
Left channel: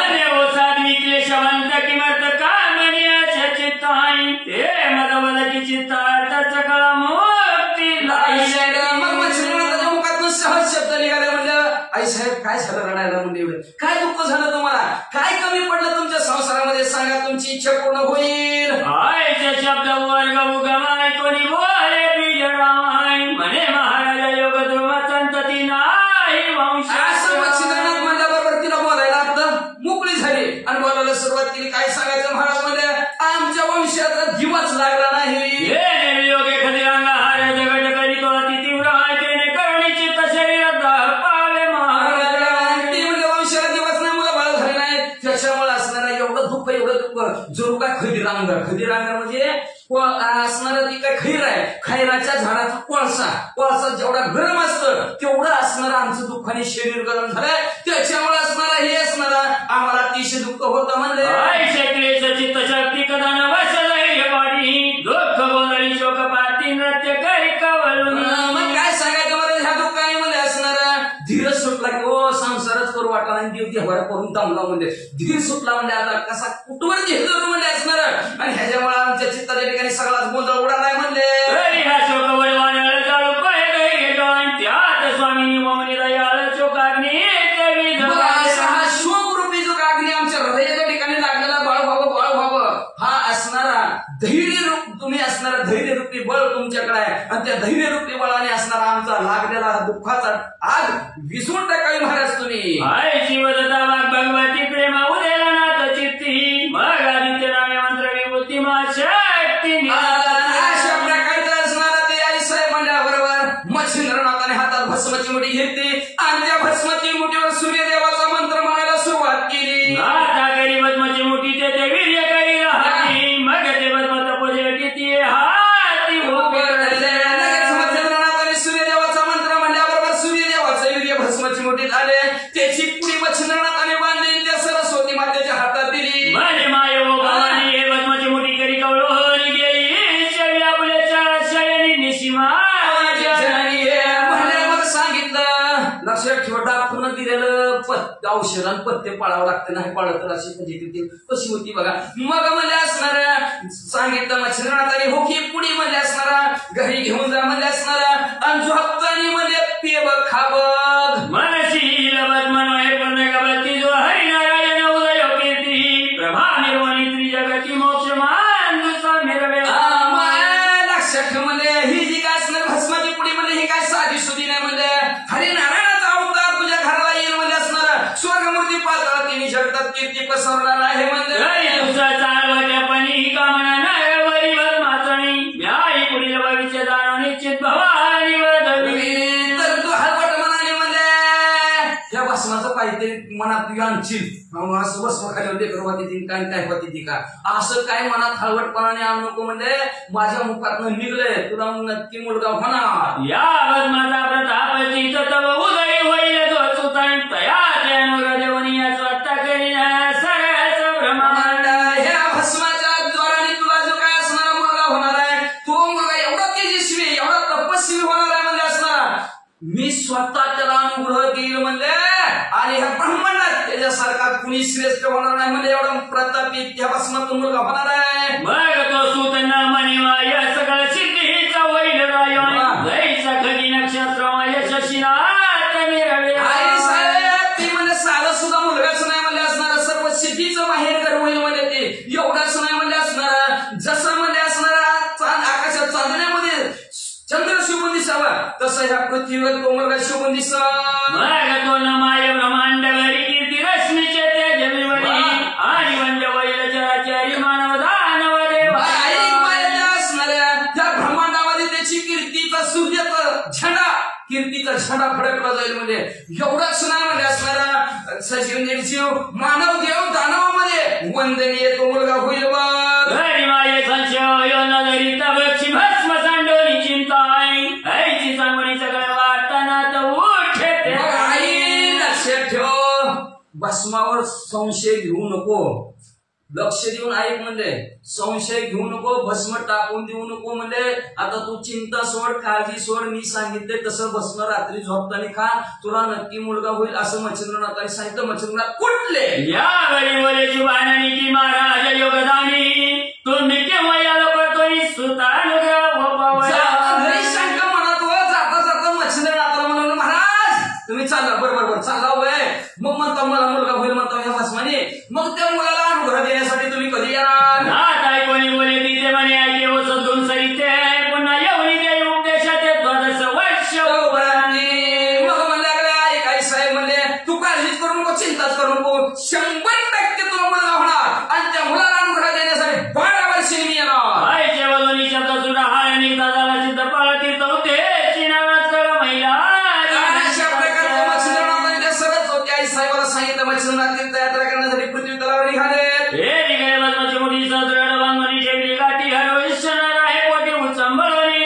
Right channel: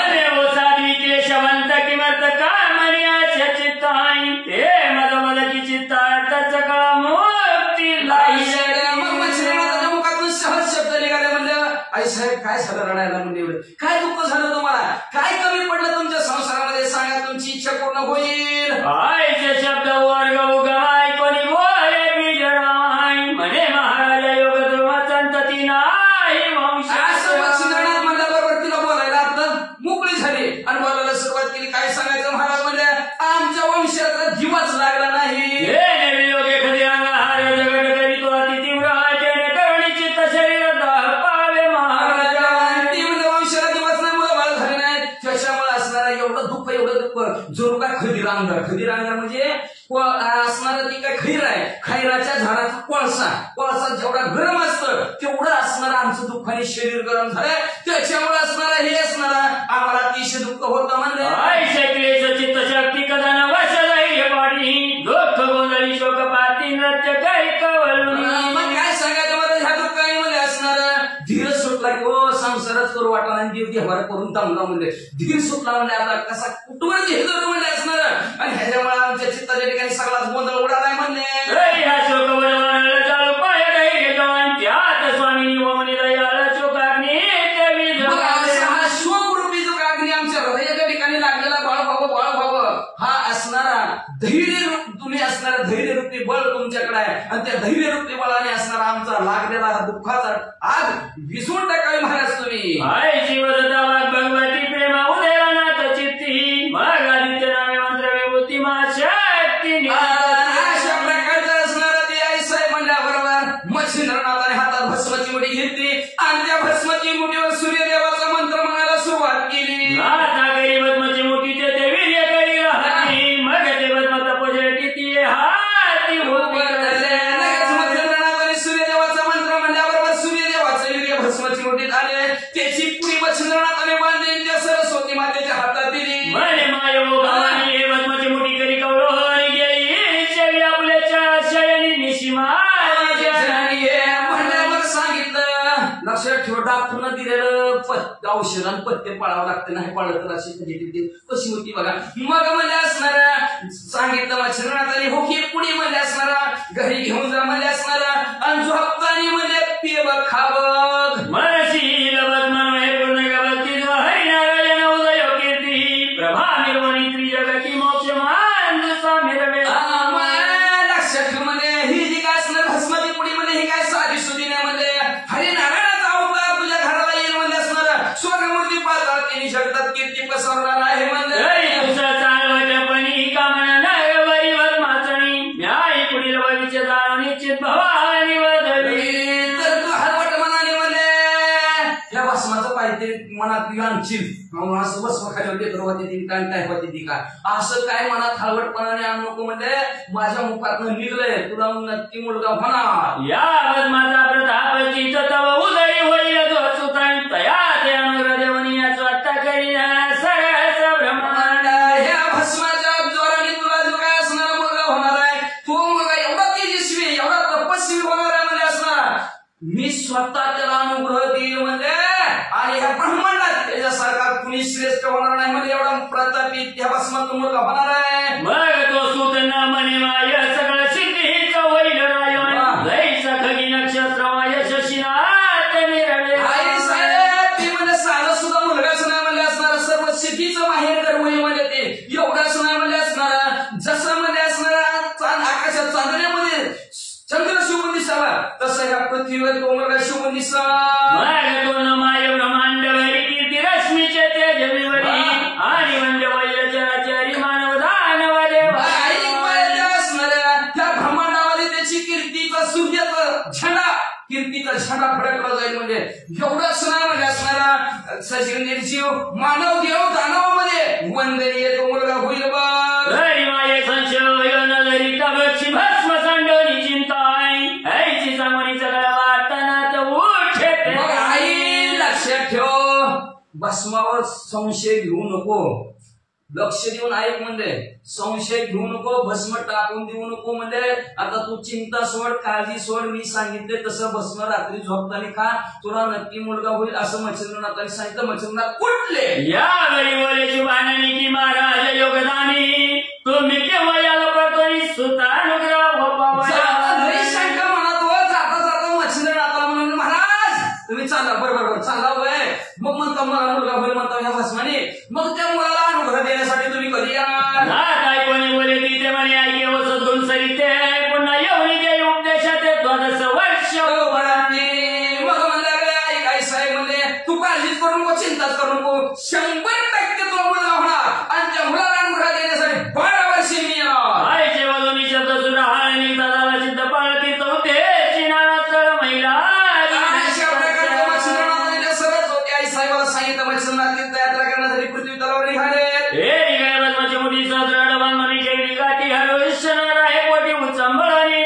शवंत किमर्थ कामनियाच्या चित्ताई ते मदवलची चित्तार्थाचा काळा मुक्ती मग मच्छिंद्रनाथाच्या मुखातून सहज शब्द निघाले म्हणलं आई साहेब काय झालं रडायला म्हणजे एवढं काय दुःख झालं तुम्हाला काय कमी पडलं तुमच्या संसारामध्ये सांगा तुमची इच्छा पूर्ण होईल आईचे शब्द वर्ग उगमाय कोणी बोले विजरामाय म्हणे महाराज योग ध्रुव संतती नाही वंश असं मच्छिंद्रनाथ म्हणल्याबरोबर तिला बोलायला आता मोकळी झाली आणि बोलायला सुरुवात केली काय सांगायचं महाराज म्हणजे आमच्या वंशात दिवस लागला नाही वंशाला दिवस नाही मुलं बाळ झाले नाही त्याच्यामुळे असणारा एवढं दुःख जोर काय खदिरांगर म्हणजे असणार ती काय खैर आहे खैराच्या झाडाचा कोळसा जेवढा गरम असतं तेवढं असणार आमचं दुःखाने शरीर गरम झालंय त्याच्यामुळे असणार हे असणार आम्हाला अतिशय दुःख होतं म्हणलं चित्तशक्ती कदा वाडी दुःख गोंधळी शोकपाती नृत्य काही कवलून मग काय सांगायचं मला ह्या दुःखाने मध्ये असणार धीर सुटला की ओ संसारच करू वाटला आणि देव देवार करून दमला म्हणजे धीर सुटला म्हणजे आता कसा कुठवर घेतलं म्हणजे असणार आणि ह्याच्यामुळे आमच्या चित्ताच्या ठिकाणी सगळाच गोंधळ उडालाय म्हणजे चालू पाय त्यात स्वामी वमनी दयाल चोकाग्नी हा शोकरूपी जो अग्नी आमच्या हृदयाच्या ठिकाणी लागलेला बाळ व्हावं हा असणारा धैर्य तुम्ही असणारा धैर्यरूपी बळ तुमच्याकडे आहे आणि त्या धैर्यरूपी बळाने असणारा आमचा लागलेला हा दुःखाचा आग विसरून टाकावी महाराज तुम्ही जीवदत्ता वाघ भगवती प्रेमा उदेला नाथ चित्ती मग आदित्य नामे मंत्र विभूती शक्ती अशा प्रकारचं असणारा ते आई साहेब म्हणल्याबरोबर मच्छिंद्रनाथाने हातात भस्माची मुठी घेतली आणि त्या भस्माची मुठीवर सूर्यदेवाचा मंत्र म्हणायला सुरुवात केली भस्माची मुठी ते वीर्य करी राहती मग ते भस्म तपोजे किती हाती मच्छिंद्रनाथाने सूर्यदेवाचा मंत्र म्हणल्याबरोबर सूर्यदेवाचं वीर्य भस्माची मुठीत आले त्याची पुढी मच्छिंद्रनाथाने बांधली त्या सरस्वती मातेच्या हातात दिली म्हणे माय भवानी हे भस्माची मुठी करी कवळोनी गेली आपल्या शयनी निशिमा म्हणल्यावर सांगितलं लक्षात ठेवा डॉक्टरनं दिलेलं औषध आणि पथ्य पाळावं लागतं नाही पाळलं तर अशी म्हणजे कशी होती बघा मग म्हणजे असणारा सांगितलं मच्छिंद्रनाथाने हो की पुढे म्हणजे असणारा घरी घेऊन जा म्हणजे असणारा आणि झोपतानी म्हणजे ते बघ खा बघ मनसी लबत मनोहे पूर्ण गबती जो हरिनारायण उदय कीर्ती प्रभा निर्वाणी त्रिजगती मोक्ष मान लक्षात ठेव म्हणजे ही जी काय असणार भस्माची पुढी म्हणजे ही काय साधी सुधी नाही म्हणजे कीर्ती पसरणार आहे म्हणलं. तुझं चालवटपणी कामना नाही वरी माचणी न्याय पुढील भविष्य दान निश्चित भवानी वधवी. तर तू हलवट मनाने म्हणले या भस्माचं पाहिजे मनात आणशील असं भस्म खाली लेकर होती ती काय काय होती ती का असं काय मनात हलवटपणाने आणू नको म्हणजे माझ्या मुखातनं निघलंय तुला नक्की मुलगा होणार. या भस्माचा प्रताप चित तव उदय होईल तो सुताई तया त्यानुर देवनी याचं आत्ता करी सगळ्याचं ब्रह्मांड. ह्या भस्माच्या द्वाराने तुला जो काय असणारा मुलगा होणार आहे तो मुलगा एवढा तेजस्वी एवढा तपस्वी होणार आहे म्हणजे असणार. मी स्वतः त्याला अनुग्रह देईल म्हणजे आणि ह्या ब्रह्मांडात त्याच्यासारखा कुणी श्रेष्ठ होणार नाही म्हणजे एवढा प्रतापी त्या भस्मातून मुलगा होणार आहे. मग तो सूत न म्हणे माय सगळं सिद्धीचा वैल राय जैसा खगी नक्षत्रमाय शशीनाथ निरवे. आई साहेब ती म्हणजे साधा सुद्धा मुलगाच नाही म्हणजे असणार सर्व सिद्धीचं माहेर घर होईल म्हणजे ते एवढाच नाही म्हणजे असणार जसं म्हणजे असणारा आकाशात चांदण्यामध्ये चंद्र शिवून दिसावा तसं ह्या पृथ्वीवर तो मुलगा शिवून दिसा. मग तो न माय ब्रह्मांड वरी कीर्ती रश्मीचे तेजमीवरी आणि वंद वैल चराचरी मानव दानव देव. असणाऱ्या त्या ब्रह्मांडामध्ये त्याची कीर्तीचा सूर्याचा झेंडा कीर्तीचा झेंडा फडकला जाईल म्हणजे एवढंच नाही म्हणजे असणाऱ्या सजीव निर्जीव मानव देव दानवामध्ये वंदनीय तो मुलगा होईल बघ. माये संशय नजरी तबक्षी भस्म सांडोनी चिंताय ऐची चांगणी सगळं वाटताना तर उठे. आई लक्षात ठेव भस्मावर संशय घेऊ नको लक्ष देऊन ऐक म्हणजे संशय घेऊ नको भस्म टाकून देऊ नको म्हणजे आता तू चिंता सोड काळजी सोड मी सांगितले तसं भस्म रात्री झोपताना खा तुला नक्की मुलगा होईल असं मच्छिंद्रनाथांनी सांगितलं. मच्छिंद्रनाथ कुठले यावेळी वलेची बाणणी की महाराज योगदानी तुम्ही केव्हा याला पळतोय सुतानुग्रह शंका म्हणत हो जाता जाता मच्छिंद्रनाथाला म्हणून महाराज तुम्ही चालला बरोबर चालला वय मग म्हणता मला मुलगा होईल म्हणता ह्या भस्माने मग त्या मुलाला अनुग्रह देण्यासाठी तुम्ही कधी येणार. काय कोणी बोले तिथे म्हणे ऐके व सद्गुण सरिते पुन्हा येऊन दे उपदेशात द्वादश वर्ष मग म्हणलं काय साहेब म्हणले तू काळजीच करू नको चिंताच करू नको 100% तुला मुलगा होणार आणि त्या मुलाला अनुग्रह देण्यासाठी 12 वर्षे मी येणार. आईचे वजनी शब्द सुद्धा हार निघता झाला सिद्ध पाळती होते चिनाला तर महिला सरच होते. आई साहेबाला सांगितलं मच्छिंद्रनाथ यात्रा करण्यासाठी पृथ्वी तलावर निघाले. भस्माची मुठी सदृढ बांधणी केली गाठी हरविष्णर आहे पोटी उचंबळणी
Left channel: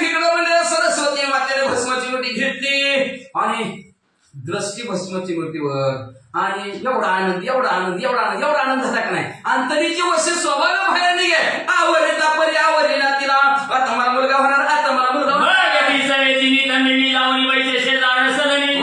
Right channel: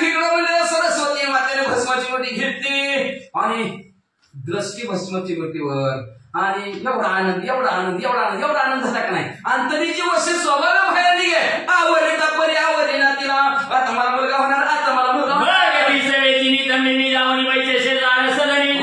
इकडं म्हणजे सरस्वती मातेने भस्माची मुठी घेतली आणि दृष्टी भस्माची मुठीवर आणि एवढा आनंद एवढा आनंद एवढा आनंद एवढा आनंद झाला का नाही अंतरीची वशी स्वभाव बाहेर निघे आवडीता परी आवडी ना तिला आता मला मुलगा होणार आता मला मुलगा होणार. सगळी तंबिनी जाऊन पैसे शेजार सदनी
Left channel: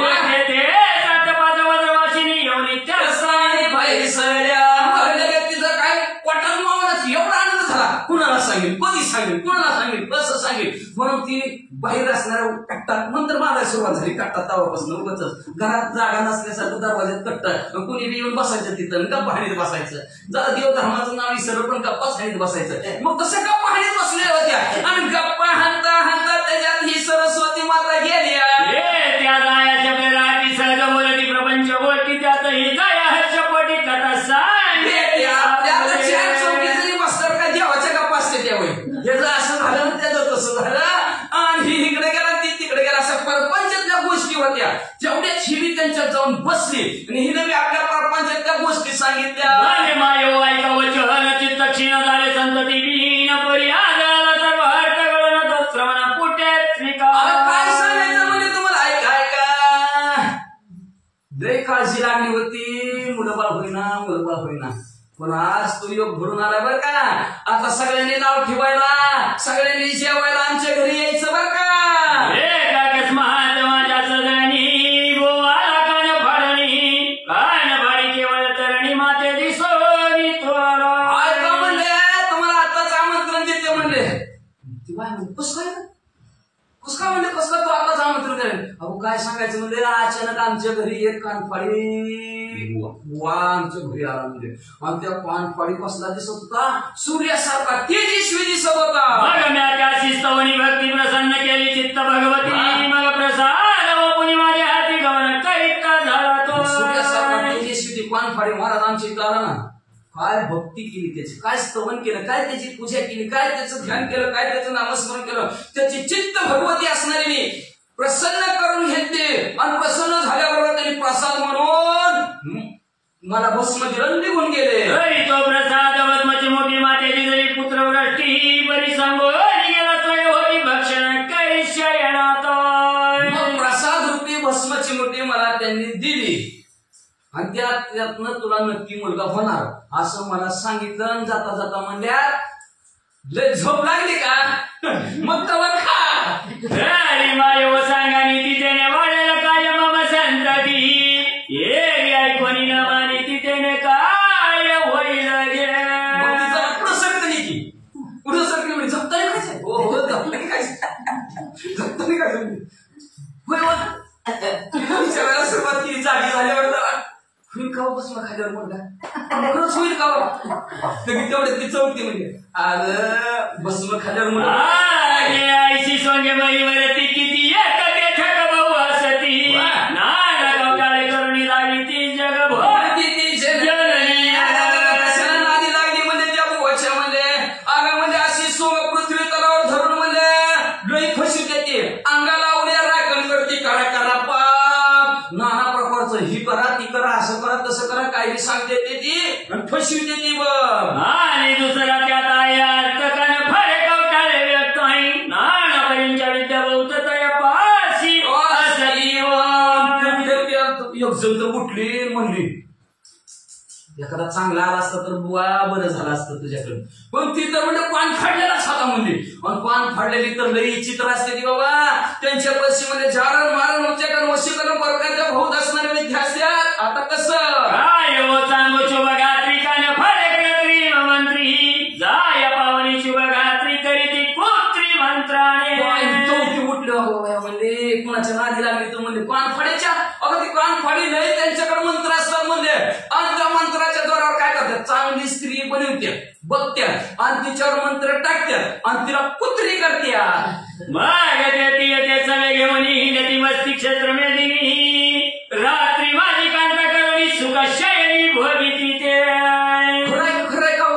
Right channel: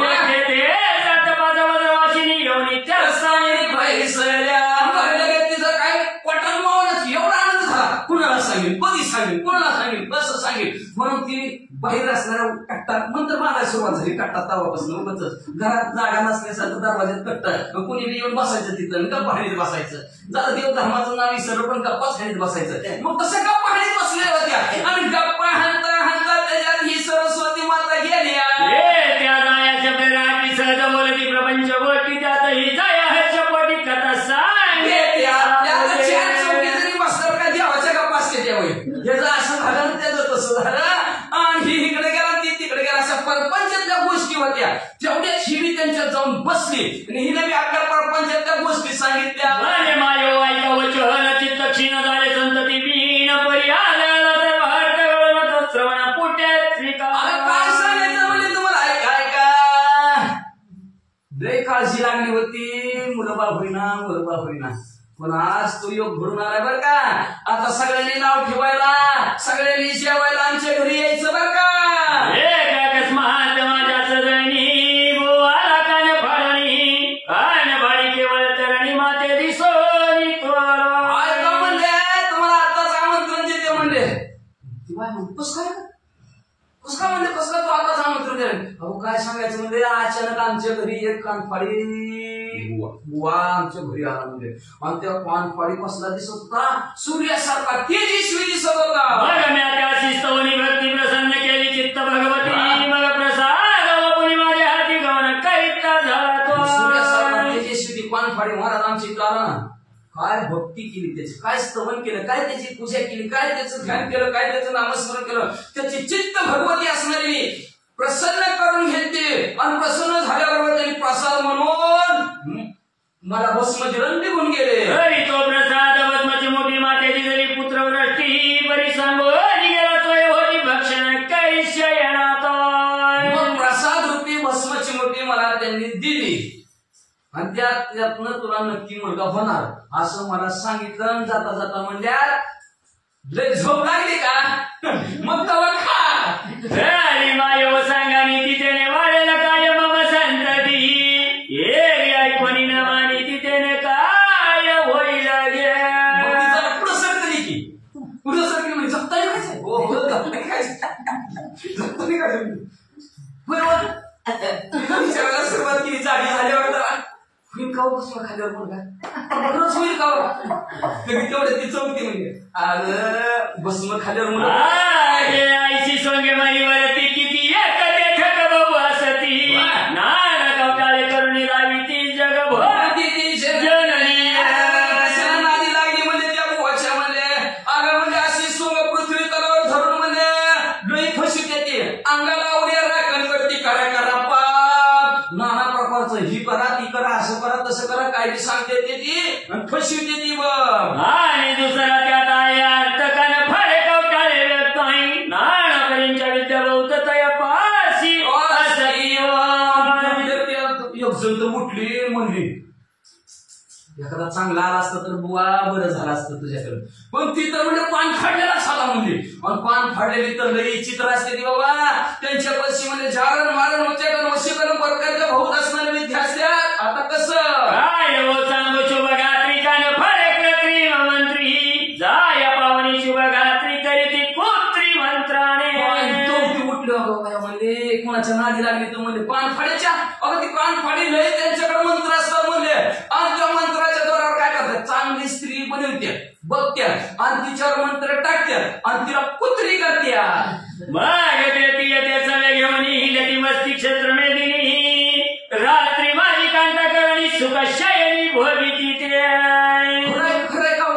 तिचा काय पटन मावनच एवढा आनंद झाला कुणाला सांगेल कधी सांगेल कुणाला सांगेल कसं सांगेल म्हणून ती बाहेर असणाऱ्या कट्टात नंतर मागायला सुरुवात झाली कट्टात तावापासून उगाच घरात जागा नसल्यासारखं दरवाज्यात कट्ट कुणी येऊन बसायचं तिथं गप्पा हाणीत बसायचं जरा देव धर्माचं नाव विसरलं पण गप्पाच हाणीत बसायचं मग तसं गप्पा हाणीत बसल्या होत्या आणि गप्पा हाणता हाणता त्याच्यात ही सरस्वती माता गेली त्या जायाच्या बेराटी सहज बोलती प्रपंच गोष्टी त्यात ही जाया ह्याच्या पोटी कथा सांग काय देवाच्या गप्पा असते त्यावेळी याचं असं झालं त्याचं तसं झालं आणि ही इकडे गेला ती तिकडे गेला अशा परपंचातल्या गोष्टी होत्या तेवढ्या हिडी त्यांच्यात जाऊन बसली आणि हिने मी आपल्या परपंचातल्या गोष्टी सांगितल्या. माय वाईका वचन चित्तक्षीण झाले संतती विहीन परी आलं सर्व हट्ट श्रवणा पुट्यात काय सांगायचं म्हणजे तुम्हाला ऐका लय काळजी लागली होती मुलंबाळ होईना पण आज तो योग भरून आलाय बर का. आता सगळ्यांनी नाव ठेवायला सगळ्यांनी जेवायला आमच्या घरी यायचं बर का. माझ्या चरणी गोवाला कान फाडणी कान फाडी केवळ चरणी माते दिसोनी त्वाला ऐका म्हणले तुम्हाला आताच आमंत्रण देते म्हणले कस काय म्हणले कसं तू आताच आमंत्रण दे. अहो काय सांगायचं म्हणजे अचानक आमच्या घरी एक कानफाडी बुवा आमच्या घरी आला म्हणजे आणि त्या कानफाडी कसला दिसत होता सूर्यासारखा तेजस्वी दिसत होता. मग मी त्या शिस्तवनी भक्ती प्रसन्न केली चित्त भगवती मग प्रसाद माझ्या हाती गमन करीत झाला तो सूर्यासारखा तेजस्वी काय भक्ती केली त्याची, काय स्तवन केलं, काय त्याची पूजा केली, काय त्याचं ध्यान केलं, काय त्याचं नामस्मरण केलं, त्याची चित्त भगवती असणारी मी प्रसन्न करून घेते आणि प्रसन्न झाल्याबरोबर त्यांनी प्रसाद म्हणून मला भस्मचिरण निघून गेले. हरी तो प्रसाद भस्मची मोठी मातेची जरी पुत्रवृष्टी बरी संगोली गेला तोय होती भक्षण काही शयनात. मग प्रसाद रूपी भस्मची मोठी मला त्यांनी दिली आणि त्यातनं तुला नक्की मुलगा होणार असं मला सांगितलं. जाता जाता म्हणल्या लय झोप लागली का मग तेव्हा खा. हरी माय सांगानी तिथे वाढेला काय मम संतती ये ऐकून न मानी तिथे काय होईल गे. पुढं सरकली की पुढं सरकली म्हणजे जपता नाही खायचं. हो हो जपता नाही खायचं, जपता नाही खायचं. होय वेळेला सुरुवात केली जागी झाल्यावर जरा होईल का बसला खाल्यावर मुलगा होईल का तेवढे ती चौथी म्हणजे आज बसमं खाल्यावर मुलं आईची सोंगे मही वरती किती एक बेठक बहु असती नाना कवटाळे करून रावी ती जग भोवती जननी. कशाला नादी लागली म्हणजे त्या बुवाच्या म्हणजे अगं म्हणजे अशी सोंग पृथ्वी तलावर धरून म्हणजे लई फसू देते, अंगाला उड्या राखण करते, करा करा पाप नाना प्रकारचं ही करा ती करा असं करा तसं करा काही सांगते ती आणि फसू देते बघ. आणि दुसरा त्यात आहे अर्थकान फळे कवटाळे व्यक्त आहे नानापर्यंतच्या विद्या बहुत तया पाशी असती. एक जण उठली म्हणली एखादा चांगला आला असता तर बुवा बरं झालं असतं तुझ्याकडे, पण ती तर म्हणजे पान फाडलेला झाला म्हणली. आणि पान फाडलेली तर लई चित्र असते ती बाबा. त्यांच्या पैसे म्हणजे जारण मारण उच्चाटन वशीकरण प्रकारच्या बहुत असणारे विद्या असतात. आता कसं काय वो सांगू शुभगात्री कान फळे कृत्रिम मंत्री जाय पावनी शुभगात्री करीती कृत्रिम मंत्राने. म्हणजे कुणाच्या नादी लागली तर म्हणजे पान फाड्याच्या अगं ती पान फाडी नाही त्यांच्याकडे मंत्र असतात म्हणले. आणि त्या मंत्राच्या द्वारावर काय करतात चांगली स्त्री बनवत्या बघत्यात आणि तिच्यावर मंत्र टाकत्यात आणि तिला कुत्री करत्यात. मग ते सगळे घेऊन हिंडती मस्ती क्षेत्र मेदिनी रात्री माझी कांता करुणी सुखशायनी भोगिती ते. खरंय का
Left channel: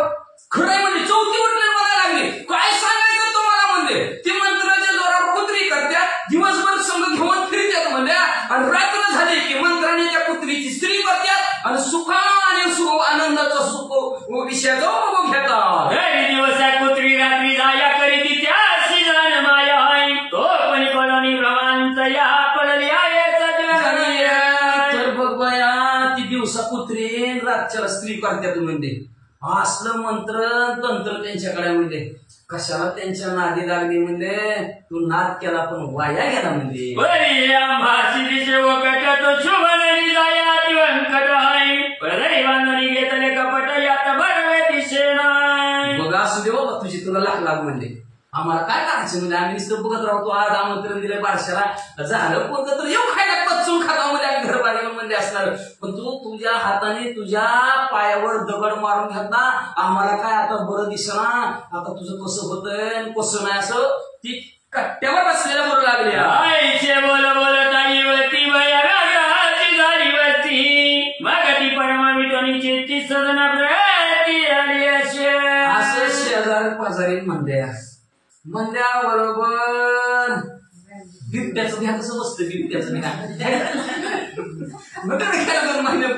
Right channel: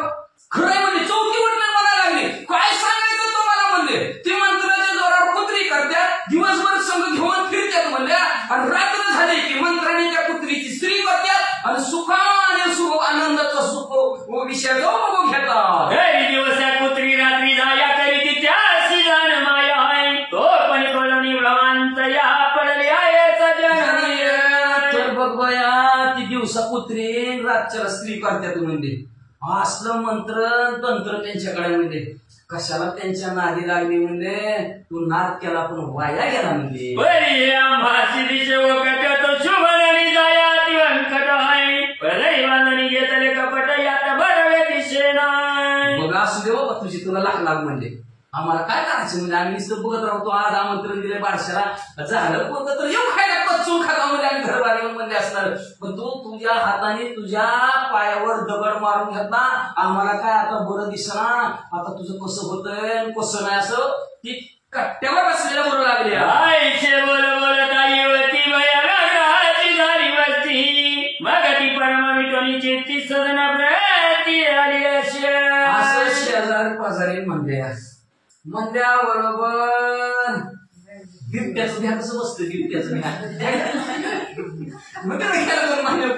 खरंय म्हणजे चौकी उठल्या मला लागली. काय सांगायचं तुम्हाला म्हणजे ती मंत्राच्या जोरावर कुत्री करत्यात, दिवसभर संघ घेऊन फिरत्यात म्हणल्या आणि रात्र झाली की मंत्राने त्या कुत्रीची स्त्री करत्यात आणि सुखाने सुख आनंदाचा सुख विषयाचा उपभोग घेतात. दिवसा कुत्री रात्री जाया करीती त्या सिजान माया आहे तो पण कळणी भ्रमांत या पडली आहे सजनी. तर बघ बया ती दिवसा कुत्री रातच्याला स्त्री करत्यात म्हणजे असलं मंत्र तंत्र त्यांच्याकडे म्हणजे कशाला त्यांच्या नादी लागली म्हणजे तू नाद केला पण वाया गेला म्हणजे. बरी आंबाची दिशे वकट तो शुभननी जाया दिवंकट आहे रैवाननी घेतले कपट यात भरवे दिशे नाही. बघ असू दे बाबा तुझी तुला लाग म्हणजे आम्हाला काय करायचं म्हणजे आम्ही नुसतं बघत राहतो. आज आमंत्रण दिलंय बारशाला झालं पोरग तर येऊ खायला पचून खाता म्हणजे आम्ही घरबारी म्हणजे असणार. पण तू तुझ्या हाताने तुझ्या पायावर दगड मारून घेतला आम्हाला काय आता बरं दिसना आता तुझं कसं होतंय कसं नाही असं ती कट्ट्यावर बसलेल्या बोलू लागली. आईचे बोल ताईवती भयाची झाली वस्ती मग ती परम विटोनीची ती सदना प्रती आली असे. असं शेजारी पाजारी म्हणल्या बरोबर बिबट्याचं घ्या कसं बसतं बिबट्याचं घ्या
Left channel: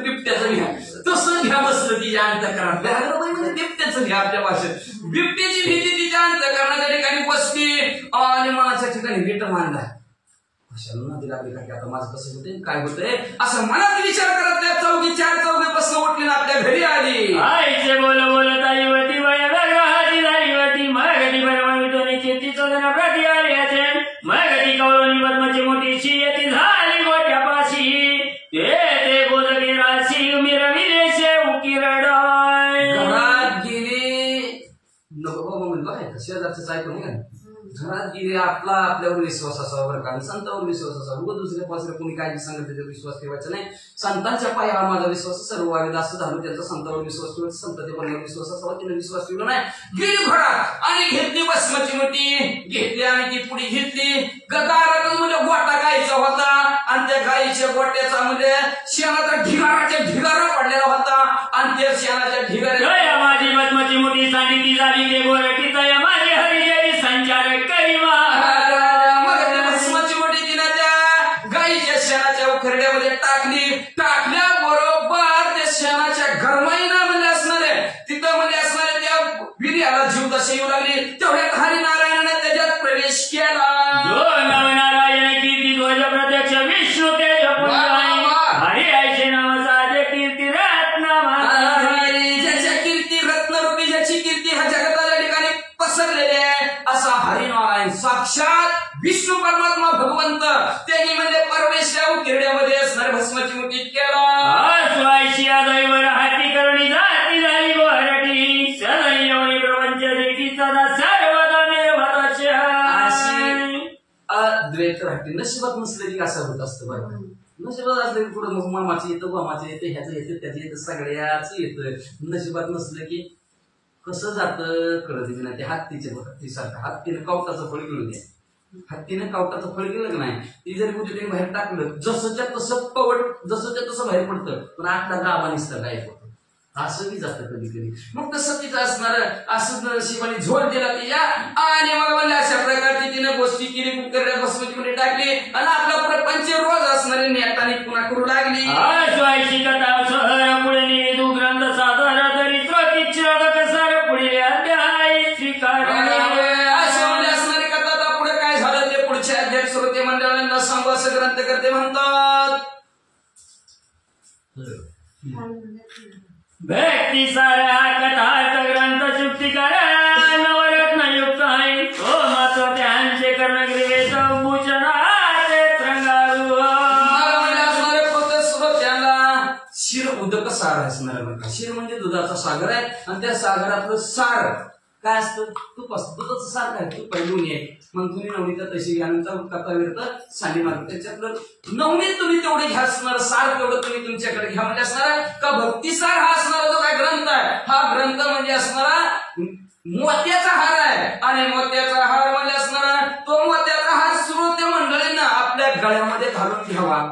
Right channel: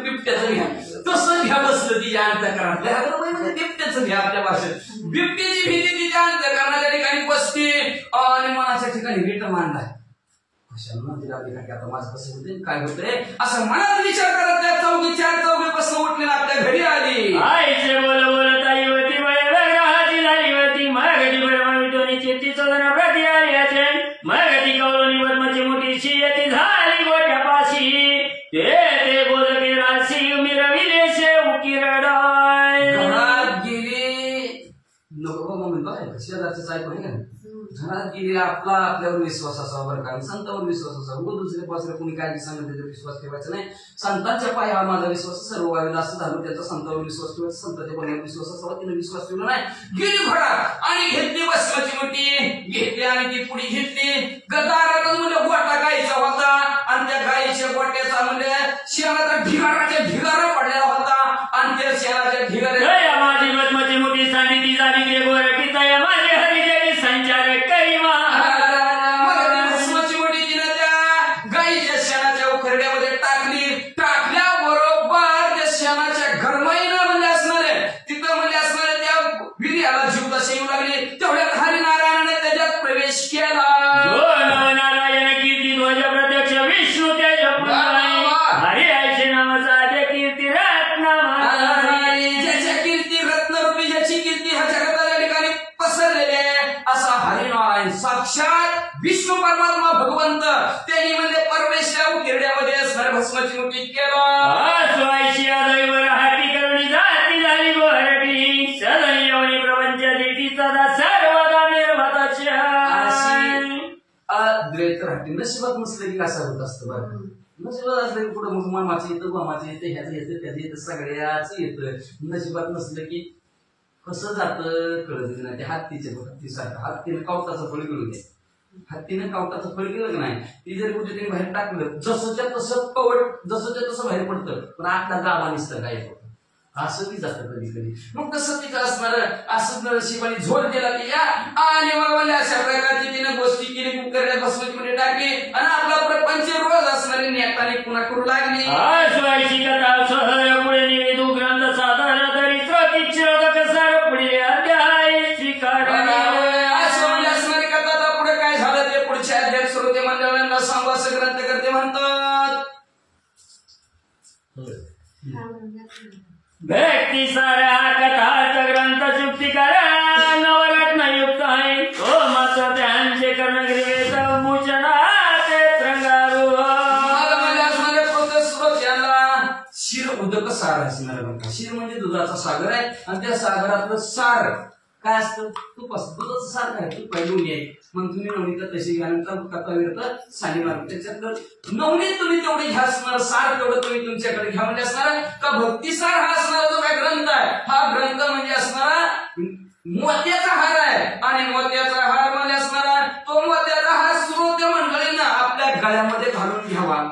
बिबट्याचं घ्या तसं घ्या बसलं तिच्या अंतःकरणात म्हणजे बिबट्याचं घ्या आपल्या भाषेत. बिबटीची भीती तिच्या अंतःकरणाच्या ठिकाणी बसते आणि मनाच्या ठिकाणी रीट मांडलाय. कशाला तिला आता माझं कसं होते काय होतंय असं मनात विचार करत त्या चौकी चार चौकीपासून उठली ना आपल्या घरी आली. आईचे बोल ताईवती भयाची झाली होती मग ती परम विटोनीची ती सदना प्रती आली असे. मग ती कवळणी बर्मची मोठी शियती झाली गोट्यापाशी ते बोलके राशी मिरविले से उकिरडाय. घरात गेली नको बाबा म्हणतो काय शेजारचं ऐकून नाही का घरात गेली आपल्यावर विश्वास असावा बरं का संतांवर विश्वास असावा. उगं दुसऱ्या पासऱ्या कोणी काय सांगत त्याचा विश्वास ठेवायचा नाही. संतांच्या पायी हा माझा विश्वास सर्व वावेद असं झालं त्यांचा संतांवर विश्वास ठेवायचा संतांच्या पाण्यावर विश्वास असावा. तिने विश्वास ठेवला नाही. गेली घरात आणि घेतली भस्माची मोठी घेतली आणि ती पुढी घेतली गदारातच म्हणजे गोटा गायचा होता आणि त्या गायीच्या गोट्याचा म्हणजे शेणाचा ढिगारा पडलेला होता आणि त्या शेणाच्या ढिगाऱ्या जय माझी पद्माची मोठी सांडी ती झाली गे गोरटी तया माझी हरिजय संचार करीमा भस्माची मोठी तिने त्या गाईच्या शेणाच्या उखरड्यामध्ये टाकल्याबरोबर त्या शेणाच्या घरमाईनं म्हणजे असणारे तिथं म्हणजे असणारे त्या विर्याला जीव तसे येऊ लागली. तेवढ्यात हरिनारायणाने त्याच्यात प्रवेश केला. नारायण कीर्ती ध्वज प्रत्यक्ष विष्णू तेज हरी आयचे नामाचा आद्य कीर्ती रत्न ज्याच्या कीर्ती रत्नरूपी ज्याची कीर्ती ह्या जगताच्या ठिकाणी पसरलेली आहे असा हरिनारायण साक्षात विष्णू परमात्मा भगवंत त्यांनी म्हणजे परमेश्वर उकिरड्यामध्ये असणारे भस्माची मुठी केला. स्वायची आदयवर हाती करुणी जाती झाली गोरटी सदयवणी प्रपंच देती सदा सर्वदा निर्भताच्या द्वैत राहते. नशिबात नसलं की कसं होत असतं बरं. नशिबात असलं की पुढे मग मामाचं येतं गोमाचं येतं ह्याचं येतं त्याचं येतं सगळ्याच येतं. नशिबात नसलं की कसं जातं कळत नाही. ते हत्तीचे हत्तीसारखं हत्तीनं कवटाचं फळ गेलं घ्या. हत्तीनं कवटाचं फळ गेलं नाही ती जरी कुठे त्यांनी बाहेर टाकलं जसंच्या तसं पवट जसंच्या तसं बाहेर पडतं पण आता गावा निसतं गायब होतं. असं बी जातं कधी कधी. मग तसं तिथं असणार असं शिवानी झोल दिला तिच्या आणि मग म्हणजे अशा प्रकारची तिनं गोष्टी केली. कुकरड्यात भस्माची मध्ये टाकली आणि आपला प्रपंच रोज असणारे नेटाने पुन्हा करू लागली. स्वायची कथा सहर पुढे निवेदू ग्रंथ साधार चरित्र किच्चर कसार पुढे अध्याय स्वीकार असं म्हणजे असणारी कथा पुढे काय झालं ते पुढच्या अध्याय श्रोते मंडळांना सांगू असं ग्रंथकर्ते म्हणतात. व्यक्ती सारा कथार्थ ग्रंथ चुक्तिकार नवरत्न युक्त आहे तो मात्र त्यांचे कर्णग्रीवेत भूषणात रंगारू असणारे पोत श्रोत्यांना शिर उदक सार असणार बघा. शिर म्हणजे दुधाचा सागर आहे आणि त्या सागरातलं सार काय असतं तूप असतं. दुधाचं सार काय तूप आहे दोन्ही आहे. मग तुम्ही नवनीत तशी घ्यानंतर कथा विरत साली मार्ग त्याच्यातलं नवनीत तुम्ही तेवढे घ्या असणार सार तेवढं तुम्ही तुमच्याकडे घ्या म्हणजे असणार का भक्तिसार हा असणारा जो काय ग्रंथ आहे हा ग्रंथ म्हणजे असणारा मोत्याचा हार आहे. आणि मोत्याचा हार म्हणजे असणारा तो मोत्याचा हार श्रोते मंडळींना आपल्या गळ्यामध्ये घालून घ्यावा.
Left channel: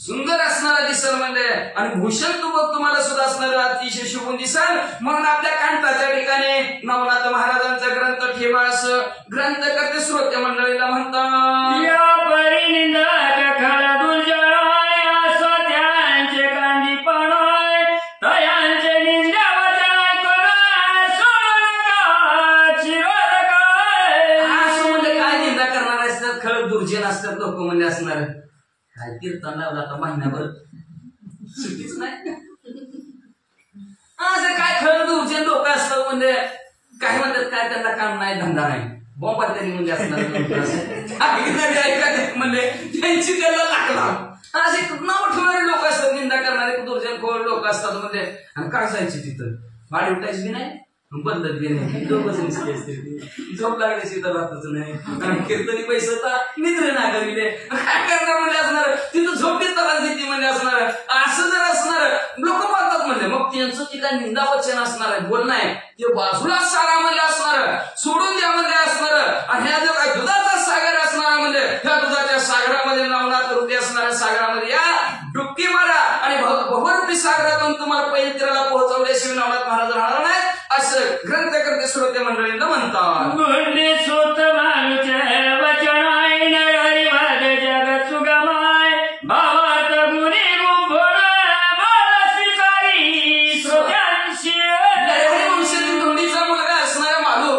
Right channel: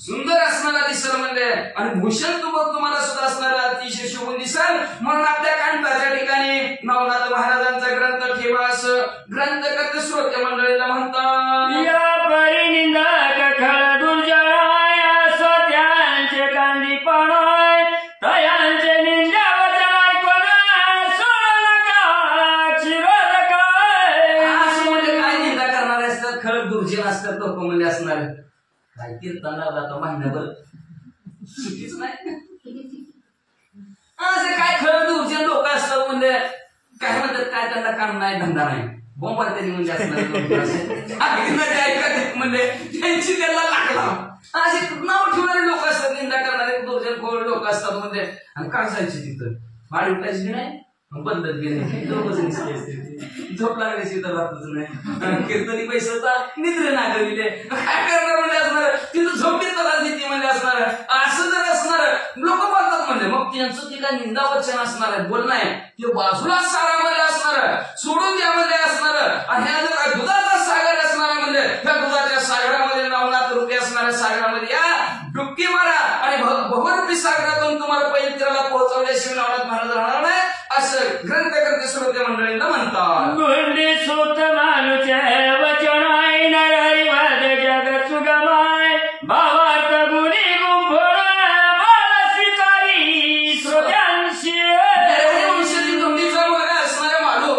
सुंदर असणारा दिसल म्हणजे आणि भूषण तुम्हाला सुद्धा असणारा अतिशय शुभ दिसल. म्हणून आपल्या कांताच्या ठिकाणी नवनाथ महाराजांचा ग्रंथ ठेवा असं ग्रंथ करते श्रोते मंडळीला म्हणतात. या परिनिंदक खळ दुर्जय असो त्यांचे कांदी पाणोय तयांचे निंदावताय कोणा सोडका चिरोदका असं म्हणजे काय निंदा करणारे असतात खळ दुर्जन असतात लोक म्हणजे असणार काय कीर्तन लावला आता महिन्याभर सुटीच नाही. असे काय खरं दुर्जन लोक असतात म्हणजे काय म्हणतात काय त्यांना काम नाही धंदा नाही बॉम्बर तरी म्हणजे असणार म्हणजे त्यांची त्याला लागला असे नाव ठेवणारे लोक असतात. निंदा करणारे दुर्जन खोड लोक असतात म्हणजे आणि काय जायचे तिथं वाढ उठायची बी नाही बदलत बी नाही. झोप लागल्याची तर राहतच नाही. कीर्तनी पैसे होता निद्रे ना करीले काय करणार म्हणजे असणार तिथं झोपीत त्रास देते म्हणजे असणार असं जर असणार लोक बोलतात म्हणजे मग त्यांचं ते काय निंदा वचन असणार आहे बोलणं आहे ते बाजूलाच सारा म्हणजे असणार सोडून द्या म्हणजे असणार. आणि ह्या जर दुधाचा सागर असणार म्हणजे ह्या दुधाच्या सागरामध्ये नवनाथ रूपी असणाऱ्या सागरामध्ये या डुबकी मारा आणि भगवंती सागरातून तुम्हाला पवित्राला पोहोचवल्याशिवाय नवनाथ महाराज राहणार नाही असं ग्रंथ करते श्रोते मंडळींना म्हणतात. गुंडे सुत मानुचे वचन हरिवाद जग सुगमाय भावार्थ गुणी गुंफोर बाल स्वीकारी श्रोत्यांशी धोंडीचा मुलगा असणाऱ्या मालू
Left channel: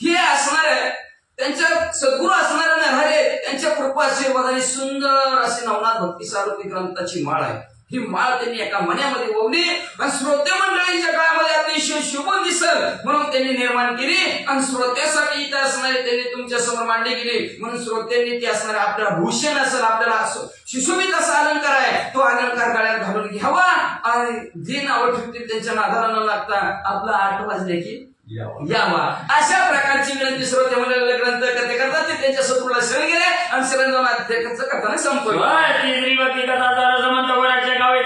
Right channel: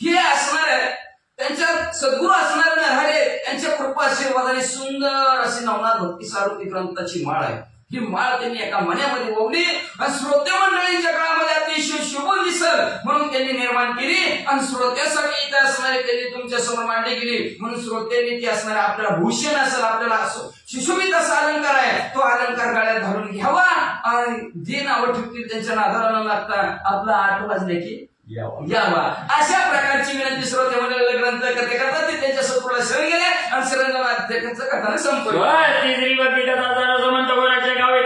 हे असणार आहे त्यांच्या सद्गुरू असणाऱ्या नरहरे त्यांच्या कृपा आशीर्वादाने सुंदर अशी नवनाथ भक्ती सारूपी ग्रंथाची माळ आहे. ही माळ त्यांनी एका मण्यामध्ये ओवली आणि श्रोते मंडळींच्या काळामध्ये अतिशय शुभ दिसल म्हणून त्यांनी निर्माण केली आणि श्रोत्यासाठी इथे असणारे त्यांनी तुमच्या समोर मांडणी केली. म्हणून श्रोत्यांनी ती असणारे आपल्याला भूषण असेल आपल्याला सुशोभित असा अलंकार आहे तो अलंकार गळ्यात घालून घ्यावा आणि जे नावं ठेवतील त्यांच्या नादाला न लागता आपला 8 वाजले की यावा अशा प्रकारची विनंती श्रोते मंडळीला ग्रंथ करते करतात ते त्यांच्या शत्रूला शरण गेले आणि शरण जाऊन अध्यक्षांचं कथाने संपवलं. तिसरी वक्ती कथा समंत गोराच्या गावे